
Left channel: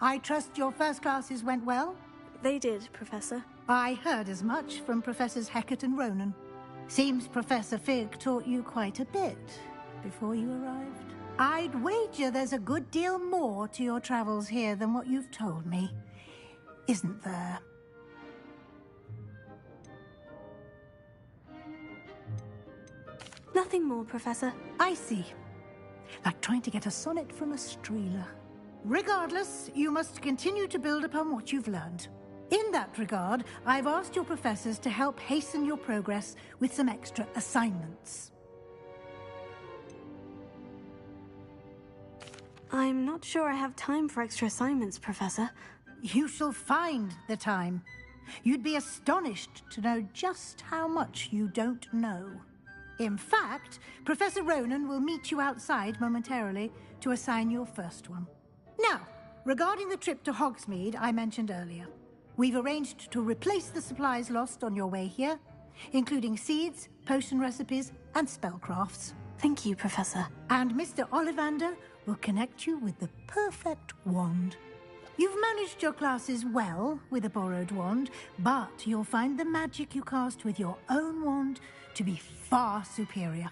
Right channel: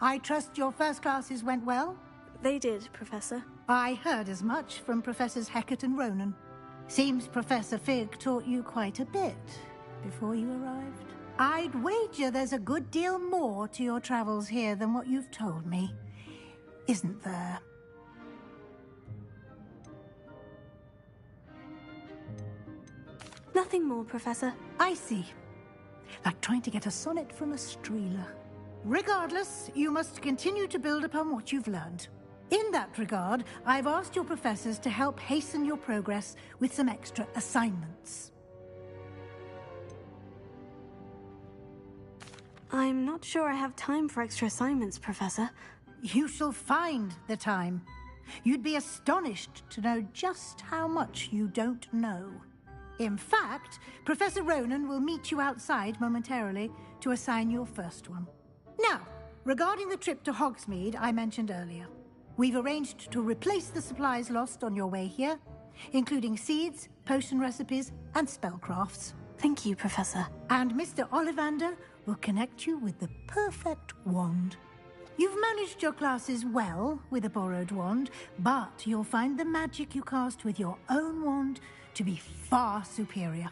I trust your first classes went well? They did, Professor. I heard as much from Professors Hecat and Ronan. Seems Professor Fig taught you quite a bit before you arrived. I'd wager there's a good deal more to your travels here than what you've told me. Isn't there? Nothing more, Professor. I see. Like trying to get a sonnet from a streeler. Regardless, you must continue to build upon what you've learned. In that regard, I've asked your professors to help hasten your progress with some extra assignments. I'm not sure I have time for extra assignments, Professor. You shall find the time. You'd be astonished to know just how much you don't know. In fact, Professor Ronan will meet you outside momentarily to assign your first one. Now, regarding the trip to Hogsmeade I mentioned earlier, we've arranged to replace the supplies lost on your way here, including seeds, potion recipes, and spellcrafts. Thank you, Professor. And Mr. Ollivander will connect you with the perfect wand. You've managed your classes well with a borrowed wand, but you'll find the magic you cast with your own wand to be far superior.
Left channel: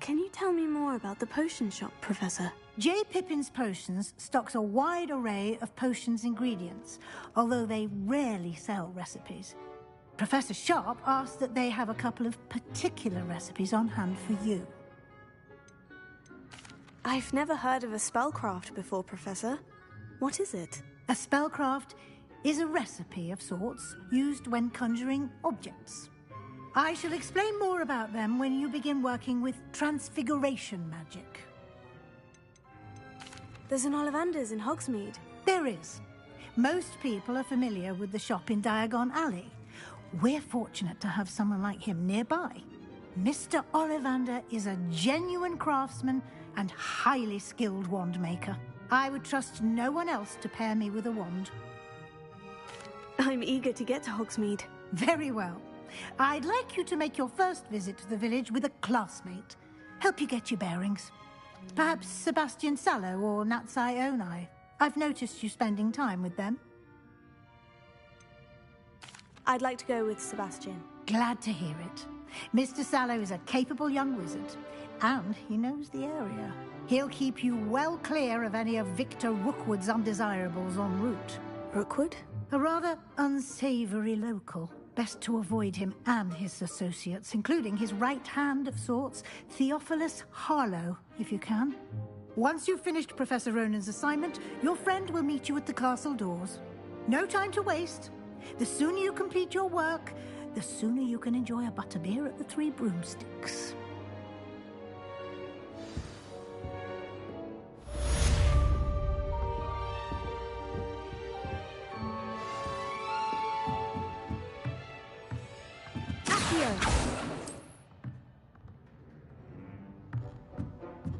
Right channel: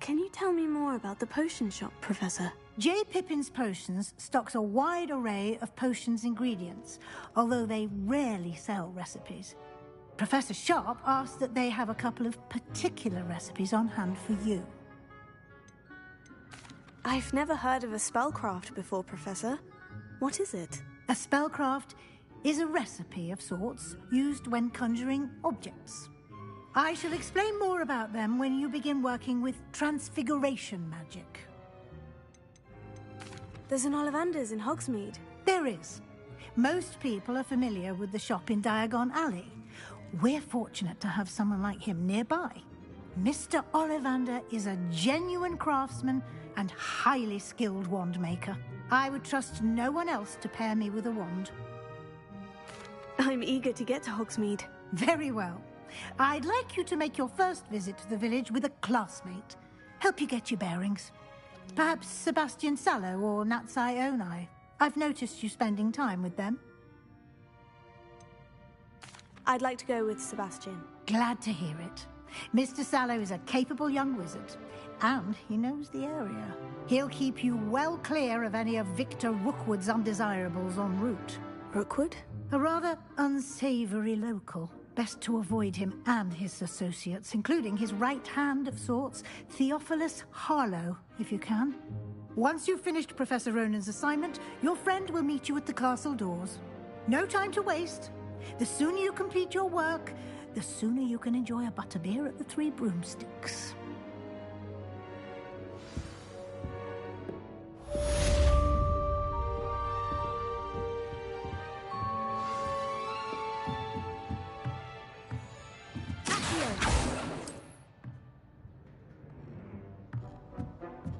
Can you tell me more about the potion shop, Professor? J. Pippin's Potions stocks a wide array of potions ingredients, although they rarely sell recipes. Professor Sharp asked that they have a couple of particular recipes on hand for you. I've never heard of a spellcraft before, Professor. What is it? A spellcraft is a recipe of sorts used when conjuring objects. I shall explain more about them when you begin working with transfiguration magic. There's an Ollivander's in Hogsmeade. There is. Most people are familiar with the shop in Diagon Alley. We're fortunate to have someone like him nearby. Mr. Ollivander is a genuine craftsman and highly skilled wand maker. I would trust no one else to pair me with a wand. I'm eager to get to Hogsmeade. Very well. I'd like you to make your first visit to the village with a classmate. Help you get your bearings. Perhaps Sebastian Sallow or Natsai Onai. I've noticed you spending time with them. I'd like to go with Sebastian. Glad to hear it. Mr. Sallow is a capable young wizard, and he knows the area. He'll keep you well clear of any of Victor Rookwood's undesirables en route. Rookwood? A rather unsavory local. Best to avoid him and his associates, including his right hand of sorts, Theophilus Harlow, if you can. Once you've finished Professor Ronan's assignment, your friend will meet you at the castle doors. No time to waste. The sooner you complete your work, the sooner you can enjoy a butterbeer at the Three Broomsticks.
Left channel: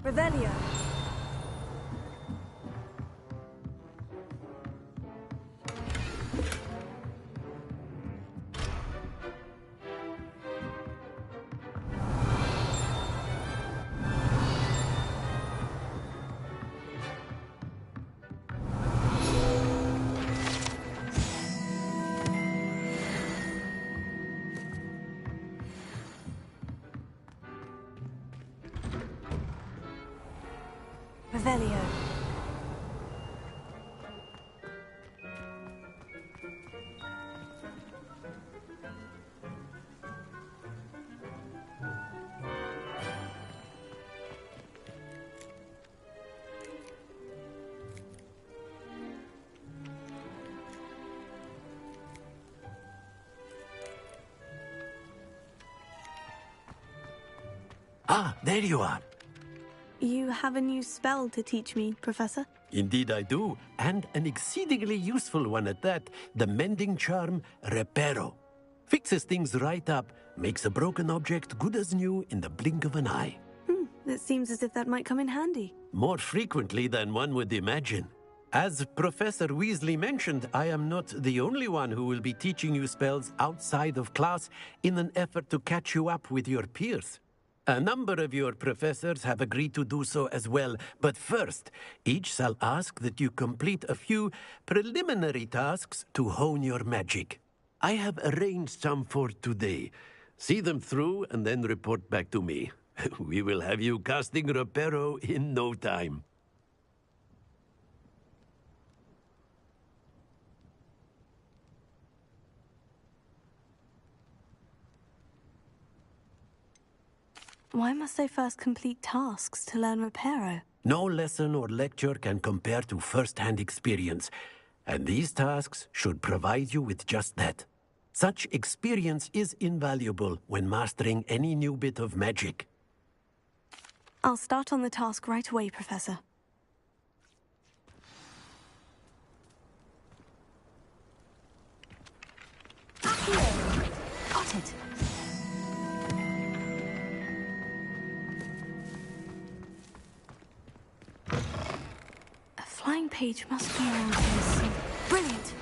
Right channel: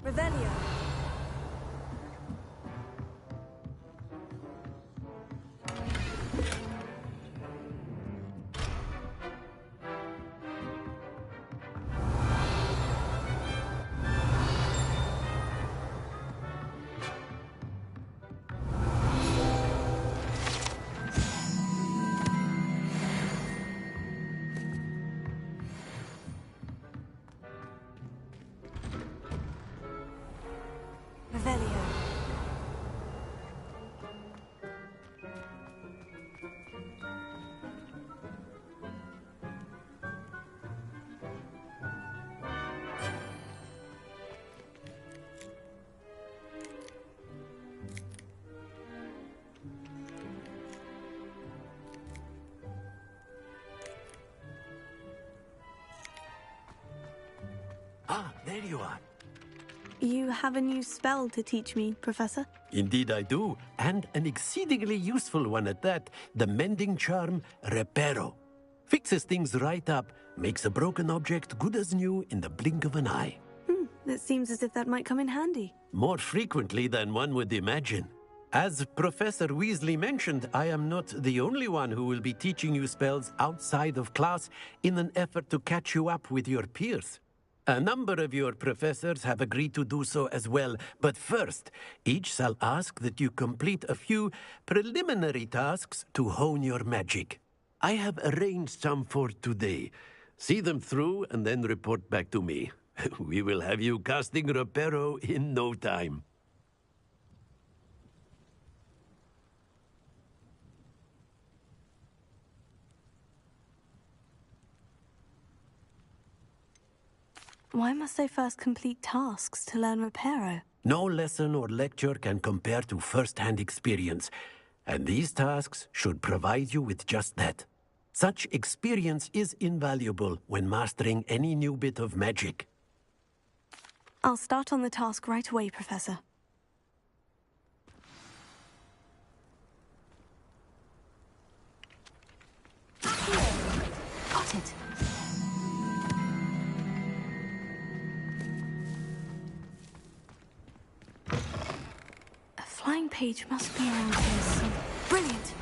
Revelio. Revelio. Ah, there you are. You have a new spell to teach me, Professor? Indeed I do, and an exceedingly useful one at that. The mending charm, Reparo. Fixes things right up, makes a broken object good as new in the blink of an eye. It seems as if that might come in handy. More frequently than one would imagine. As Professor Weasley mentioned, I am not the only one who will be teaching you spells outside of class in an effort to catch you up with your peers. A number of your professors have agreed to do so as well, but first, each shall ask that you complete a few preliminary tasks to hone your magic. I have arranged some for today. See them through and then report back to me. We will have you casting Reparo in no time. Why must I first complete tasks to learn Reparo? No lesson or lecture can compare to first-hand experience, and these tasks should provide you with just that. Such experience is invaluable when mastering any new bit of magic. I'll start on the task right away, Professor. Got it. A flying page must be around here somewhere. Brilliant!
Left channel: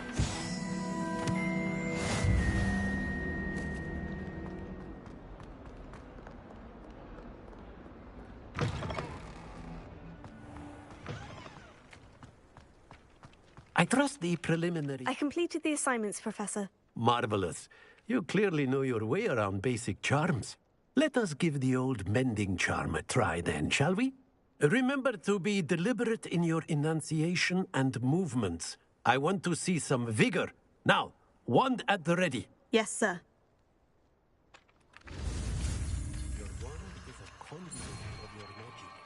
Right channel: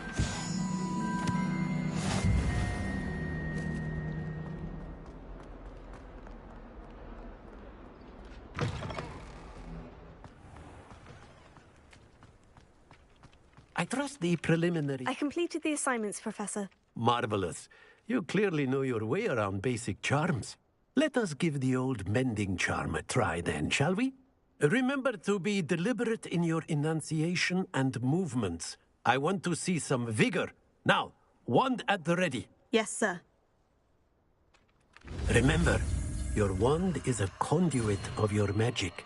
I trust the preliminary... I completed the assignments, Professor. Marvelous. You clearly know your way around basic charms. Let us give the old mending charm a try then, shall we? Remember to be deliberate in your enunciation and movements. I want to see some vigor. Now, wand at the ready. Yes, sir. Remember, your wand is a conduit of your magic.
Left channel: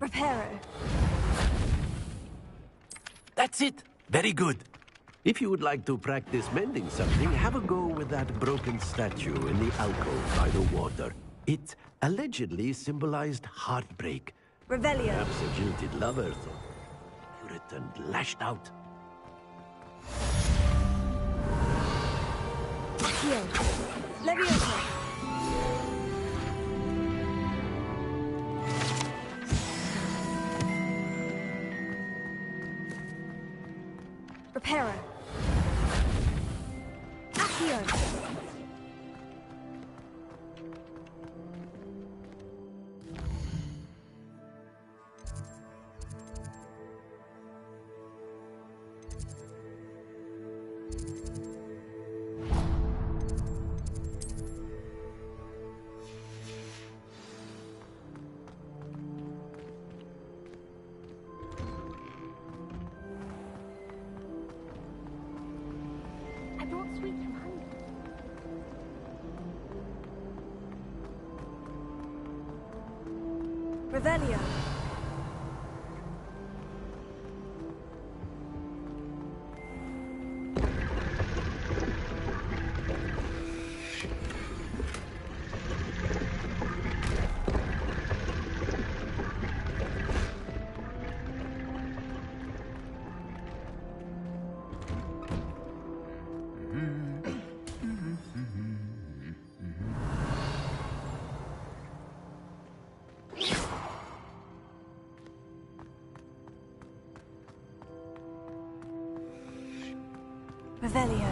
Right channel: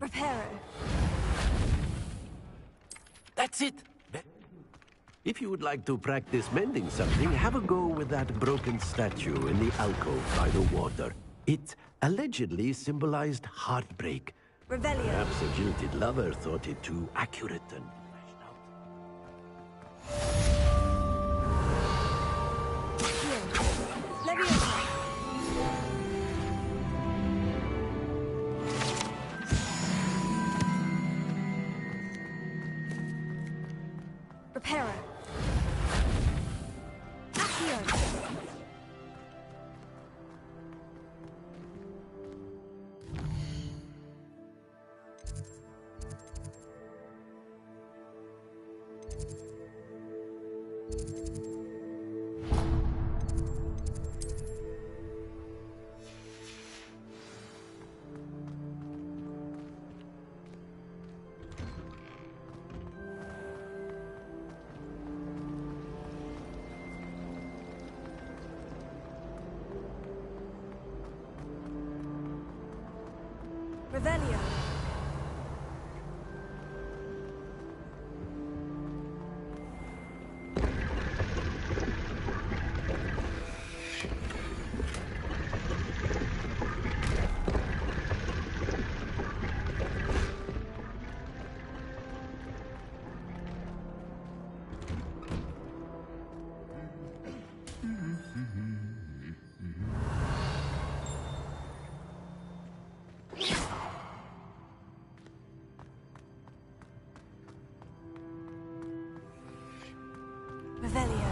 Reparo. That's it. Very good. If you would like to practice mending something, have a go with that broken statue in the alcove by the water. It allegedly symbolized heartbreak. Revelio. Perhaps a jilted lover thought it too accurate and lashed out. Accio. Leviosa. Reparo. Accio. Revelio. Revelio.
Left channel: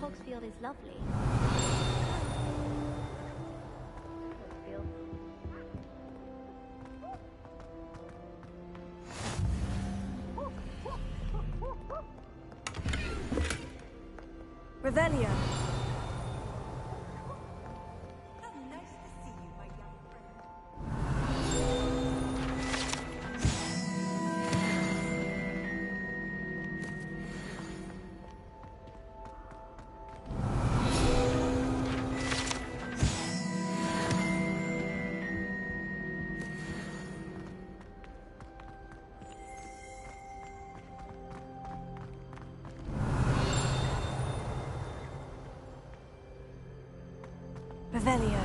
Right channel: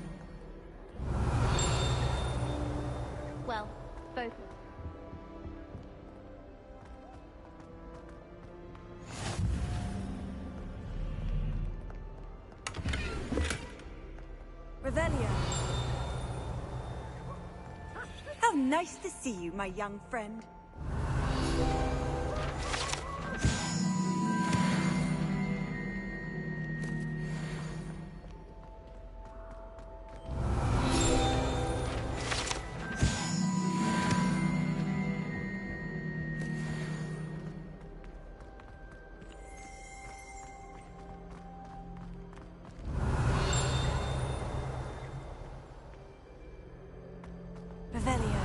Hogsfield is lovely. Well, both Hogsfield. Revelio. see you, my young friend. Revelio.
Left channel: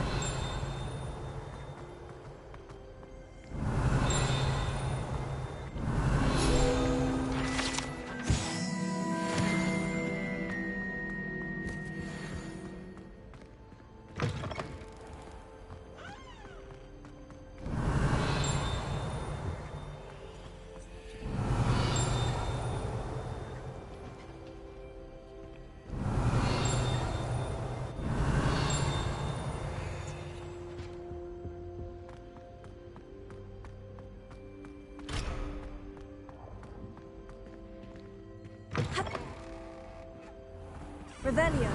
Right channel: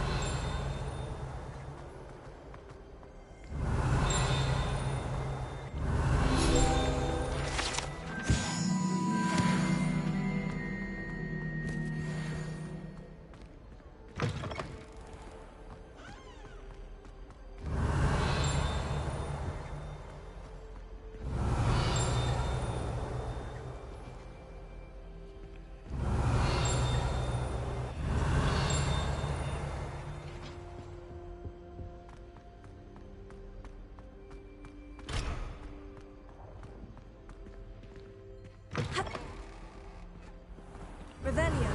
Revelio.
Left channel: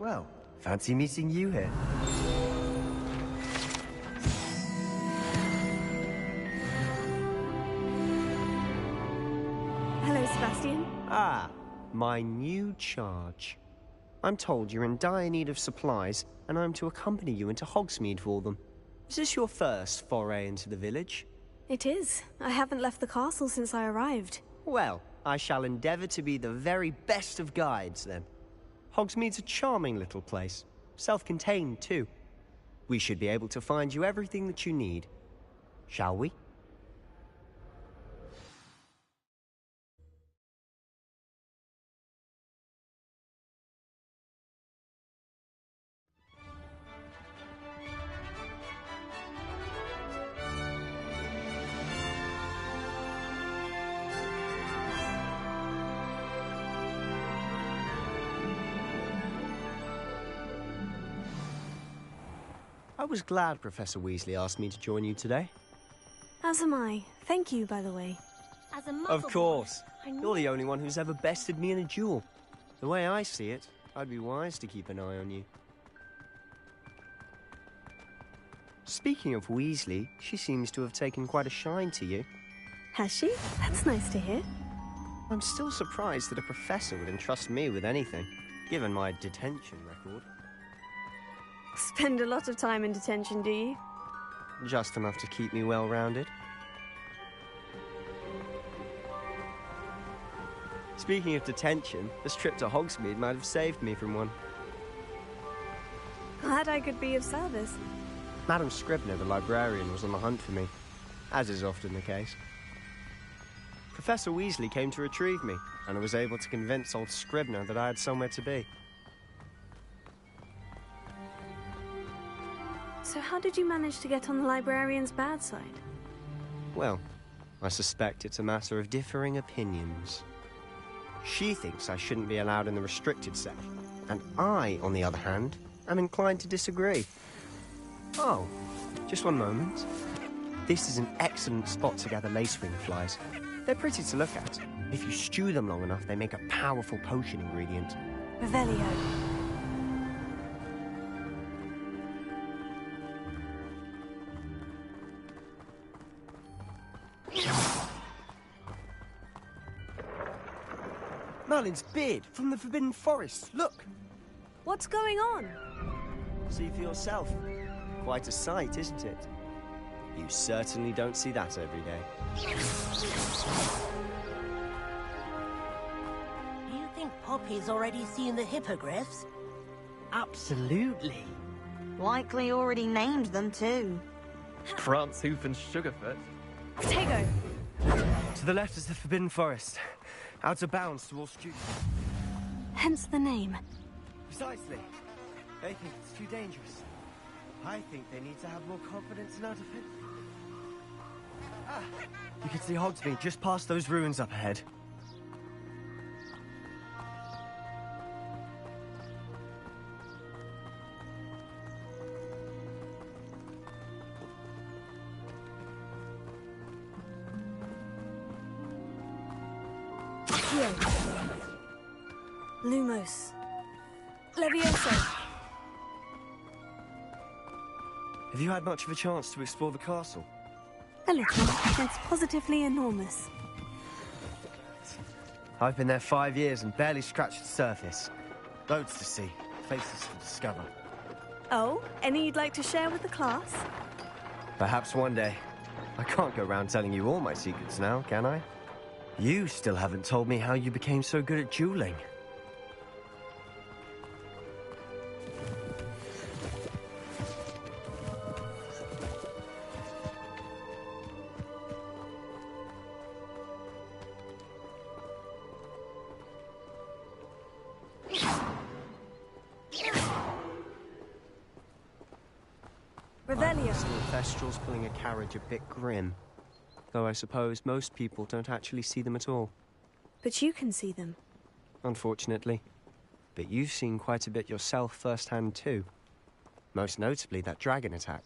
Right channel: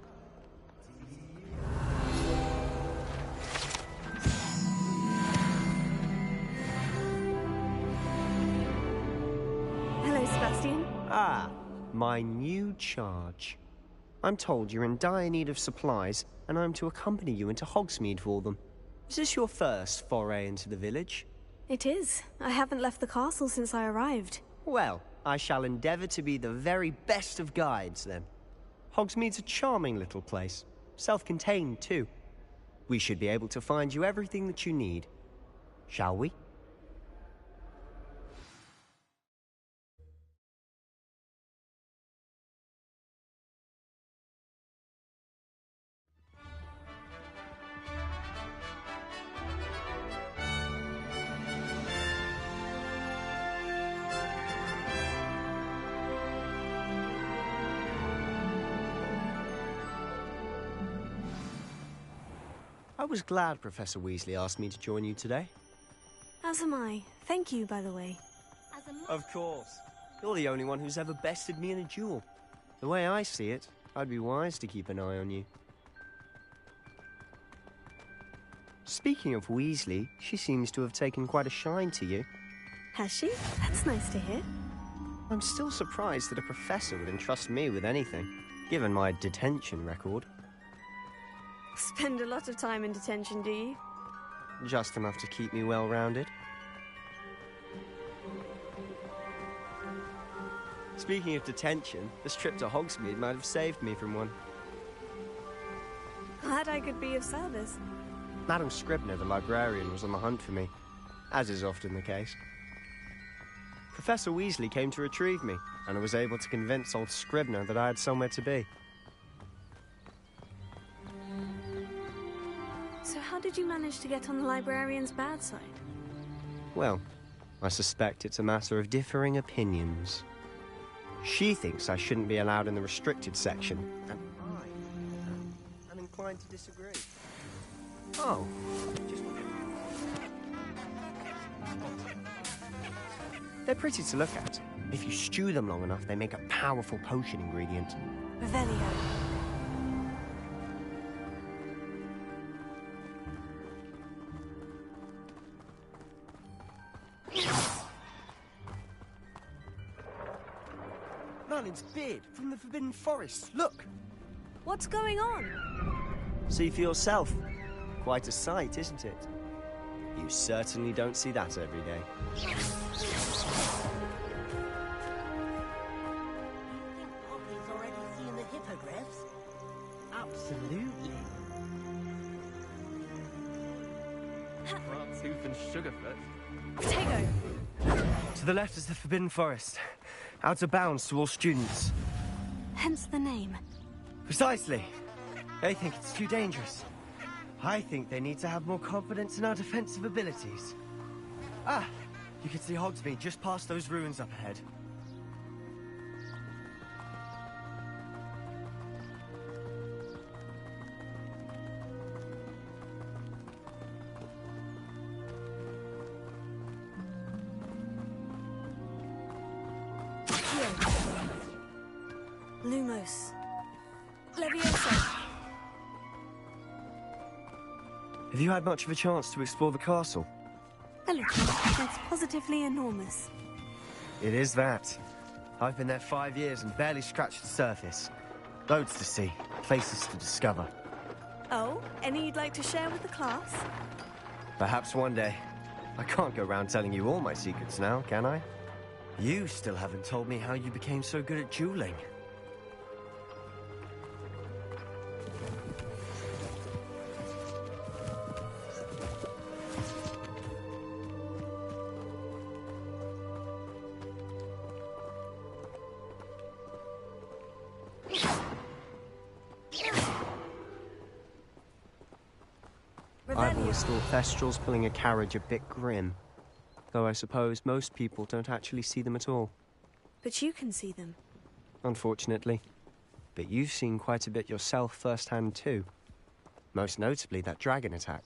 Well, fancy meeting you here. Hello, Sebastian. Ah, my new charge. I'm told you're in dire need of supplies, and I'm to accompany you into Hogsmeade for them. Is this your first foray into the village? It is. I haven't left the castle since I arrived. Well, I shall endeavour to be the very best of guides, then. Hogsmeade's a charming little place. Self-contained, too. We should be able to find you everything that you need. Shall we? I was glad Professor Weasley asked me to join you today. As am I. Thank you, by the way. As a Of course. You're the only one who's ever bested me in a duel. The way I see it, I'd be wise to keep an eye on you. Speaking of Weasley, she seems to have taken quite a shine to you. Has she? That's nice to hear. I'm still surprised that a professor would entrust me with anything, given my detention record. Spend a lot of time in detention, do you? Just enough to keep me well-rounded. Speaking of detention, this trip to Hogsmeade might have saved me from one. Glad I could be of service. Madam Scribner, the librarian, was on the hunt for me, as is often the case. Professor Weasley came to retrieve me, and I was able to convince old Scribner that I had somewhere to be. So how did you manage to get on the librarian's bad side? Well, I suspect it's a matter of differing opinions. She thinks I shouldn't be allowed in the restricted section, and I, on the other hand, am inclined to disagree. Oh, just one moment. This is an excellent spot to gather lacewing flies. They're pretty to look at. If you stew them long enough, they make a powerful potion ingredient. Revelio. Merlin's beard from the Forbidden Forest, look! What's going on? See for yourself. Quite a sight, isn't it? You certainly don't see that every day. Do you think Poppy's already seen the hippogriffs? Absolutely. Likely already named them too. Prance, Hoof, and Sugarfoot. Protego! To the left is the Forbidden Forest. Out of bounds to all students. Hence the name. Precisely. They think it's too dangerous. I think they need to have more confidence in our defensive abilities. Ah, you can see Hogsmeade just past those ruins up ahead. Accio. Lumos. Levioso. Have you had much of a chance to explore the castle? A little. It's positively enormous. It is that. I've been there 5 years and barely scratched the surface. Loads to see, places to discover. Oh, any you'd like to share with the class? Perhaps one day. I can't go around telling you all my secrets now, can I? You still haven't told me how you became so good at dueling. I always thought Thestrals pulling a carriage a bit grim. Though I suppose most people don't actually see them at all. But you can see them. Unfortunately. But you've seen quite a bit yourself firsthand too. Most notably that dragon attack.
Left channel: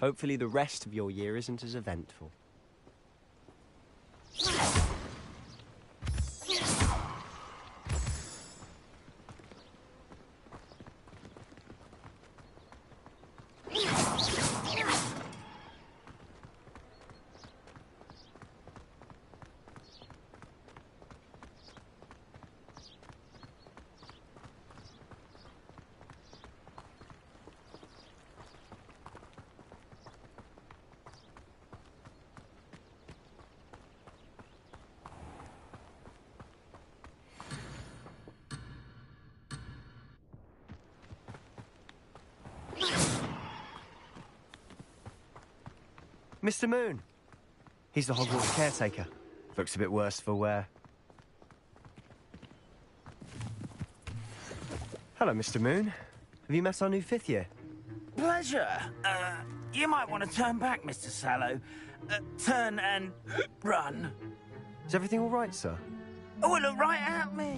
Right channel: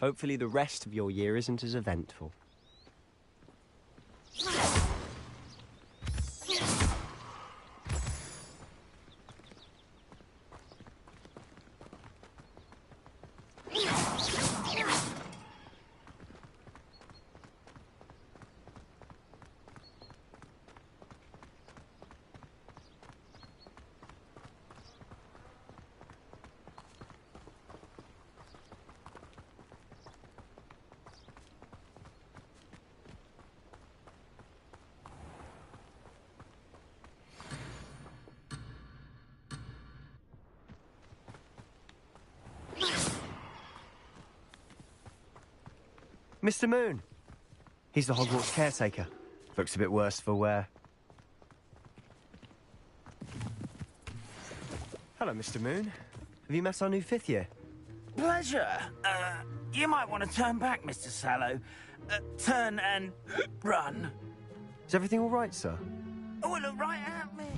Hopefully the rest of your year isn't as eventful. Mr. Moon! He's the Hogwarts caretaker. Looks a bit worse for wear. Hello, Mr. Moon. Have you met our new 5th year? Pleasure. You might want to turn back, Mr. Sallow. Turn and run. Is everything all right, sir? Oh, look right at me.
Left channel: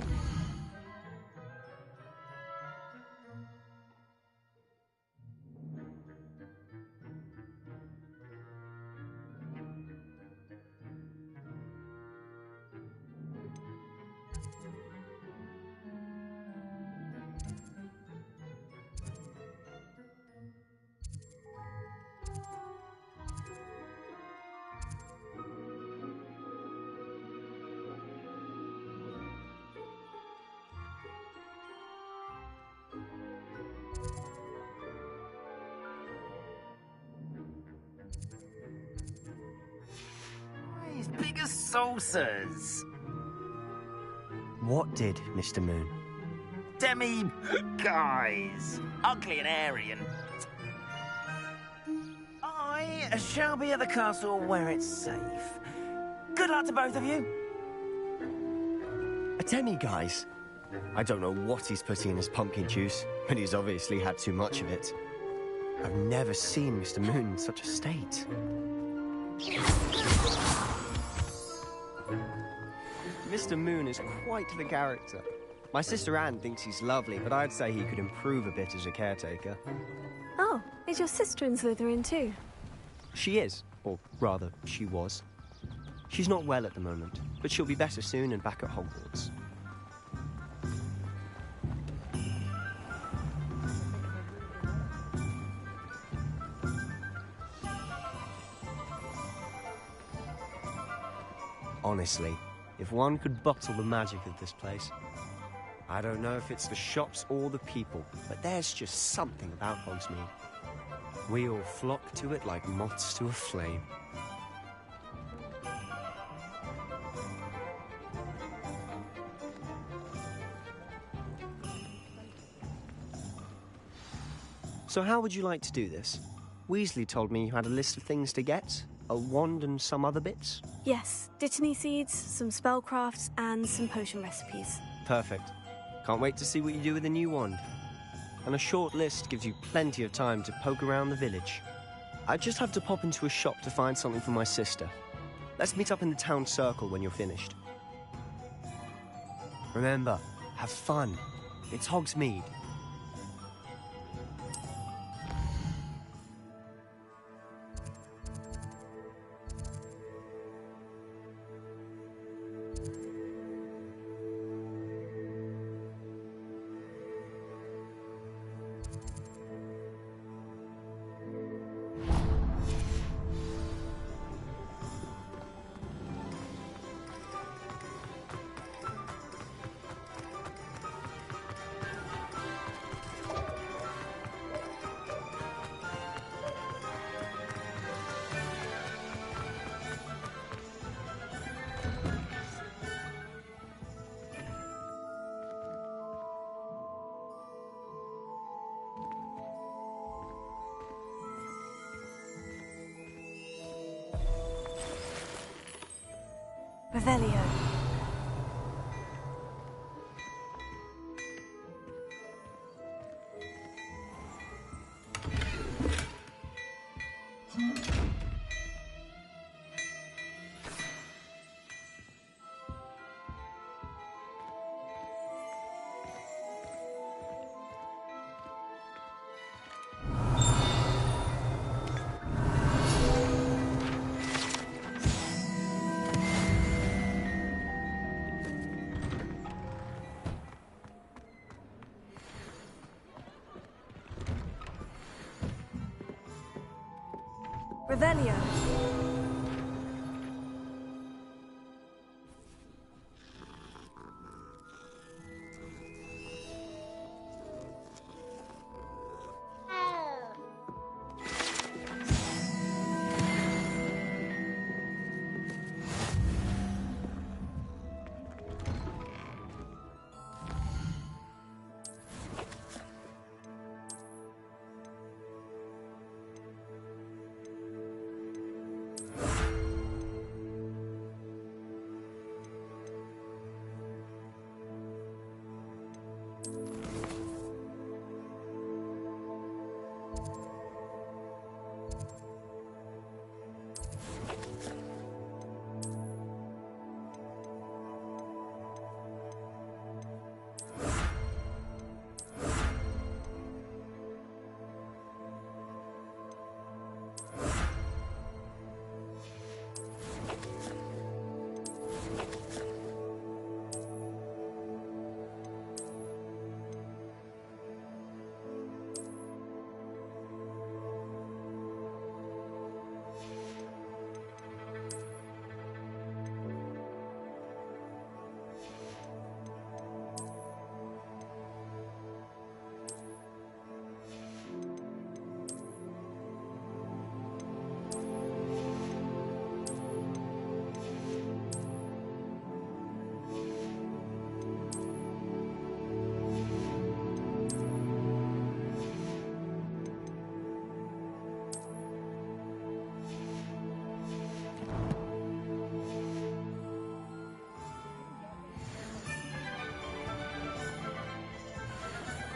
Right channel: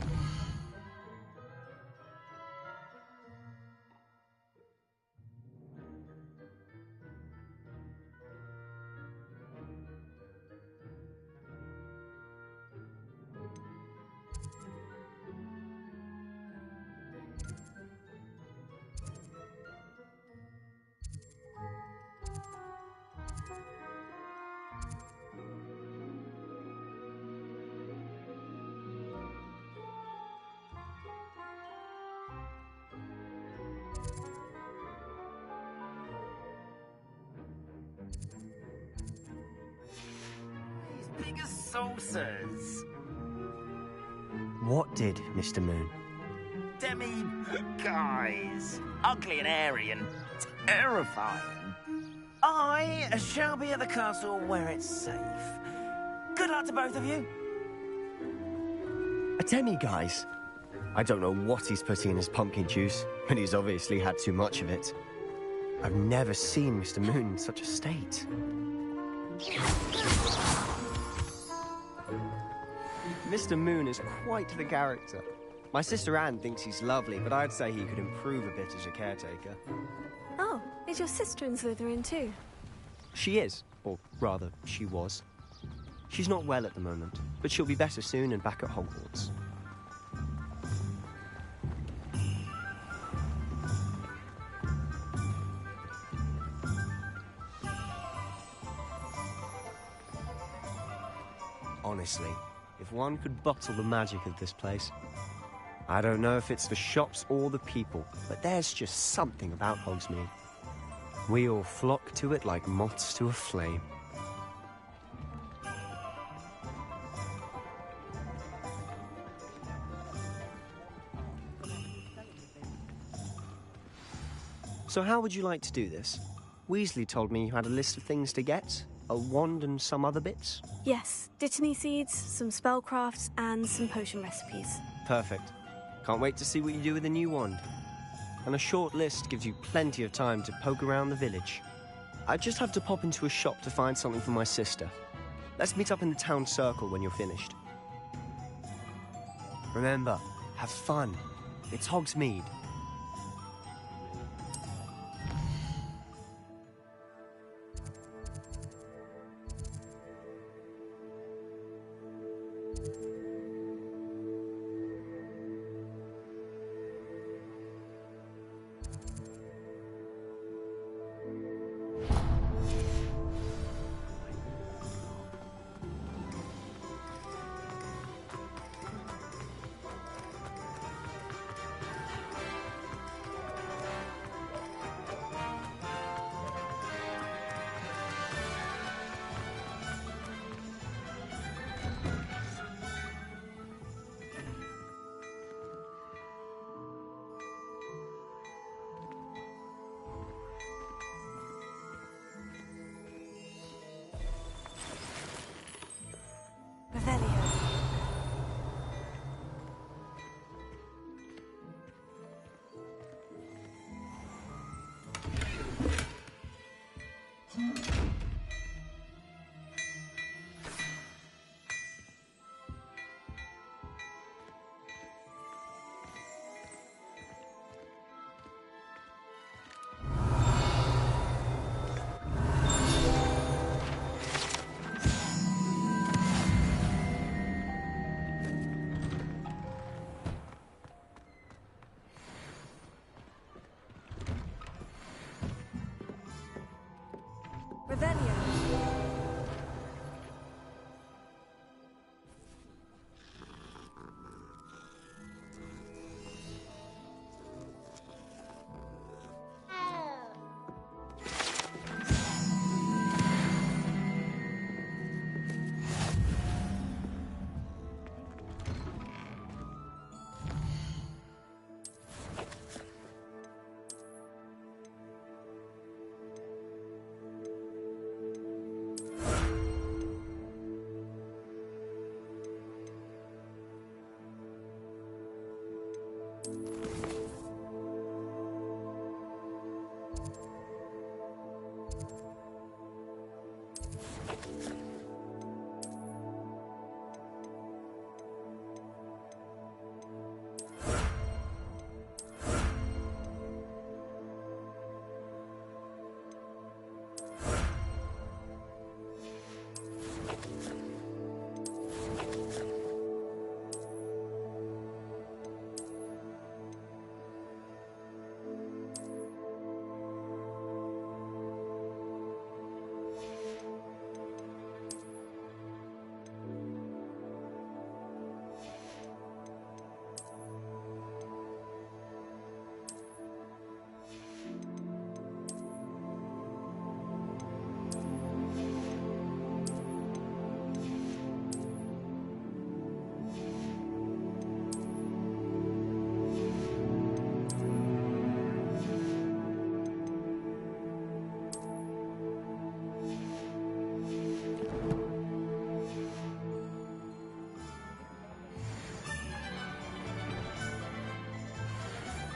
Big as saucers. What did, Mr. Moon? Demi guys. Ugly and airy and terrifying. I shall be at the castle where it's safe. Good luck to both of you. A demi-guise? I don't know what he's putting in his pumpkin juice, but he's obviously had too much of it. I've never seen Mr. Moon in such a state. Mr. Moon is quite the character. My sister Anne thinks he's lovely, but I'd say he could improve a bit as a caretaker. Oh, is your sister in Slytherin too? She is, or rather, she was. She's not well at the moment, but she'll be better soon and back at Hogwarts. Honestly, if one could bottle the magic of this place. I don't know if it's the shops or the people, but there's just something about Hogsmeade. We all flock to it like moths to a flame. So how would you like to do this? Weasley told me you had a list of things to get. A wand and some other bits? Yes, Dittany seeds, some spellcrafts, and some potion recipes. Perfect. Can't wait to see what you do with the new wand. And a short list gives you plenty of time to poke around the village. I just have to pop into a shop to find something for my sister. Let's meet up in the town circle when you're finished. Remember, have fun. It's Hogsmeade. Revelio. Revelio.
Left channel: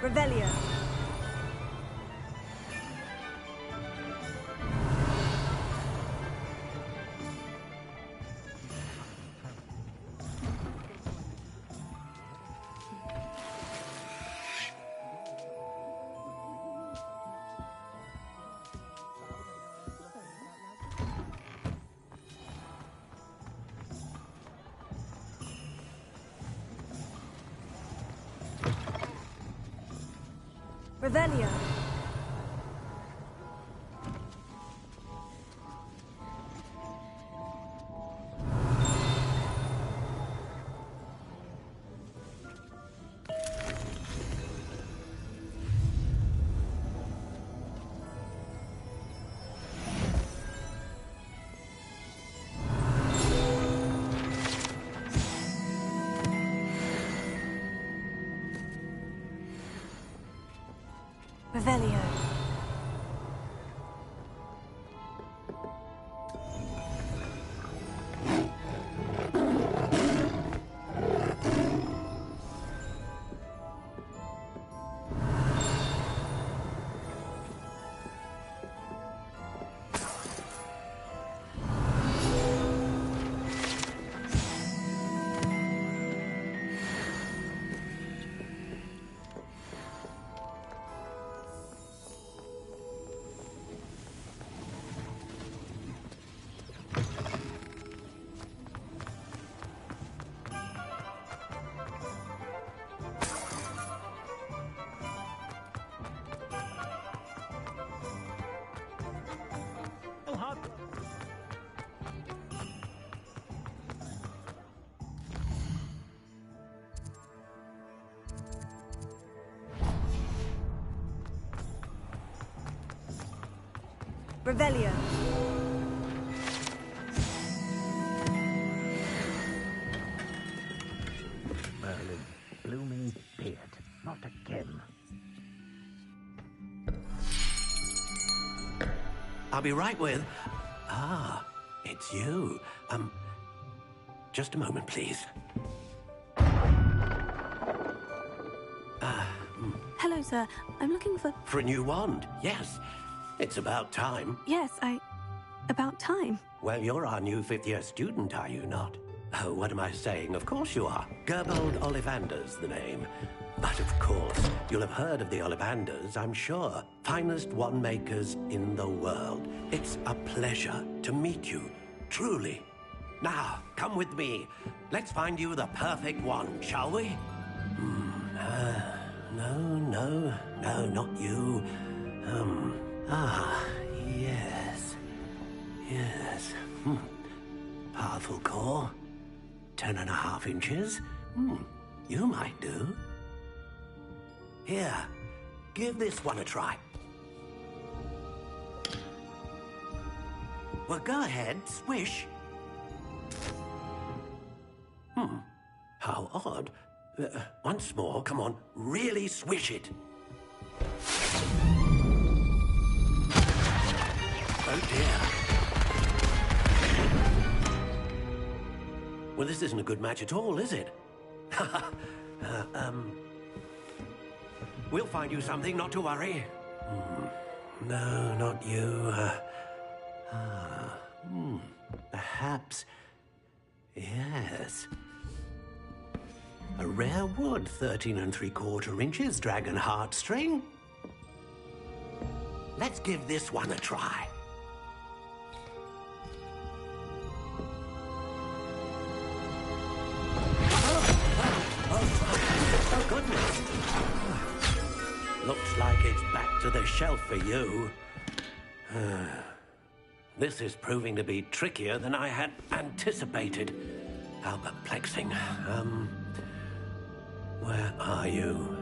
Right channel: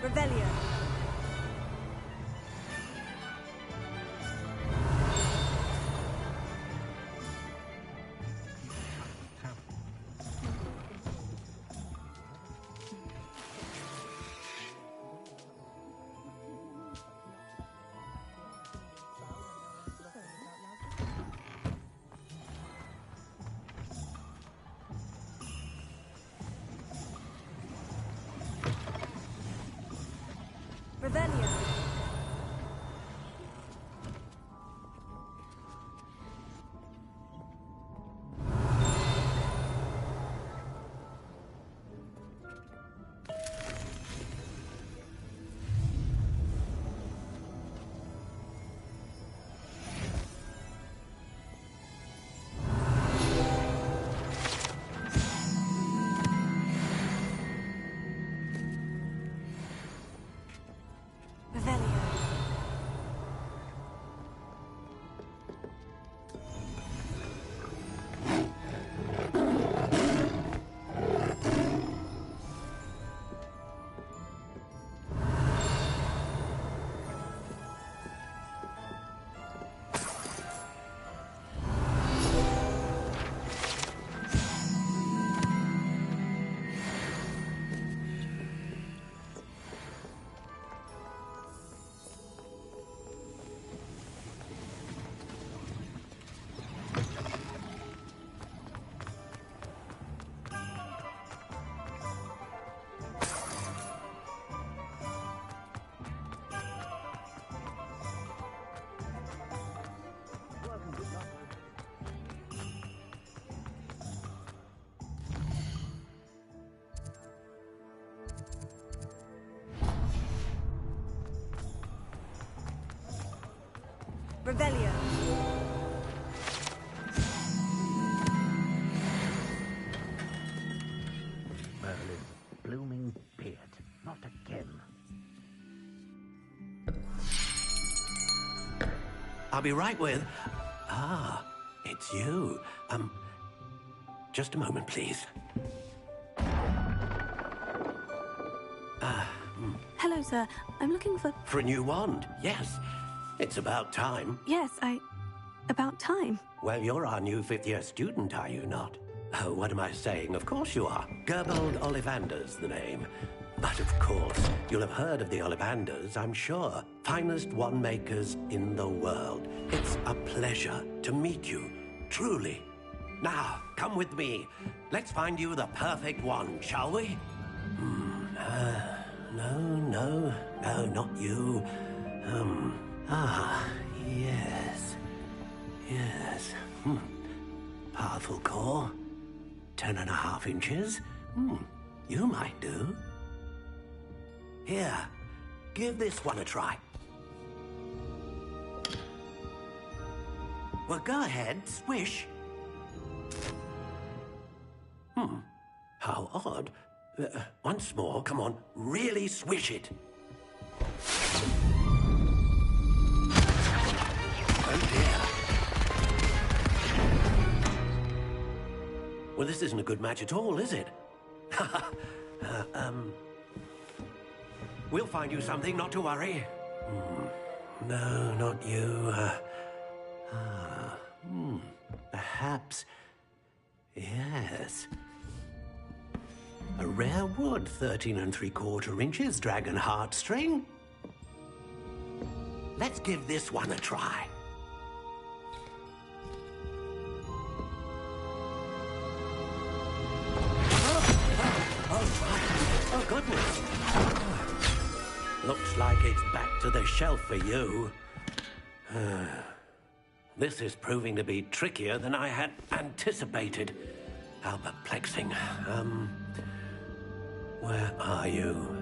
Revelio. Revelio. Revelio. Revelio. Merlin's blooming beard. Not again. I'll be right with... Ah, it's you. just a moment, please. Hello, sir. I'm looking for... For a new wand, yes. It's about time. Yes, about time. Well, you're our new fifth-year student, are you not? Oh, what am I saying? Of course you are. Gerbold Ollivander's the name. But of course, you'll have heard of the Ollivanders, I'm sure. Finest wand makers in the world. It's a pleasure to meet you, truly. Now, come with me. Let's find you the perfect wand, shall we? No, not you. Yes. Powerful core. 10.5 inches. You might do. Here, give this one a try. Well, go ahead, swish. How odd. Once more, come on, really swish it. Oh dear. Well, this isn't a good match at all, is it? We'll find you something, not to worry. No, not you. Perhaps. Yes. A rare wood, 13 3/4 inches, dragon heartstring. Let's give this one a try. Oh, goodness. Looks like it's back to the shelf for you. This is proving to be trickier than I had anticipated. How perplexing. Where are you?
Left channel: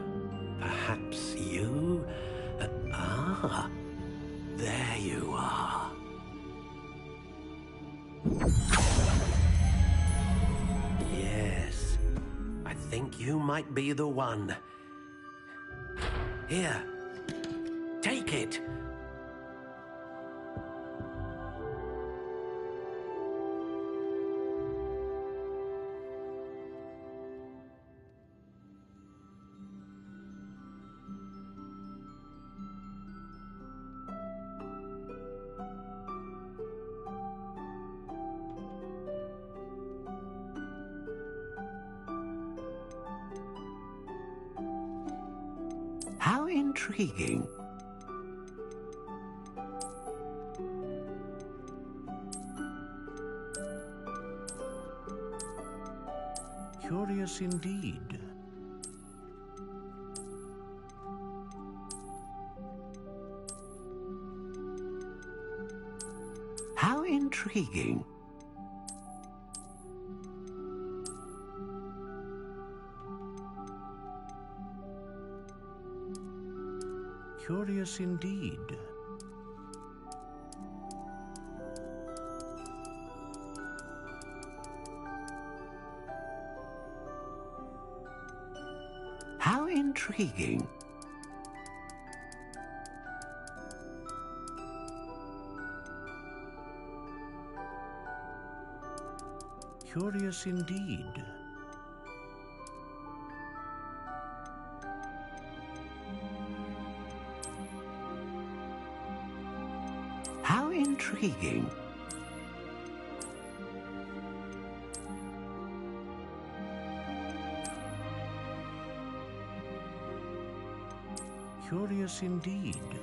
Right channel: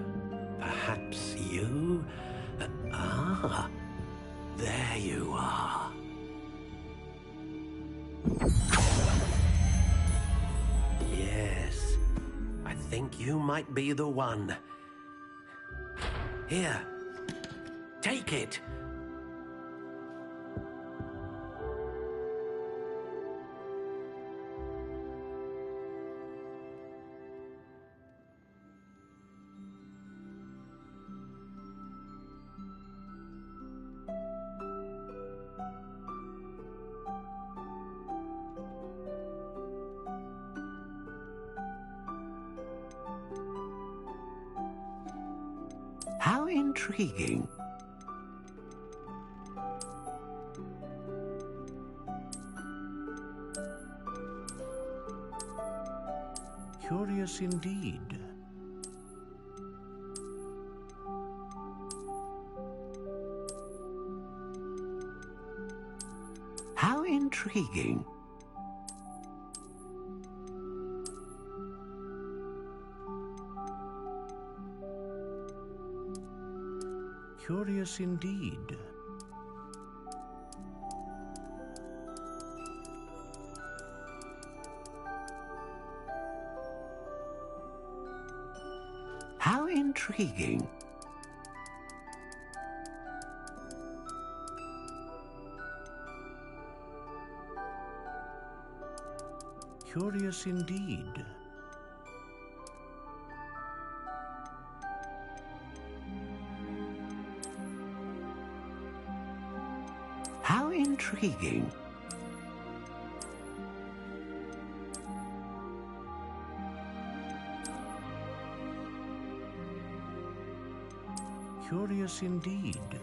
Perhaps you? There you are. Yes, I think you might be the one. Here, take it. How intriguing. Curious indeed. How intriguing. Curious indeed. How intriguing. Curious indeed. How intriguing. Curious indeed.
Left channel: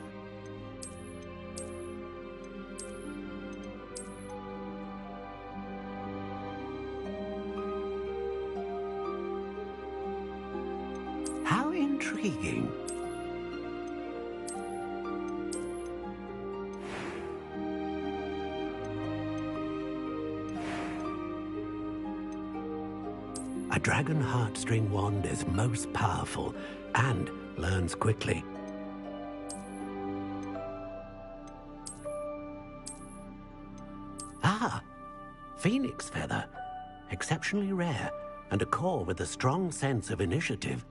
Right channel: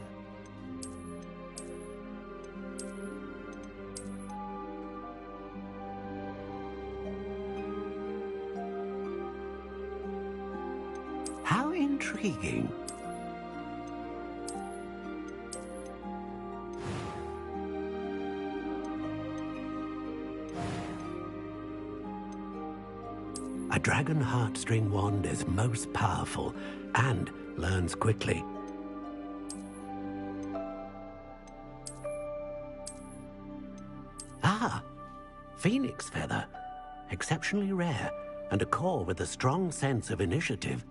How intriguing. A dragon heartstring wand is most powerful and learns quickly. Phoenix feather. Exceptionally rare, and a core with a strong sense of initiative.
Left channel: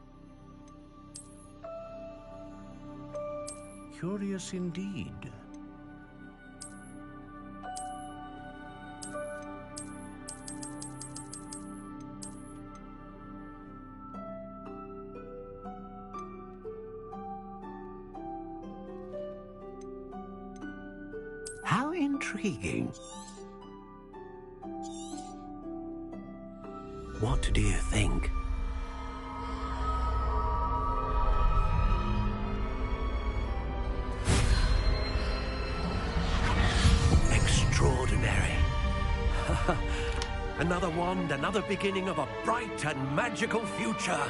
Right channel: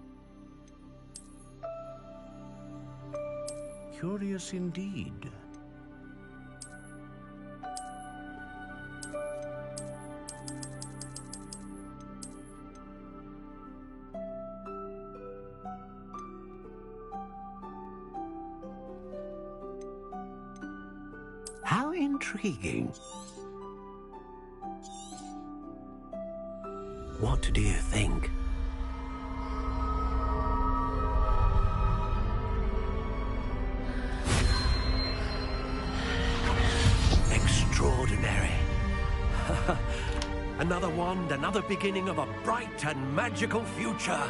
Curious indeed. How intriguing. What do you think? Extraordinary. Another wand, another beginning of a bright and magical future.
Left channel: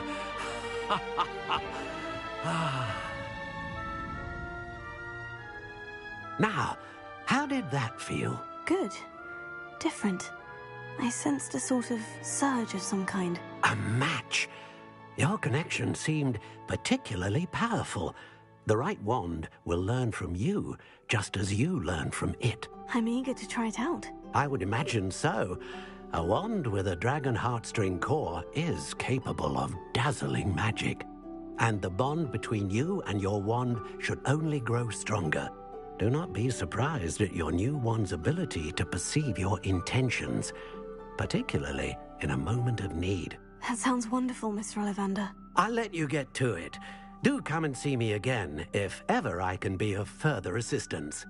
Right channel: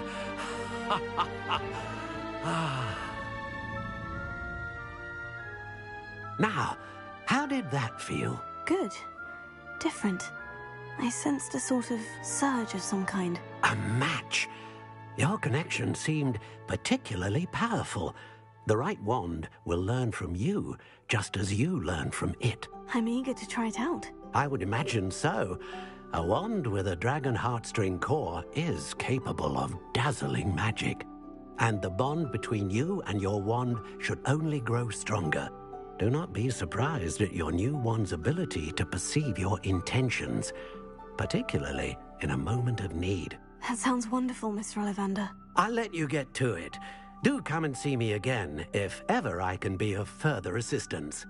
Now, how did that feel? Good. Different. I sensed a sort of surge of some kind. A match. Your connection seemed particularly powerful. The right wand will learn from you, just as you learn from it. I'm eager to try it out. I would imagine so. A wand with a dragon heartstring core is capable of dazzling magic. And the bond between you and your wand should only grow stronger. Do not be surprised at your new wand's ability to perceive your intentions, particularly in a moment of need. That sounds wonderful, Mr. Ollivander. I'll let you get to it. Do come and see me again if ever I can be of further assistance.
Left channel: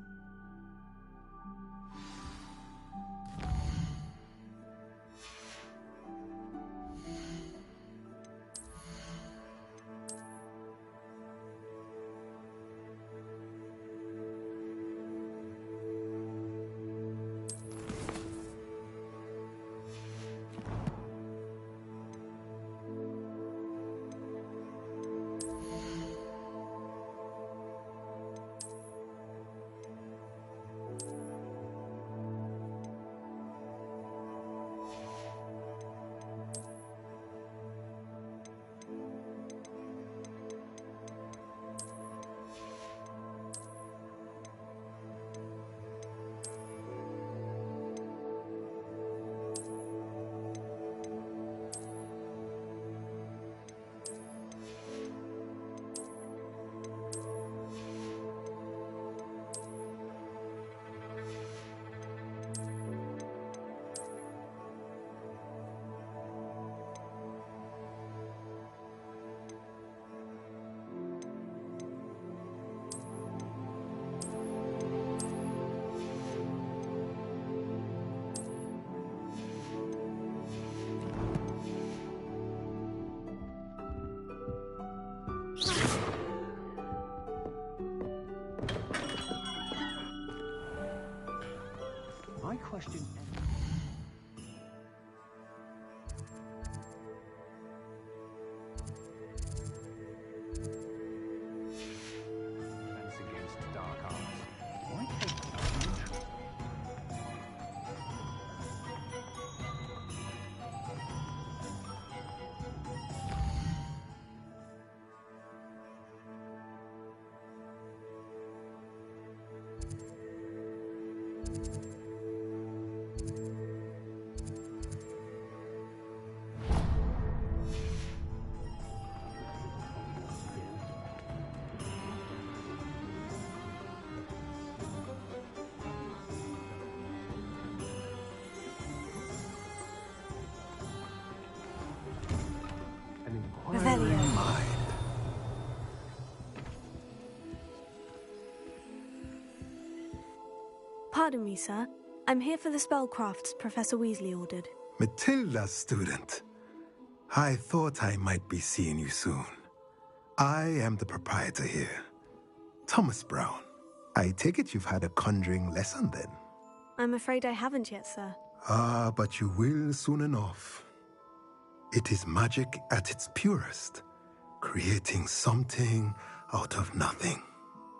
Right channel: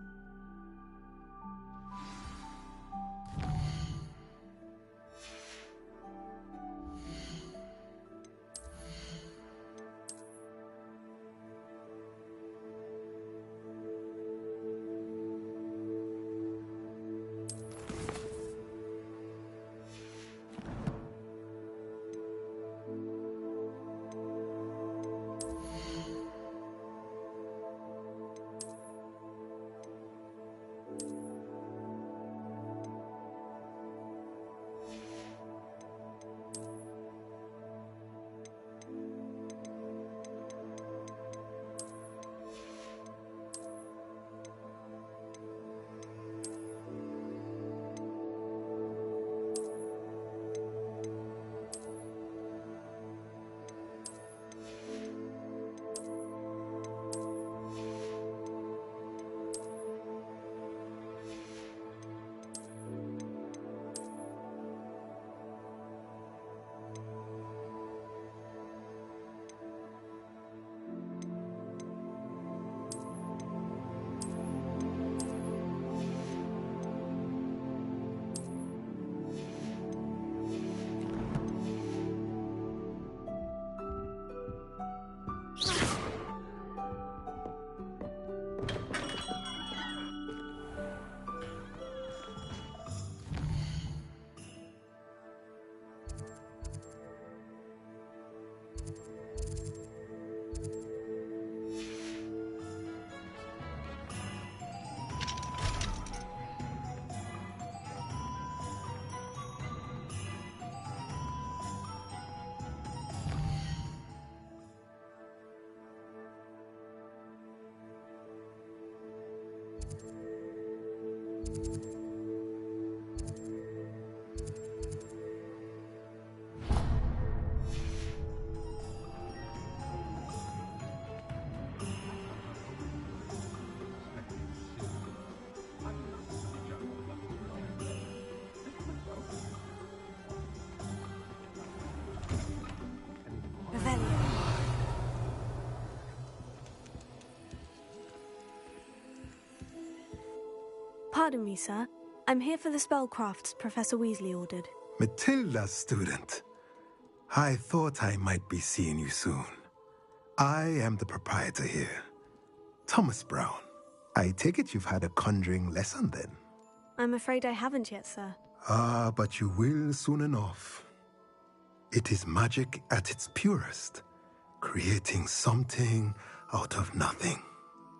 Pardon me, sir. I'm here for the spellcrafts Professor Weasley ordered. Matilda's student. I thought I might be seeing you soon. I am the proprietor here, Thomas Brown. I take it you've had a conjuring lesson then? I'm afraid I haven't yet, sir. Ah, but you will soon enough. It is magic at its purest, creating something out of nothing.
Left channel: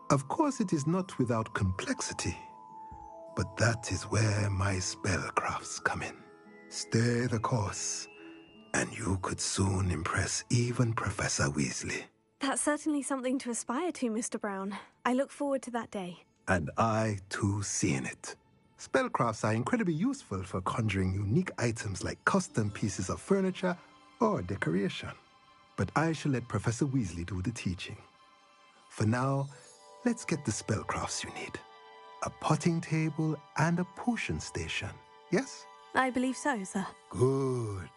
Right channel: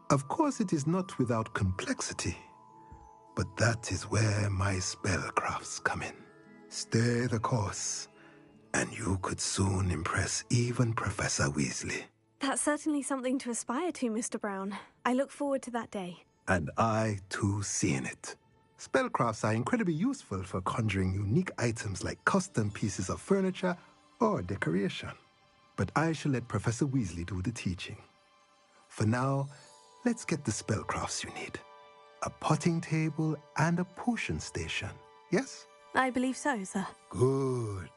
Of course, it is not without complexity, but that is where my spellcrafts come in. Stay the course, and you could soon impress even Professor Weasley. That's certainly something to aspire to, Mr. Brown. I look forward to that day. And I, too, seeing it. Spellcrafts are incredibly useful for conjuring unique items like custom pieces of furniture or decoration. But I shall let Professor Weasley do the teaching. For now, let's get the spellcrafts you need. A potting table and a potion station, yes? I believe so, sir. Good.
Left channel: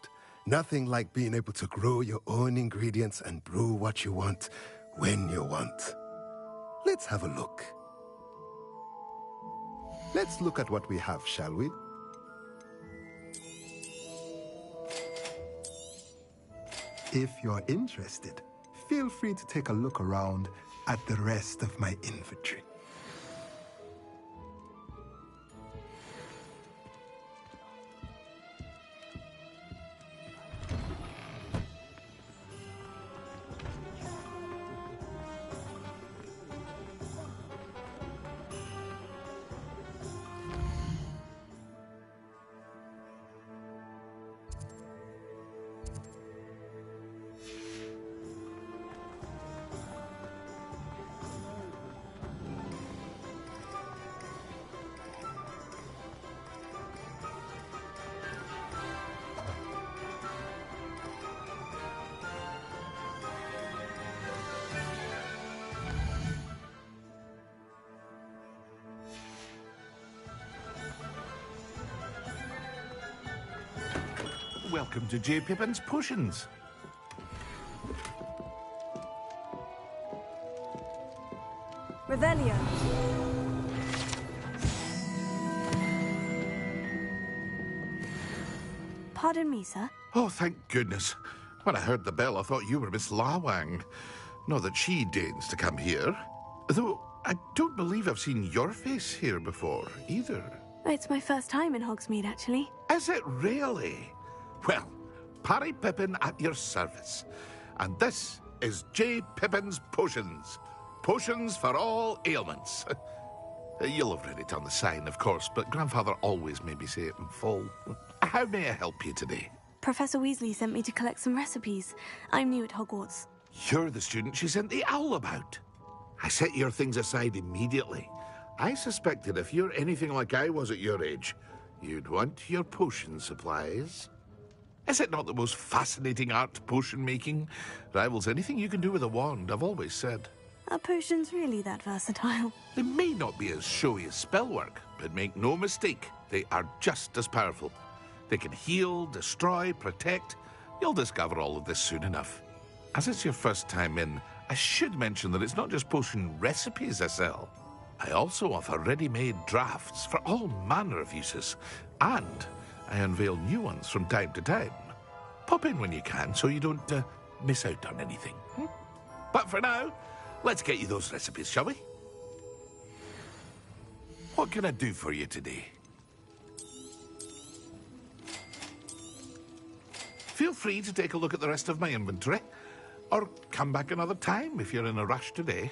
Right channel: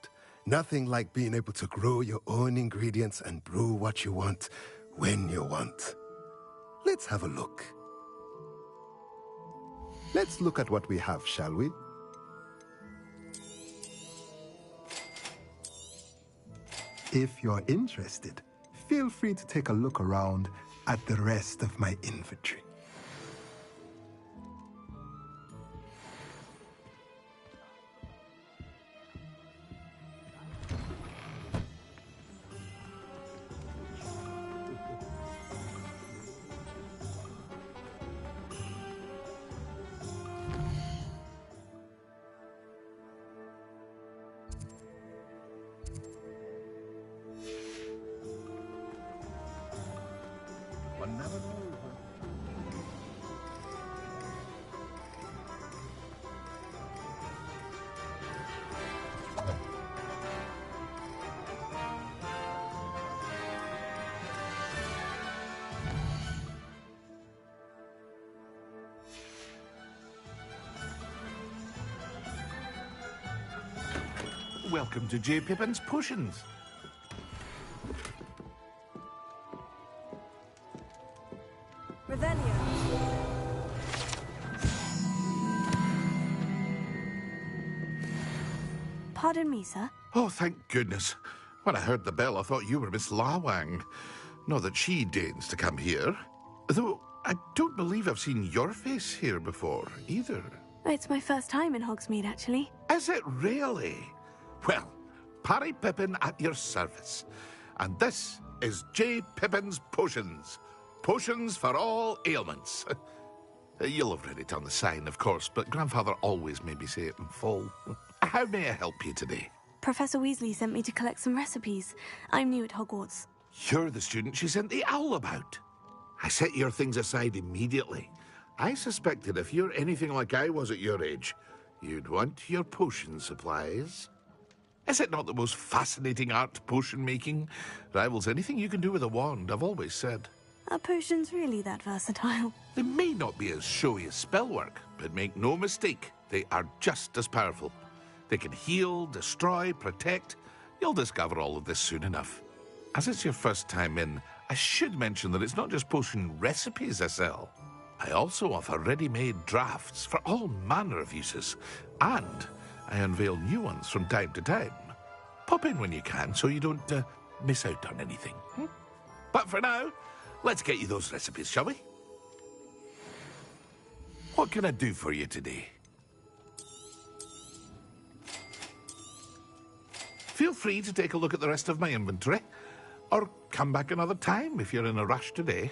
Nothing like being able to grow your own ingredients and brew what you want when you want. Let's have a look. Let's look at what we have, shall we? If you're interested, feel free to take a look around at the rest of my inventory. Welcome to J. Pippin's Potions. Revelio. Pardon me, sir. Oh, thank goodness. When I heard the bell, I thought you were Miss Lawang. Not that she deigns to come here. Though, I don't believe I've seen your face here before, either. It's my first time in Hogsmeade, actually. Is it really? Well, Parry Pippin at your service. And this is J. Pippin's Potions. Potions for all ailments. You'll have read it on the sign, of course, but Grandfather always made me say it in full. How may I help you today? Professor Weasley sent me to collect some recipes. I'm new at Hogwarts. You're the student she sent the owl about. I set your things aside immediately. I suspected if you're anything like I was at your age, you'd want your potion supplies. Is it not the most fascinating art, potion making? Rivals anything you can do with a wand, I've always said. Are potions really that versatile? They may not be as showy as spellwork, but make no mistake, they are just as powerful. They can heal, destroy, protect. You'll discover all of this soon enough. As it's your first time in, I should mention that it's not just potion recipes I sell. I also offer ready-made drafts for all manner of uses, and I unveil new ones from time to time. Pop in when you can so you don't miss out on anything. But for now, let's get you those recipes, shall we? What can I do for you today? Feel free to take a look at the rest of my inventory, or come back another time if you're in a rush today.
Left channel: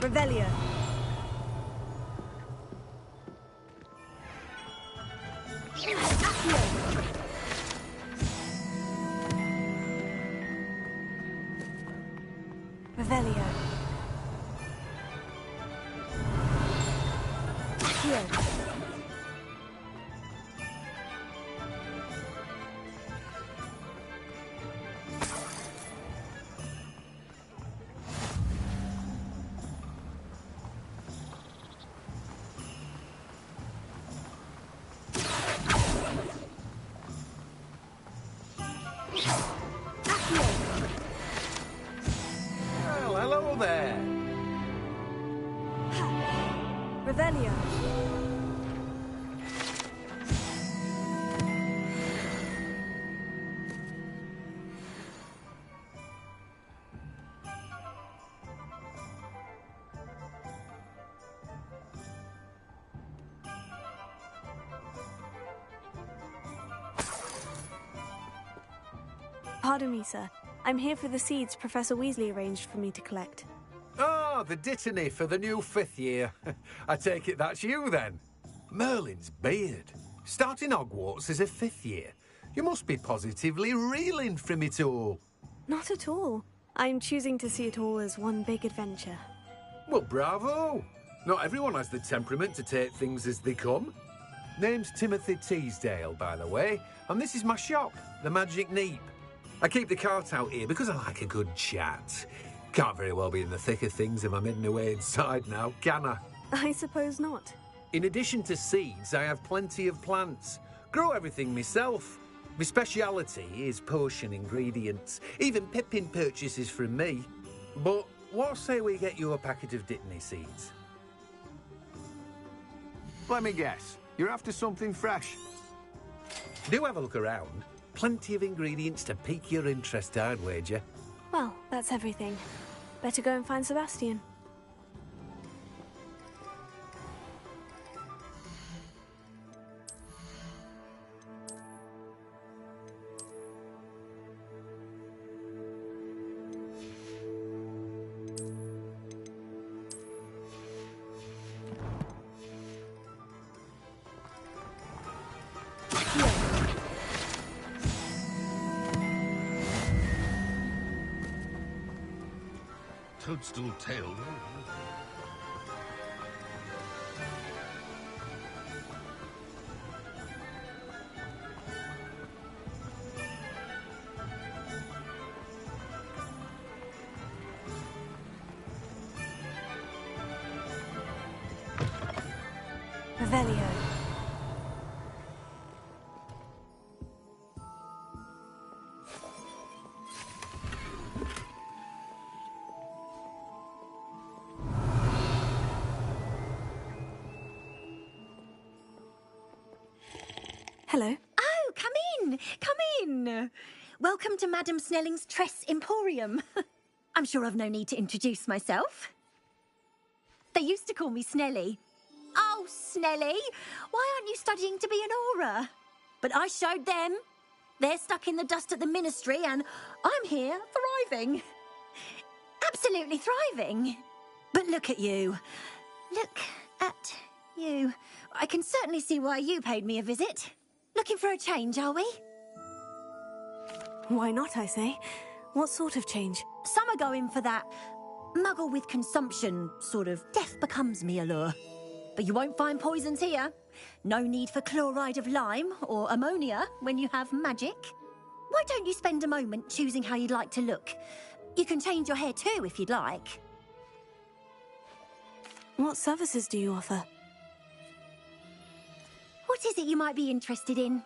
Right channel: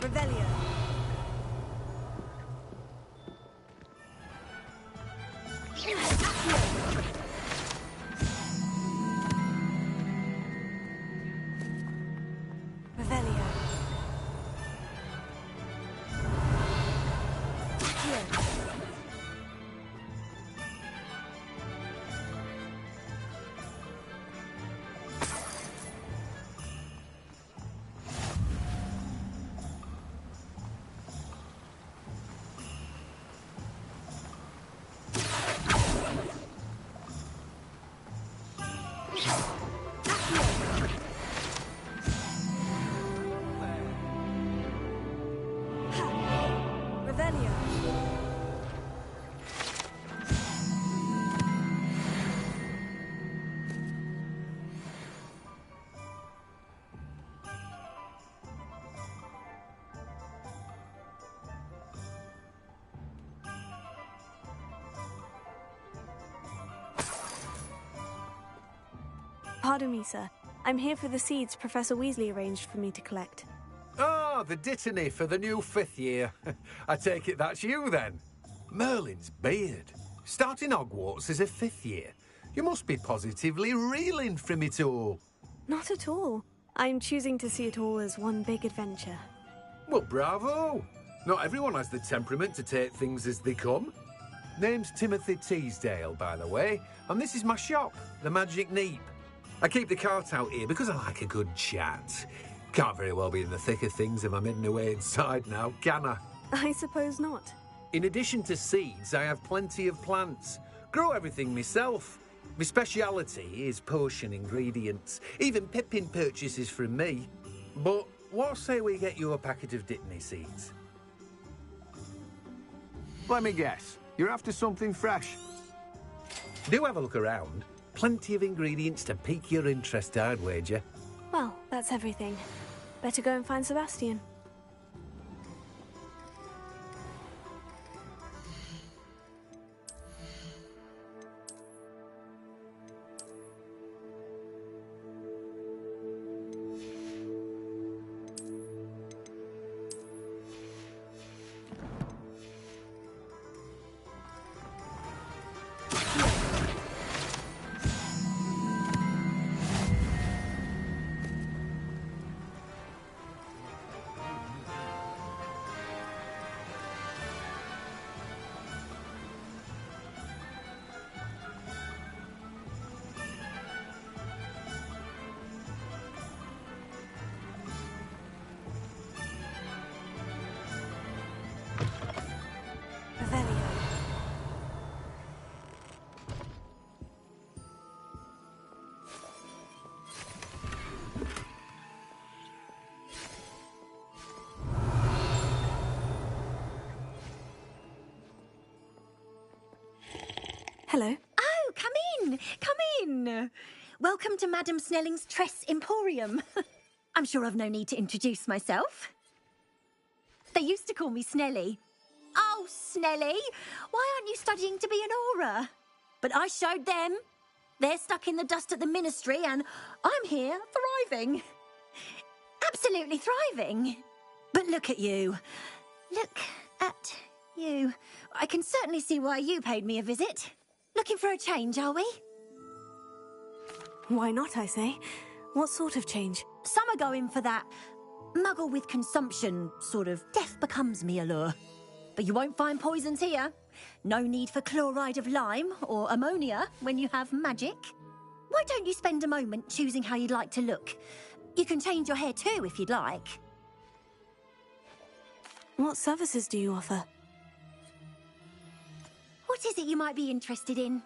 Revelio. Revelio. Hello there. Revelio. Pardon me, sir. I'm here for the seeds Professor Weasley arranged for me to collect. Ah, the dittany for the new 5th year. I take it that's you, then. Merlin's beard. Starting Hogwarts as a 5th year. You must be positively reeling from it all. Not at all. I'm choosing to see it all as one big adventure. Well, bravo! Not everyone has the temperament to take things as they come. Name's Timothy Teasdale, by the way, and this is my shop, the Magic Neep. I keep the cart out here because I like a good chat. Can't very well be in the thick of things if I'm hidden away inside now, can I? I suppose not. In addition to seeds, I have plenty of plants. Grow everything myself. My speciality is potion ingredients. Even Pippin purchases from me. But what say we get you a packet of Dittany seeds? Let me guess. You're after something fresh. Do have a look around. Plenty of ingredients to pique your interest, I'd wager. Well, that's everything. Better go and find Sebastian. Toadstool tail. Revelio. Hello. Oh, come in! Come in! Welcome to Madame Snelling's Tress Emporium. I'm sure I've no need to introduce myself. They used to call me Snelly. Oh, Snelly, why aren't you studying to be an aura? But I showed them. They're stuck in the dust at the Ministry, and I'm here, thriving. Absolutely thriving. But look at you. Look at you. I can certainly see why you paid me a visit. Looking for a change, are we? Why not, I say? What sort of change? Some are going for that muggle with consumption, sort of death becomes me allure. But you won't find poisons here. No need for chloride of lime or ammonia when you have magic. Why don't you spend a moment choosing how you'd like to look? You can change your hair too if you'd like. What services do you offer? What is it you might be interested in?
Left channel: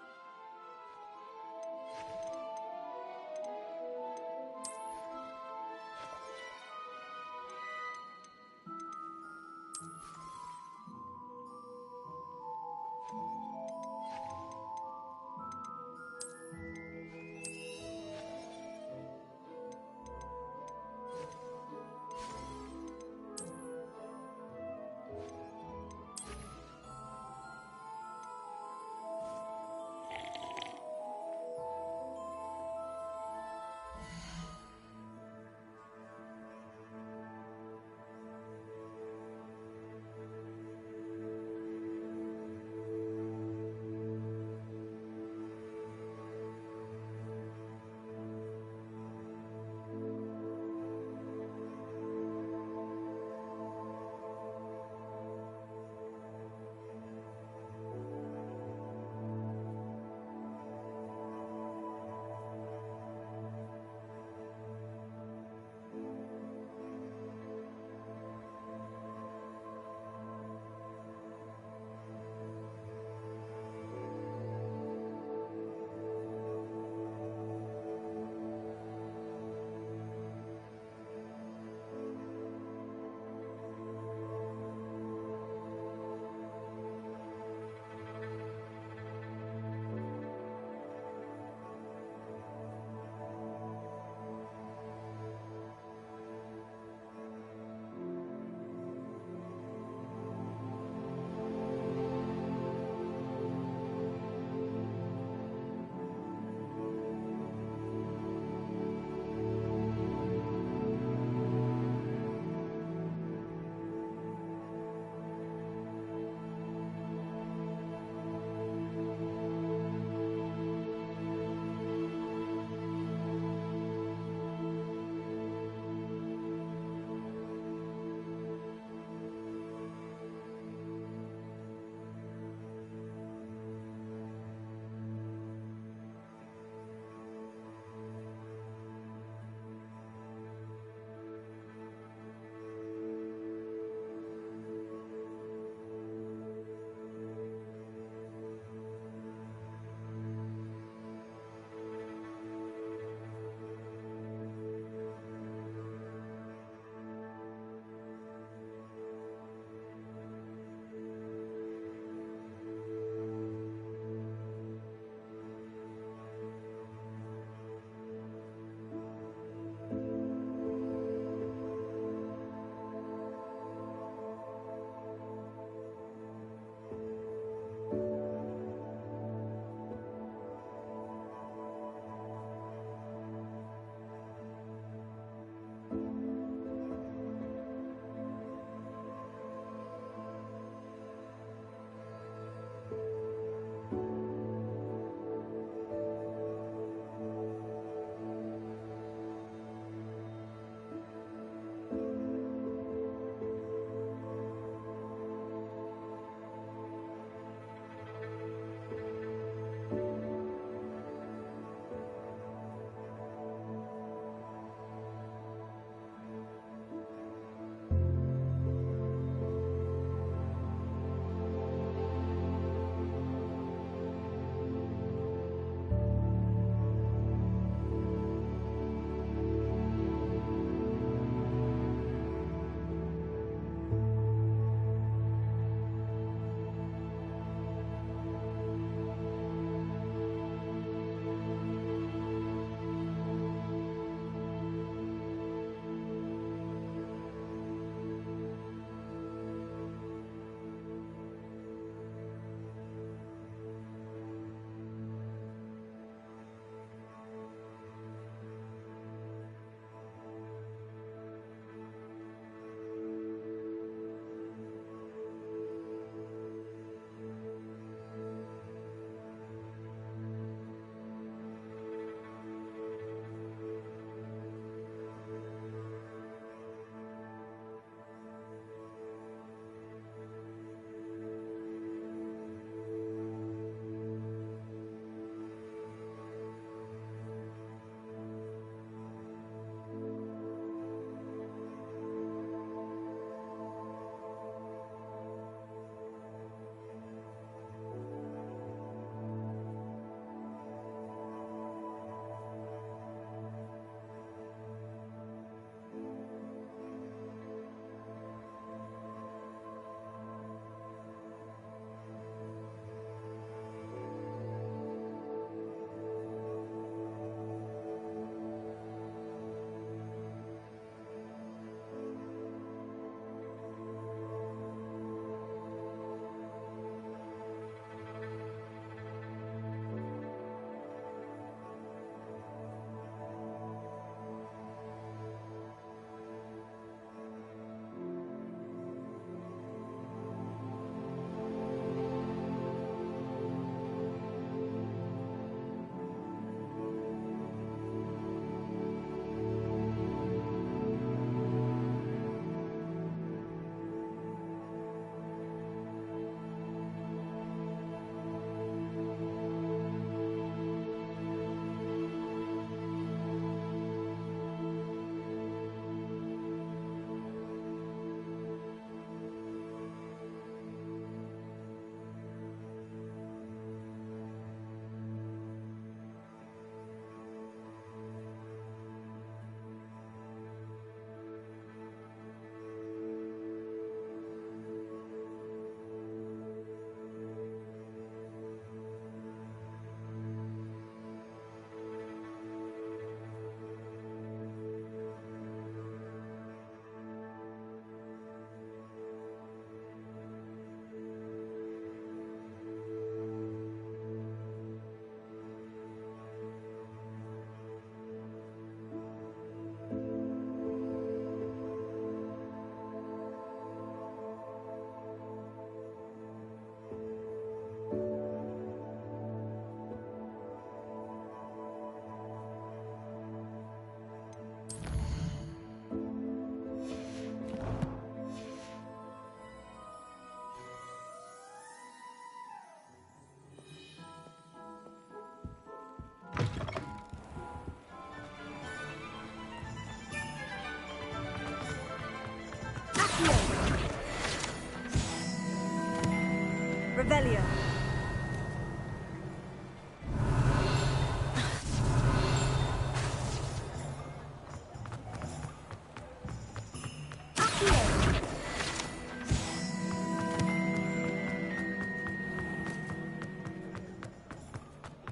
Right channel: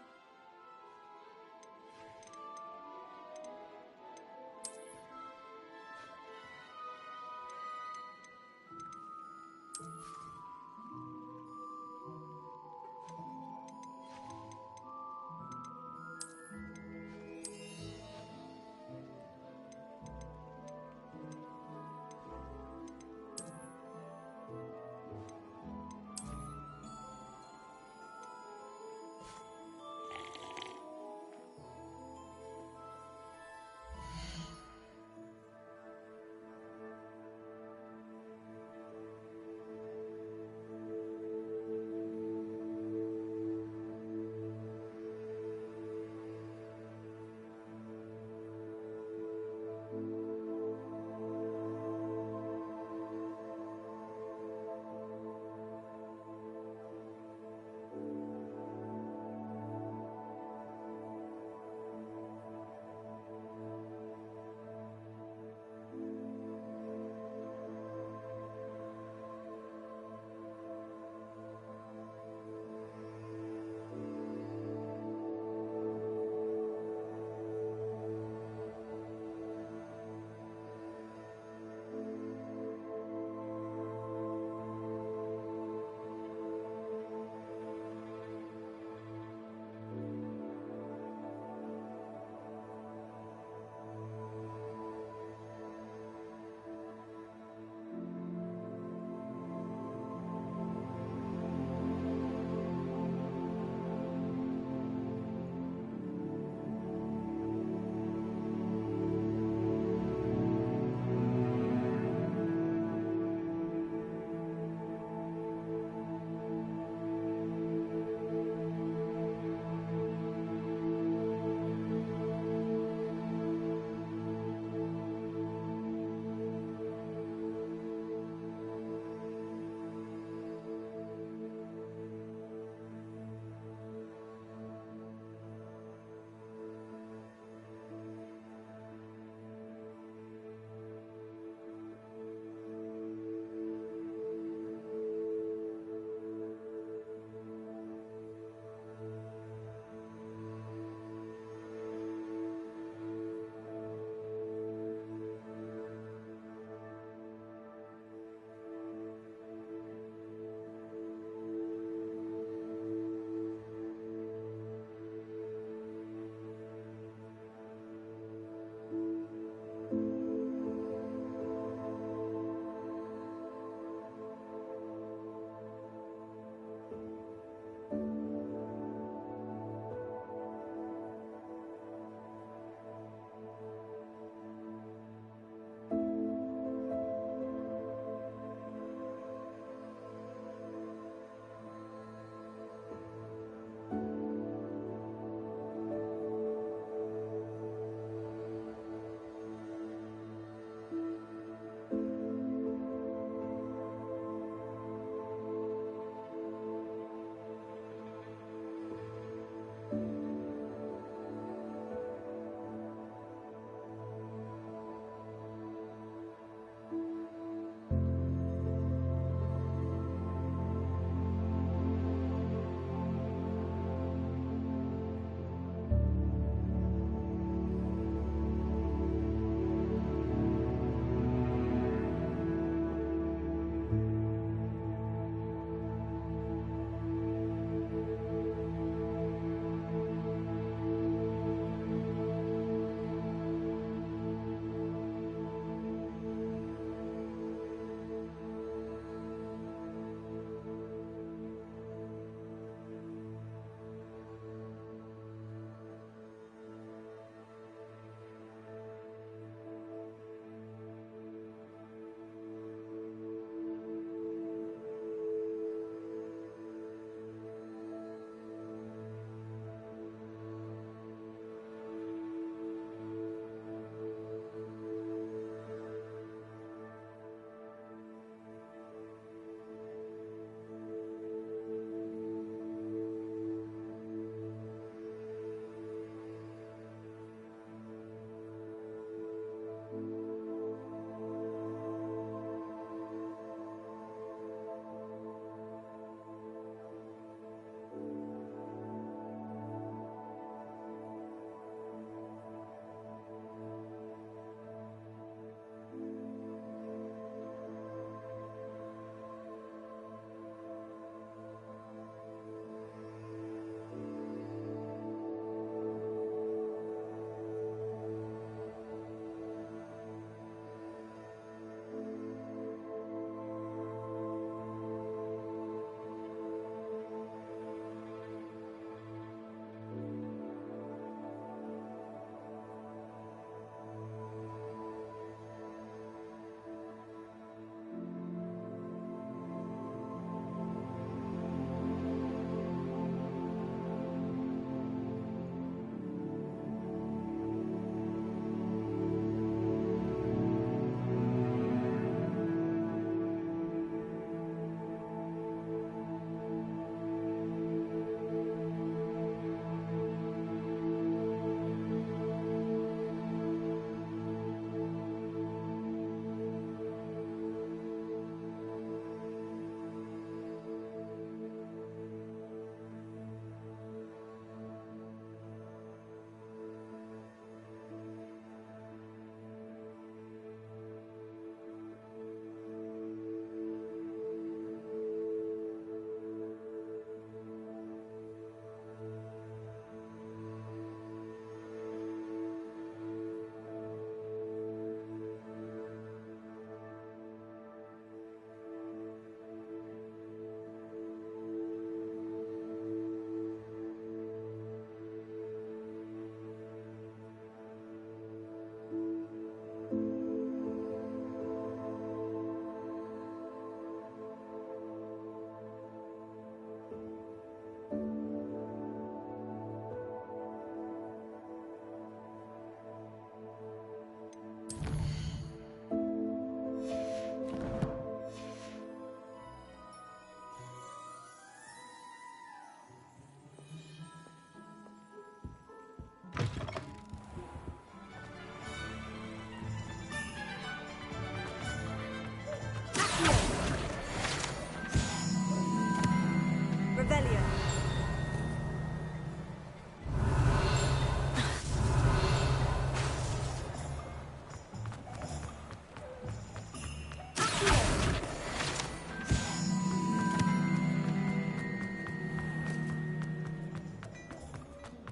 Revelio.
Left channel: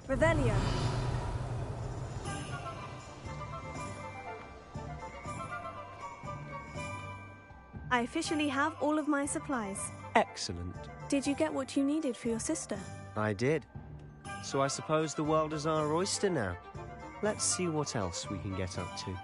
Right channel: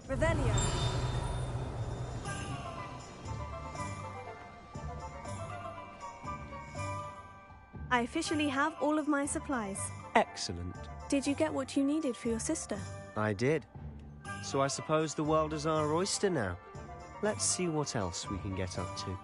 Revelio. I officially have all of my supplies. Excellent. Did you get what you needed for your sister? I did. So I suppose the world is our oyster now. Let's see what else we can get up to.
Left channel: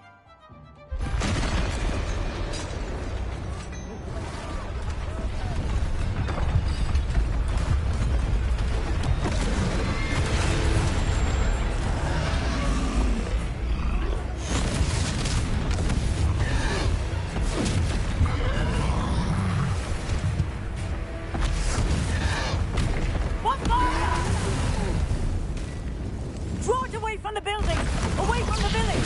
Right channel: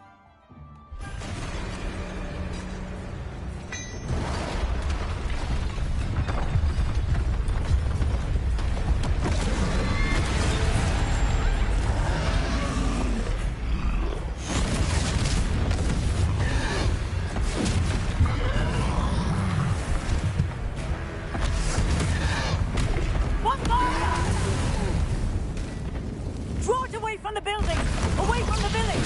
Draw it away from the building! Away from the village!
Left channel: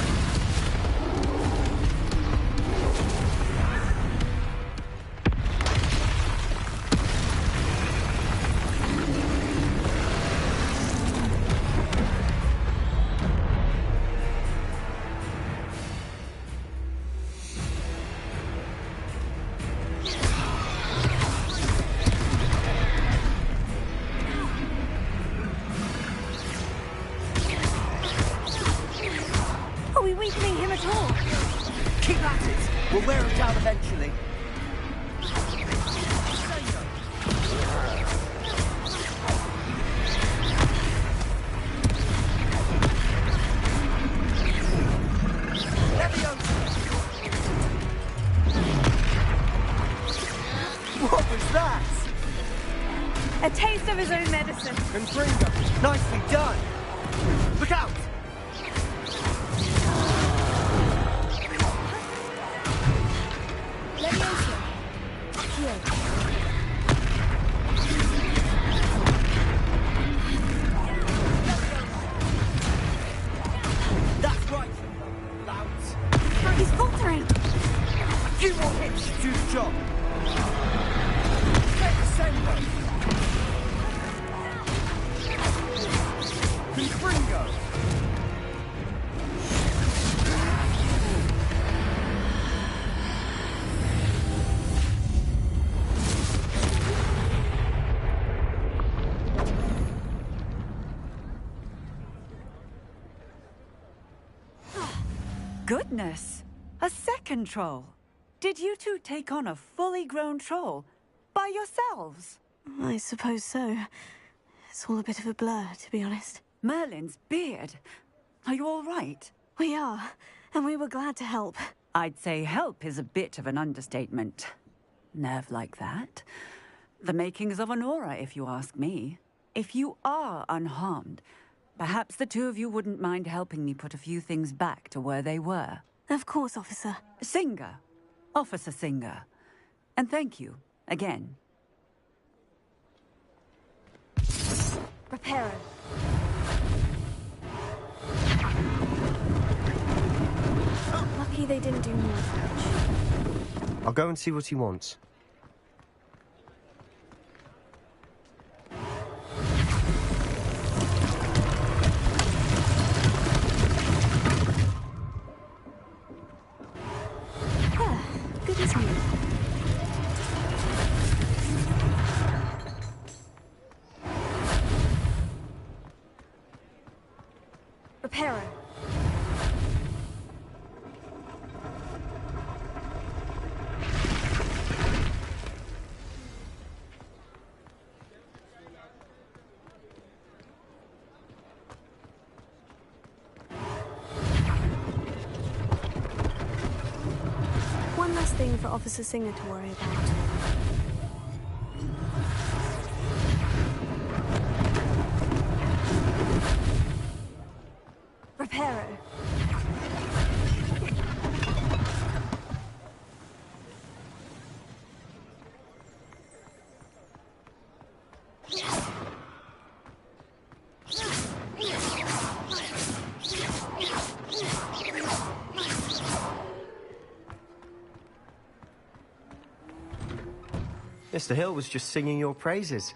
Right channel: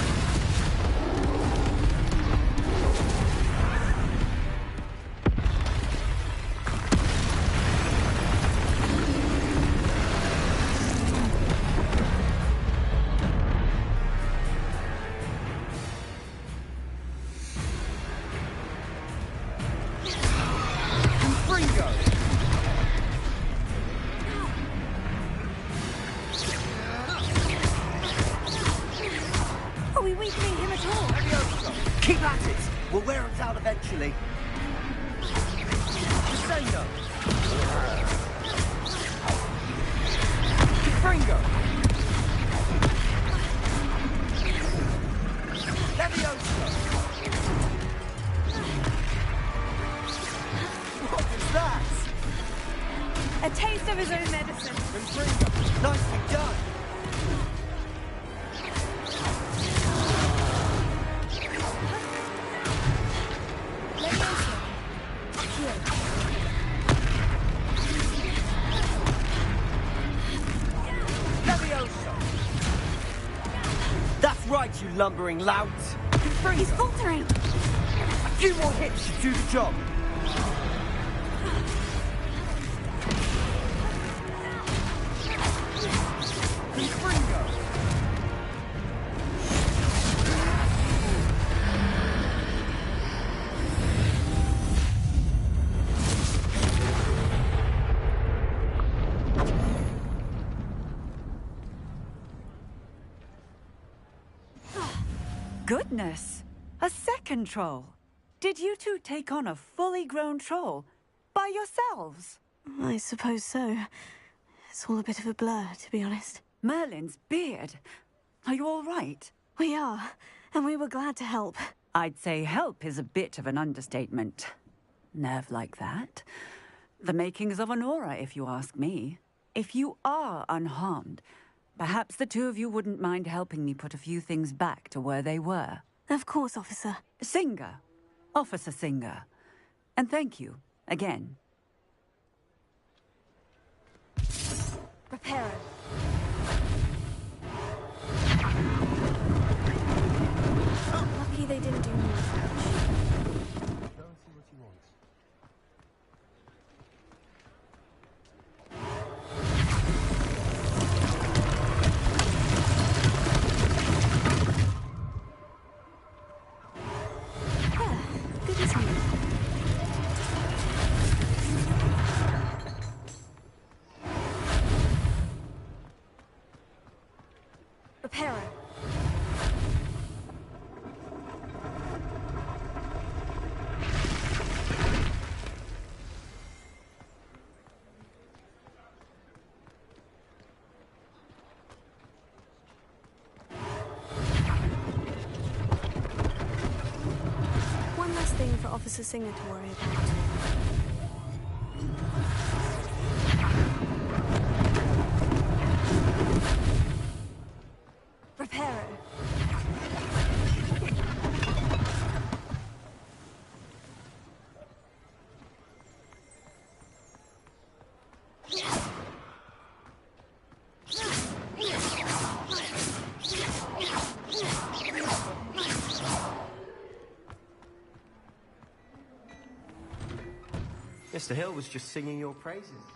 Are we weakening him at all? Keep at it! We'll wear him down eventually. Sango! Fringo! Leviosa! What was that? A taste of his own medicine. Confringo! Nicely done! Look out! Leviosa. Here. That's right, you lumbering lout! He's faltering. A few more hits should do the job! Confringo! Goodness! A second troll! Did you two take on a fully grown troll? By yourselves? I suppose so. It's all a bit of a blur, to be honest. Merlin's beard. Are you all right? We are, and we were glad to help. I'd say help is a bit of an understatement. Nerve like that. The makings of an aura, if you ask me. If you are unharmed, perhaps the two of you wouldn't mind helping me put a few things back to where they were. Of course, officer. Singer. Officer Singer. And thank you, again. Reparo. Lucky they didn't do more damage. I'll go and see what he wants. Good as new. Reparo. One less thing for Officer Singer to worry about. Reparo. Mr. Hill was just singing your praises.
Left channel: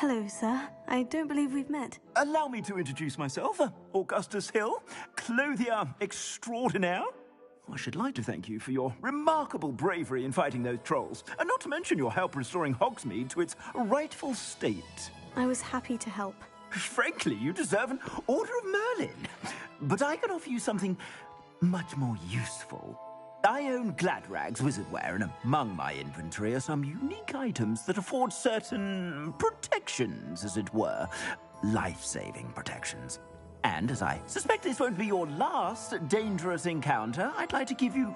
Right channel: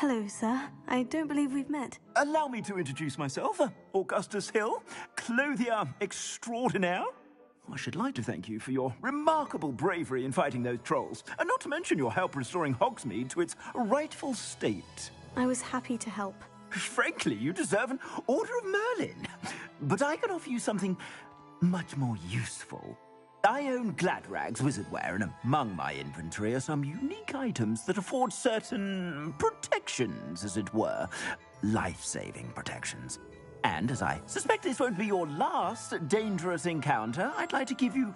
Hello, sir. I don't believe we've met. Allow me to introduce myself. Augustus Hill, clothier extraordinaire. I should like to thank you for your remarkable bravery in fighting those trolls, and not to mention your help restoring Hogsmeade to its rightful state. I was happy to help. Frankly, you deserve an Order of Merlin. But I can offer you something much more useful. I own Gladrag's wizardware, and among my inventory are some unique items that afford certain protections, as it were. Life-saving protections. And as I suspect this won't be your last dangerous encounter, I'd like to give you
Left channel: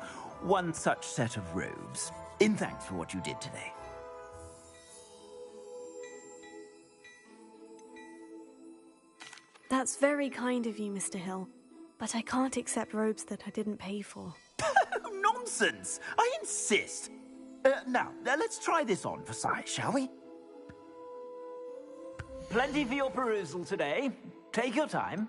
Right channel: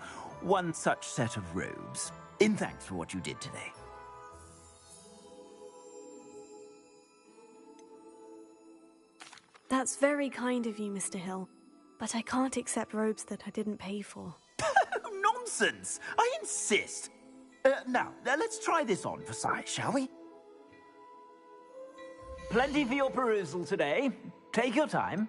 one such set of robes, in thanks for what you did today. That's very kind of you, Mr. Hill. But I can't accept robes that I didn't pay for. Nonsense! I insist! Now, let's try this on for size, shall we? Plenty for your perusal today. Take your time.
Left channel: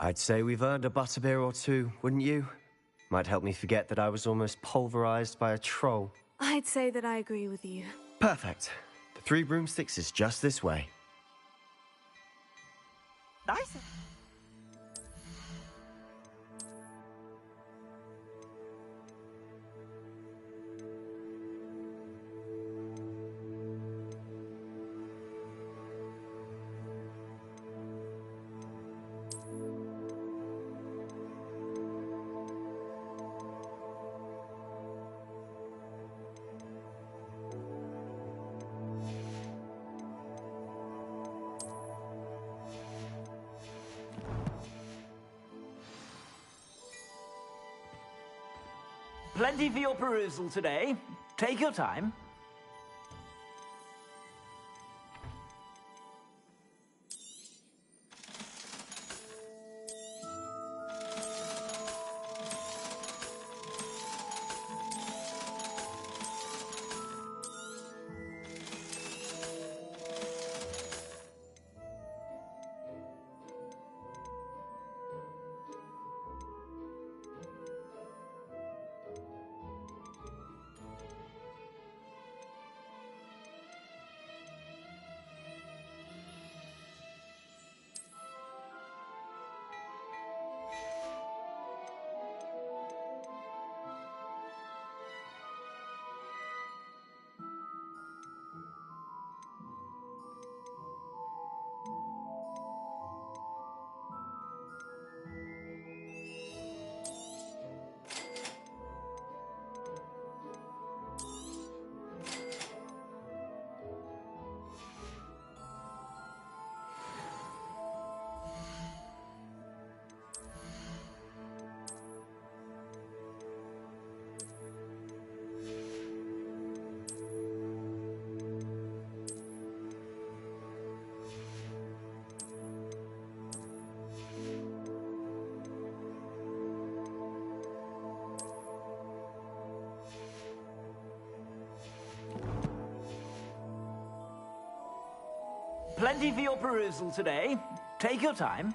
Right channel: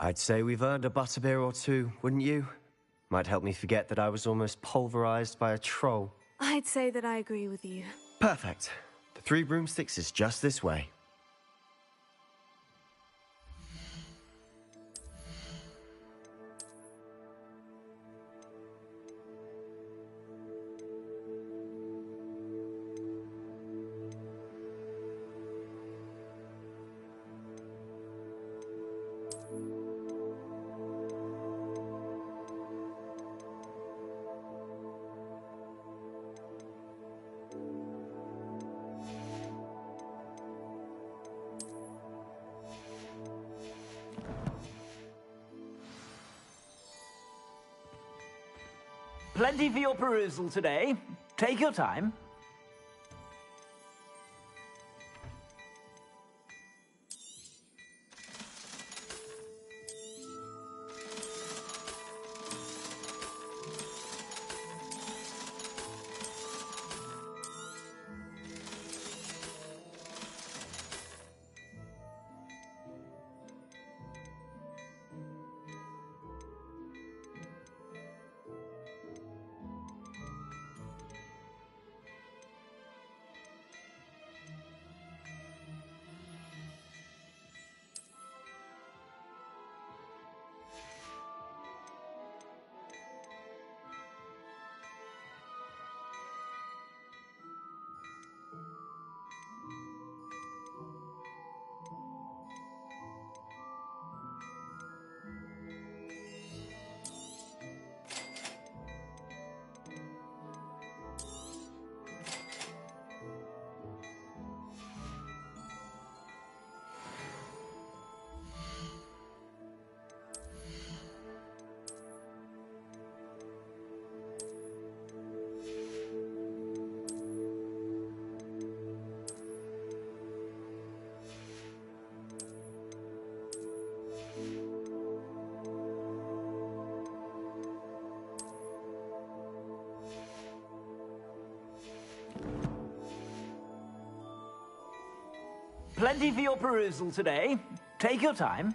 I'd say we've earned a butterbeer or two, wouldn't you? Might help me forget that I was almost pulverized by a troll. I'd say that I agree with you. Perfect. The 3 broomsticks is just this way. Nice. Plenty for your perusal today. Take your time. Plenty for your perusal today. Take your time.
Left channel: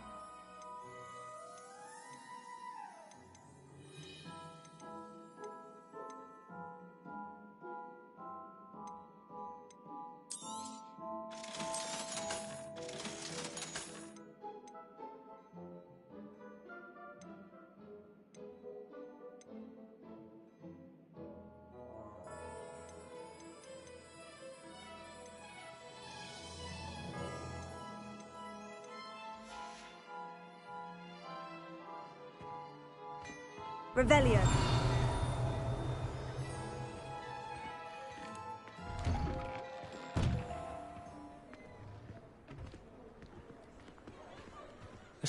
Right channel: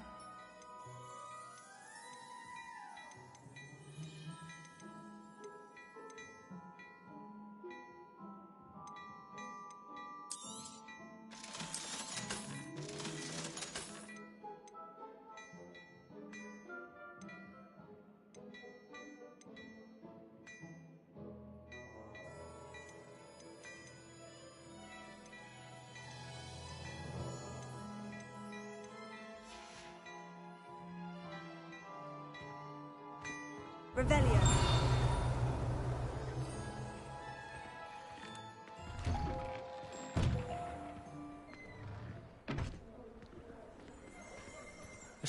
Revelio.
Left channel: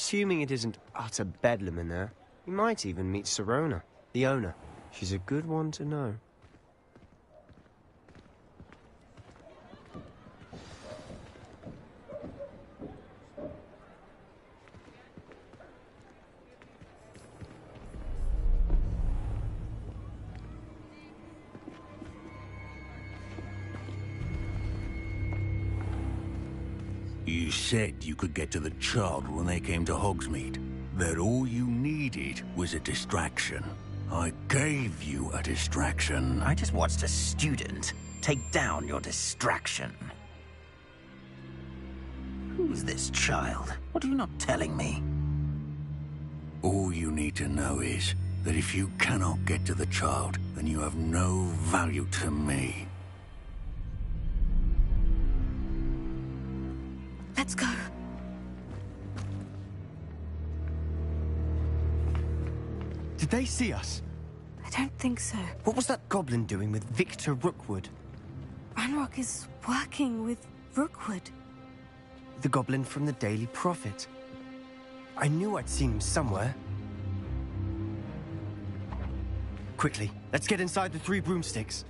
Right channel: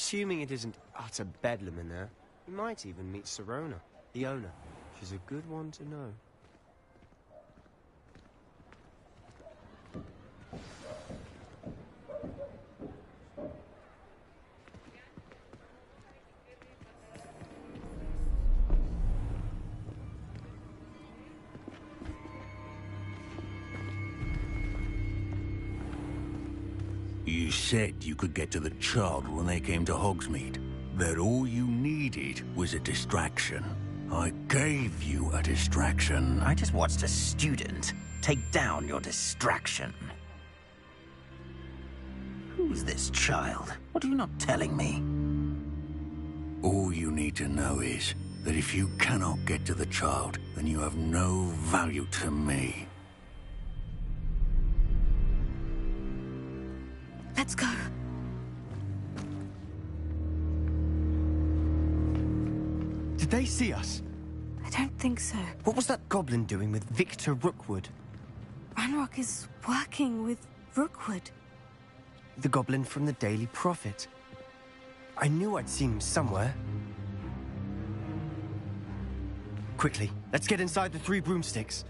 Assuming it isn't utter bedlam in there, you might even meet Sirona, the owner. She's a good one to know. You said you could get to the child when they came to Hogsmeade. That all you needed was a distraction. I gave you a distraction. I just watched a student take down your distraction. Who's this child? What are you not telling me? All you need to know is that if you cannot get to the child, then you have no value to me. Let's go. Did they see us? I don't think so. What was that goblin doing with Victor Rookwood? Ranrock is working with Rookwood. The goblin from the Daily Prophet. I knew I'd seen him somewhere. Quickly, let's get inside the 3 broomsticks.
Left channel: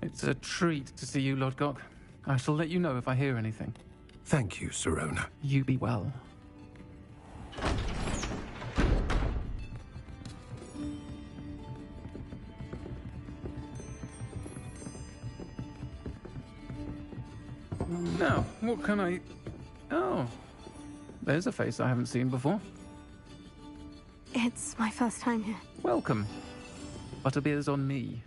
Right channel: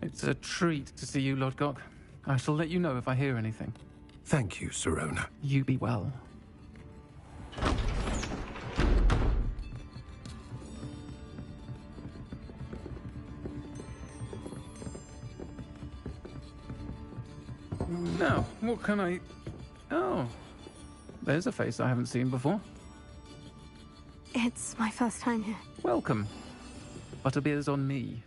It's a treat to see you, Lodgok. I shall let you know if I hear anything. Thank you, Sirona. You be well. Now, what can I... Oh, there's a face I haven't seen before. It's my first time here. Welcome. Butterbeer's on me.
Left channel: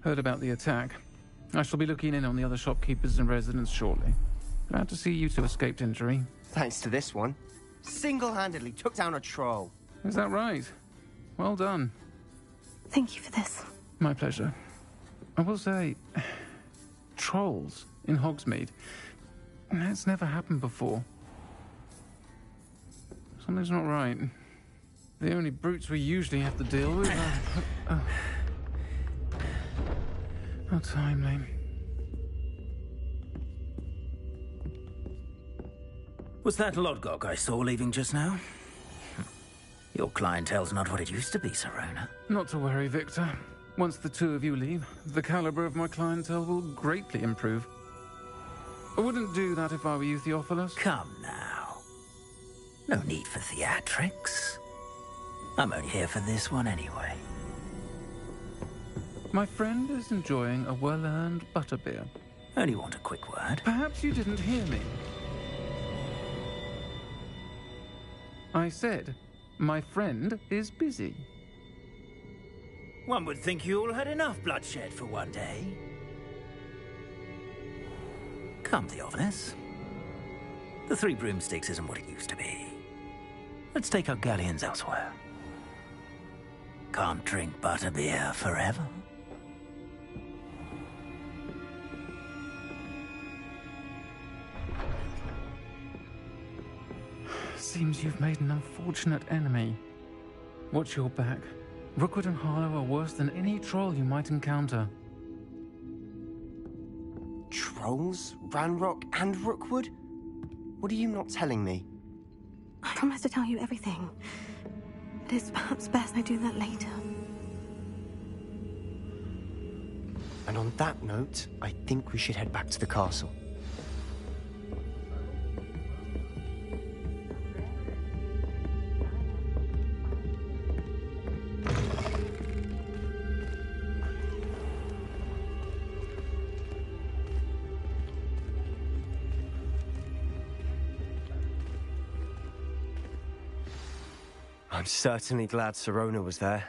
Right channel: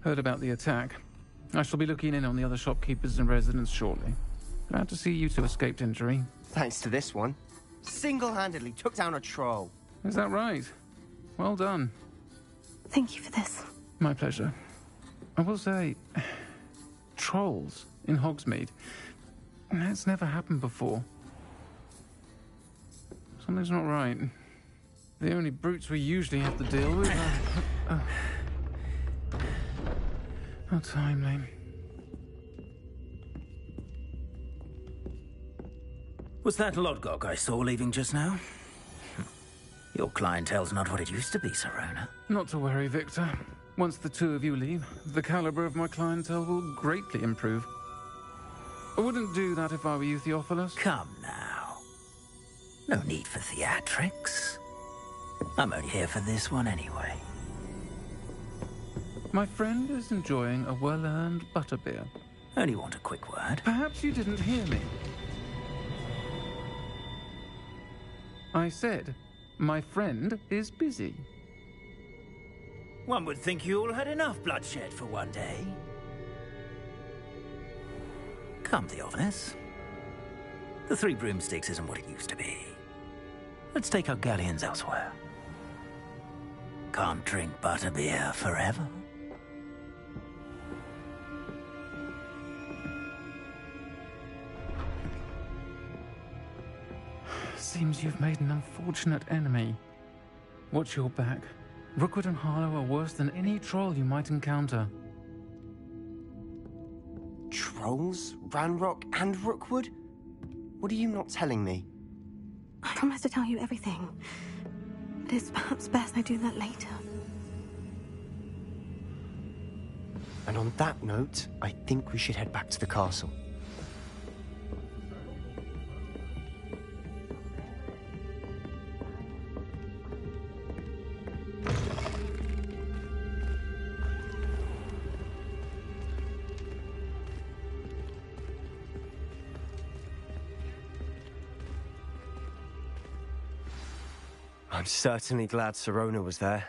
Heard about the attack. I shall be looking in on the other shopkeepers and residents shortly. Glad to see you two escaped injury. Thanks to this one. Single-handedly took down a troll. Is that right? Well done. Thank you for this. My pleasure. I will say, trolls in Hogsmeade. That's never happened before. Something's not right. The only brutes we usually have to deal with are... How timely. Was that Lodgok I saw leaving just now? Your clientele's not what it used to be, Sirona. Not to worry, Victor. Once the two of you leave, the caliber of my clientele will greatly improve. I wouldn't do that if I were you, Theophilus. Come now. No need for theatrics. I'm only here for this one anyway. My friend is enjoying a well-earned butterbeer. Only want a quick word. Perhaps you didn't hear me. I said, my friend is busy. One would think you all had enough bloodshed for one day. Come, Theophilus. The 3 broomsticks isn't what it used to be. Let's take our galleons elsewhere. Can't drink butterbeer forever. Seems you've made an unfortunate enemy. Watch your back. Rookwood and Harlow are worse than any troll you might encounter. Trolls? Ranrock and Rookwood? What are you not telling me? I promise to tell you everything. But it's perhaps best I do that later. And on that note, I think we should head back to the castle. I'm certainly glad Sirona was there.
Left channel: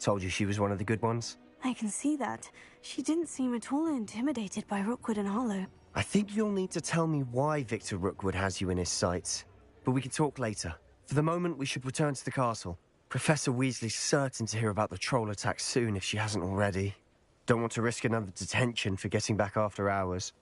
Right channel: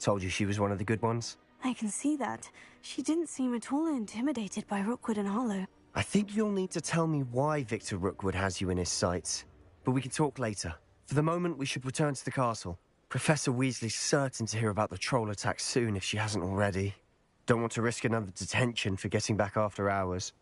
Told you she was one of the good ones. I can see that. She didn't seem at all intimidated by Rookwood and Harlow. I think you'll need to tell me why Victor Rookwood has you in his sights. But we can talk later. For the moment, we should return to the castle. Professor Weasley's certain to hear about the troll attack soon if she hasn't already. Don't want to risk another detention for getting back after hours.